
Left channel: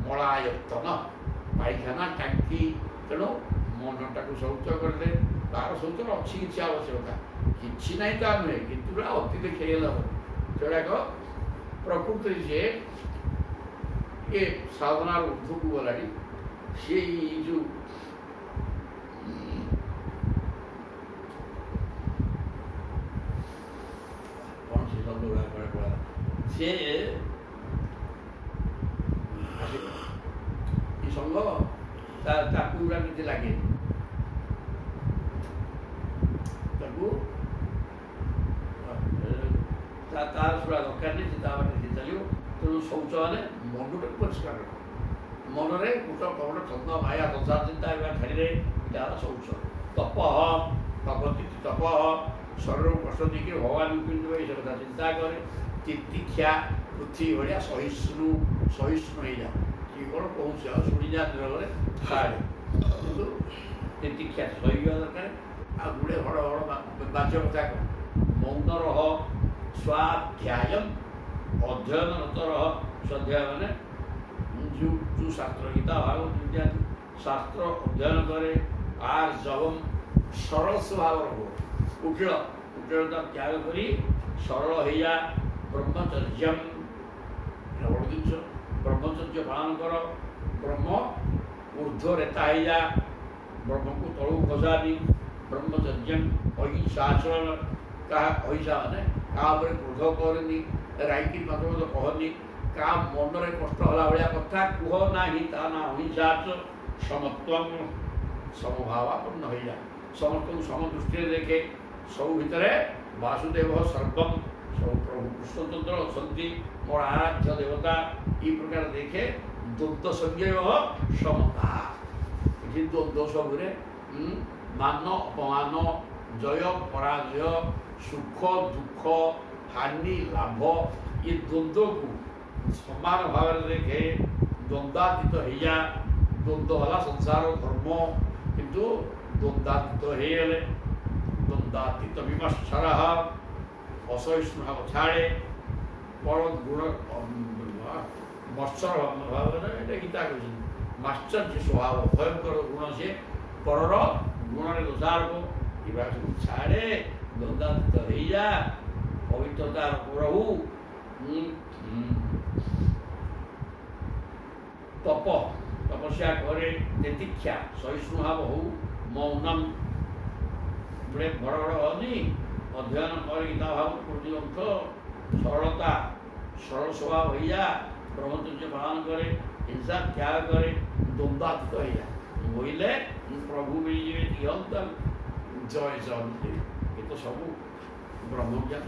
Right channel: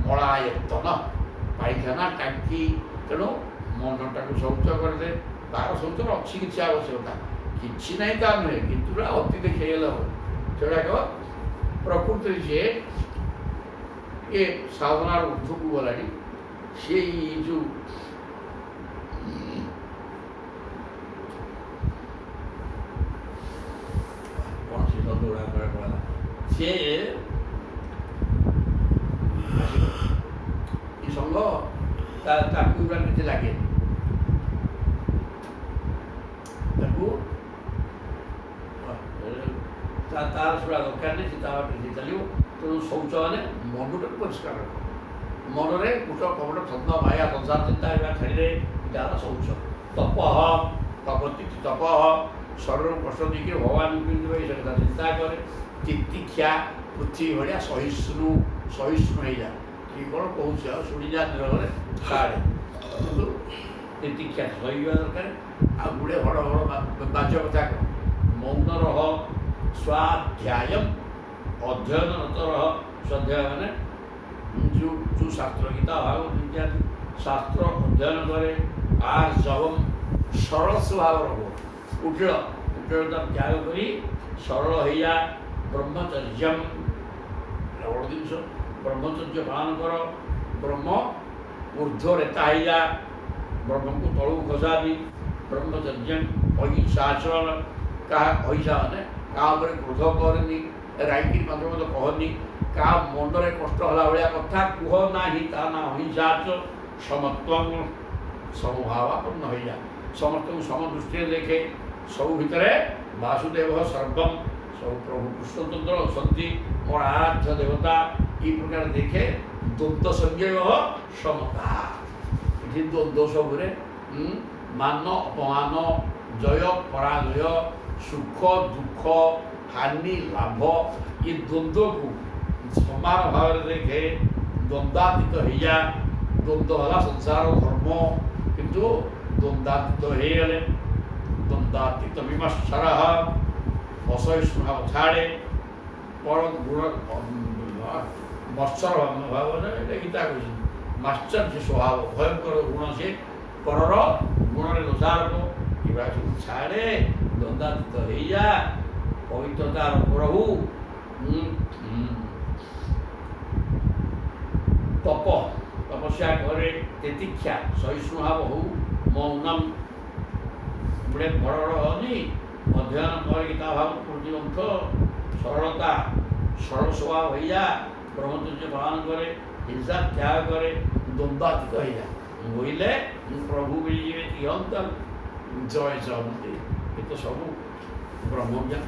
ମଳାୟତନ, ପାଇଖାନା ଟାଙ୍କି। ତେଣୁ ମନଟାକୁ ଶୌଚ କରିଦେ। ତାର ଶୌଚର ଅଛି କିଛି ଆବଶ୍ୟକତା, କିଛି ନାହିଁ ତା ନୁହେଁ, କିନ୍ତୁ ଅତି ଦେଖେଇଗଲେ ହେବ। ସେଗୁଡ଼ାକ ପ୍ରକୃତିରେ ସିଏ ଟିକେ ସାଧନାର ଉର୍ଦ୍ଧ୍ୱକୁ ଗଲାଣି। ସିଏ ଯେଉଁ ଗୁଡ଼ା ପଳେଇଲା ସିଏ ଆସିବ ଏ ସଙ୍ଘ ତାକୁ ଗୁଡ଼ା କିଛି ଲାଗେନି ତାକୁ ତାର ଶୁଣା ଦରକାର ନାହିଁ ସେ ତା ବାଟରେ ସେ ଚାଲିବ। ତେଣୁ ଶୌଚ ମାନେ ମନଟାକୁ ପରିଷ୍କାର ରଖ ମନରେ କୁଟ କପଟ ଛନ୍ଦ ମାୟା ସଂସାର ଚିନ୍ତା ଏଗୁଡ଼ା ଛାଡ଼ିରେ ଏଇଟା ହେଲା ଶୌଚ। ତପ ତପତି ତପ ଶରୀରକୁ କଷ୍ଟ ଦେଇକି ଭଗବାନଙ୍କୁ ପିନ୍ଧିବ ଏଇ କଥା ଚିନ୍ତା କରେ। ତିତିକ୍ଷା ପୃଥିବୀ ଭଳିଆ ସହିଷ୍ଣୁ ହେଇଯା କିଏ କ'ଣ କହୁଛି ଆଉ ଶୁଣିଯା ନିରବରେ ଛାଡ଼େ କିନ୍ତୁ ତିତିକ୍ଷା ସହିବା ଦରକାର। ଆଉ ଗୁଡ଼େ ବଡ଼ ବାଜ୍ୟ କଥା କହ ମୌନ ରହ ସ୍ୱାଧ୍ୟାୟ ଅଧ୍ୟୟନରତ ରହ। ସ୍ୱାଧ୍ୟାୟ ମାନେ ଯେଉଁ ଶାସ୍ତ୍ର ଗୀତା ଭାଗବତ ଇତ୍ୟାଦି ଶାସ୍ତ୍ର ଅଧ୍ୟୟନ କରେ। ଆର୍ ଜବମ୍ ସରଳ ସ୍ୱଭାବର ହୁଅ କୁଟିଳତା ତ୍ୟାଗ କରି ସରଳ ହେଇଯା। ବ୍ରହ୍ମଚର୍ଯ୍ୟମ୍ ବଡ଼ ଜିନିଷ ବ୍ରହ୍ମଚର୍ଯ୍ୟ ପାଳନ କର। ବ୍ରହ୍ମ ଊର୍ଦ୍ଧ୍ୱ ରେତା ହେଇଯା ବ୍ରହ୍ମକୁ ତଳକୁ ଖସାନି। ବ୍ରହ୍ମଚର୍ଯ୍ୟମ୍ ଅହିଂସାଚରଣ କାହା ଅହିଂସା ମାନେ କାହା ଉପରେ କ୍ରୋଧ କରନି ରାଇକିରି ମାତ୍ର ମଧ୍ୟ କହନି। କାହା ମନରେ କଷ୍ଟ ହେଲା ଭଳିଆ କଥା କୁହ ନାହିଁ ତା ନା ଅହିଂସାଚ। ସମତ୍ୱଂ ସମଭାବାପନ୍ନ ହେଇଯା ସମସ୍ତଙ୍କୁ ସମଦୃଷ୍ଟିରେ ଦେଖେ। ସବୁ ଭିତରେ ବାସୁଦେବ ସର୍ବମ୍ ସବୁ ପ୍ରଭୁ କୃଷ୍ଣଚନ୍ଦ୍ର ଅଛନ୍ତି ମୋର ଆରାଧ୍ୟ ଦେବତା এই ପ୍ରକାର ଦେଖେ। ଦ୍ୱନ୍ଦ୍ୱ ସଂଯୟ ସମତା ଏଠି ଦ୍ୱନ୍ଦ୍ୱ ସବୁରେ ମାନ ଅପମାନ ଜୟ ପରାଜୟ ସୁଖ ଦୁଃଖ ହାନି ଲାଭ ଏ ଦ୍ୱନ୍ଦ୍ୱକୁ ସମାନ ଭାବରେ ଦେଖେ। ଦ୍ୱନ୍ଦ୍ୱାତୀତ ହେଇଯା। ଦ୍ୱନ୍ଦ୍ୱ ହେଲା ସଂସାର ଧର୍ମ କିନ୍ତୁ ଦ୍ୱନ୍ଦ୍ୱାତୀତ ହେଇଗଲେ ଦ୍ୱନ୍ଦ୍ୱାତୀତ ବିମର୍ଶର ଅସହିଷ୍ଣୁ ଭାବ ଛାଡ଼େ। ପର ଗୁଣ ମତ୍ସର ଭାବରେ ଏଇଟା ଗୀତା କହିଛି ମାଶ୍ଚର୍ଯ୍ୟ ସ୍ୱଭାବ ଭୟଙ୍କର ଗୁଣ ସେ ପରର ଗୁଣରେ ଦୋଷାରୋପ ଏଗୁଡ଼ା ସବୁ ଛାଡ଼େ ଦ୍ୱନ୍ଦ୍ୱାତୀତ ହେଇଯା। ପବିତ୍ରତାର ପ୍ରଭୁ ତପ ତପସ୍ୟା କରେ। ତିତିକ୍ଷା ସହିଷ୍ଣୁ ଭାବ ହଉ। ମୌନମ୍ ଗୋଟେ ବଡ଼ ବଡ଼ ହନି ଅଧ୍ୟୟନ କରେ ଗୀତା ଭାଗବତ ପ୍ରତିଗ୍ରନ୍ଥ। ସରଳତା ସରଳ ସ୍ୱଭାବ ହେଇଯା। ବ୍ରହ୍ମଚର୍ଯ୍ୟ ପାଳନ କରେ। ହିଂସା ତ୍ୟାଗ କରେ। ଦ୍ୱନ୍ଦ୍ୱାତୀତ ହେଇଯା ବୋଇଲେ ପ୍ରଭୁ ମିଳିଯିବେ ଇହନ୍ତ ଜୟ ଜୟନ୍ତି ଏ ତ ସବୁ ବ୍ରହ୍ମଜ୍ଞାନ।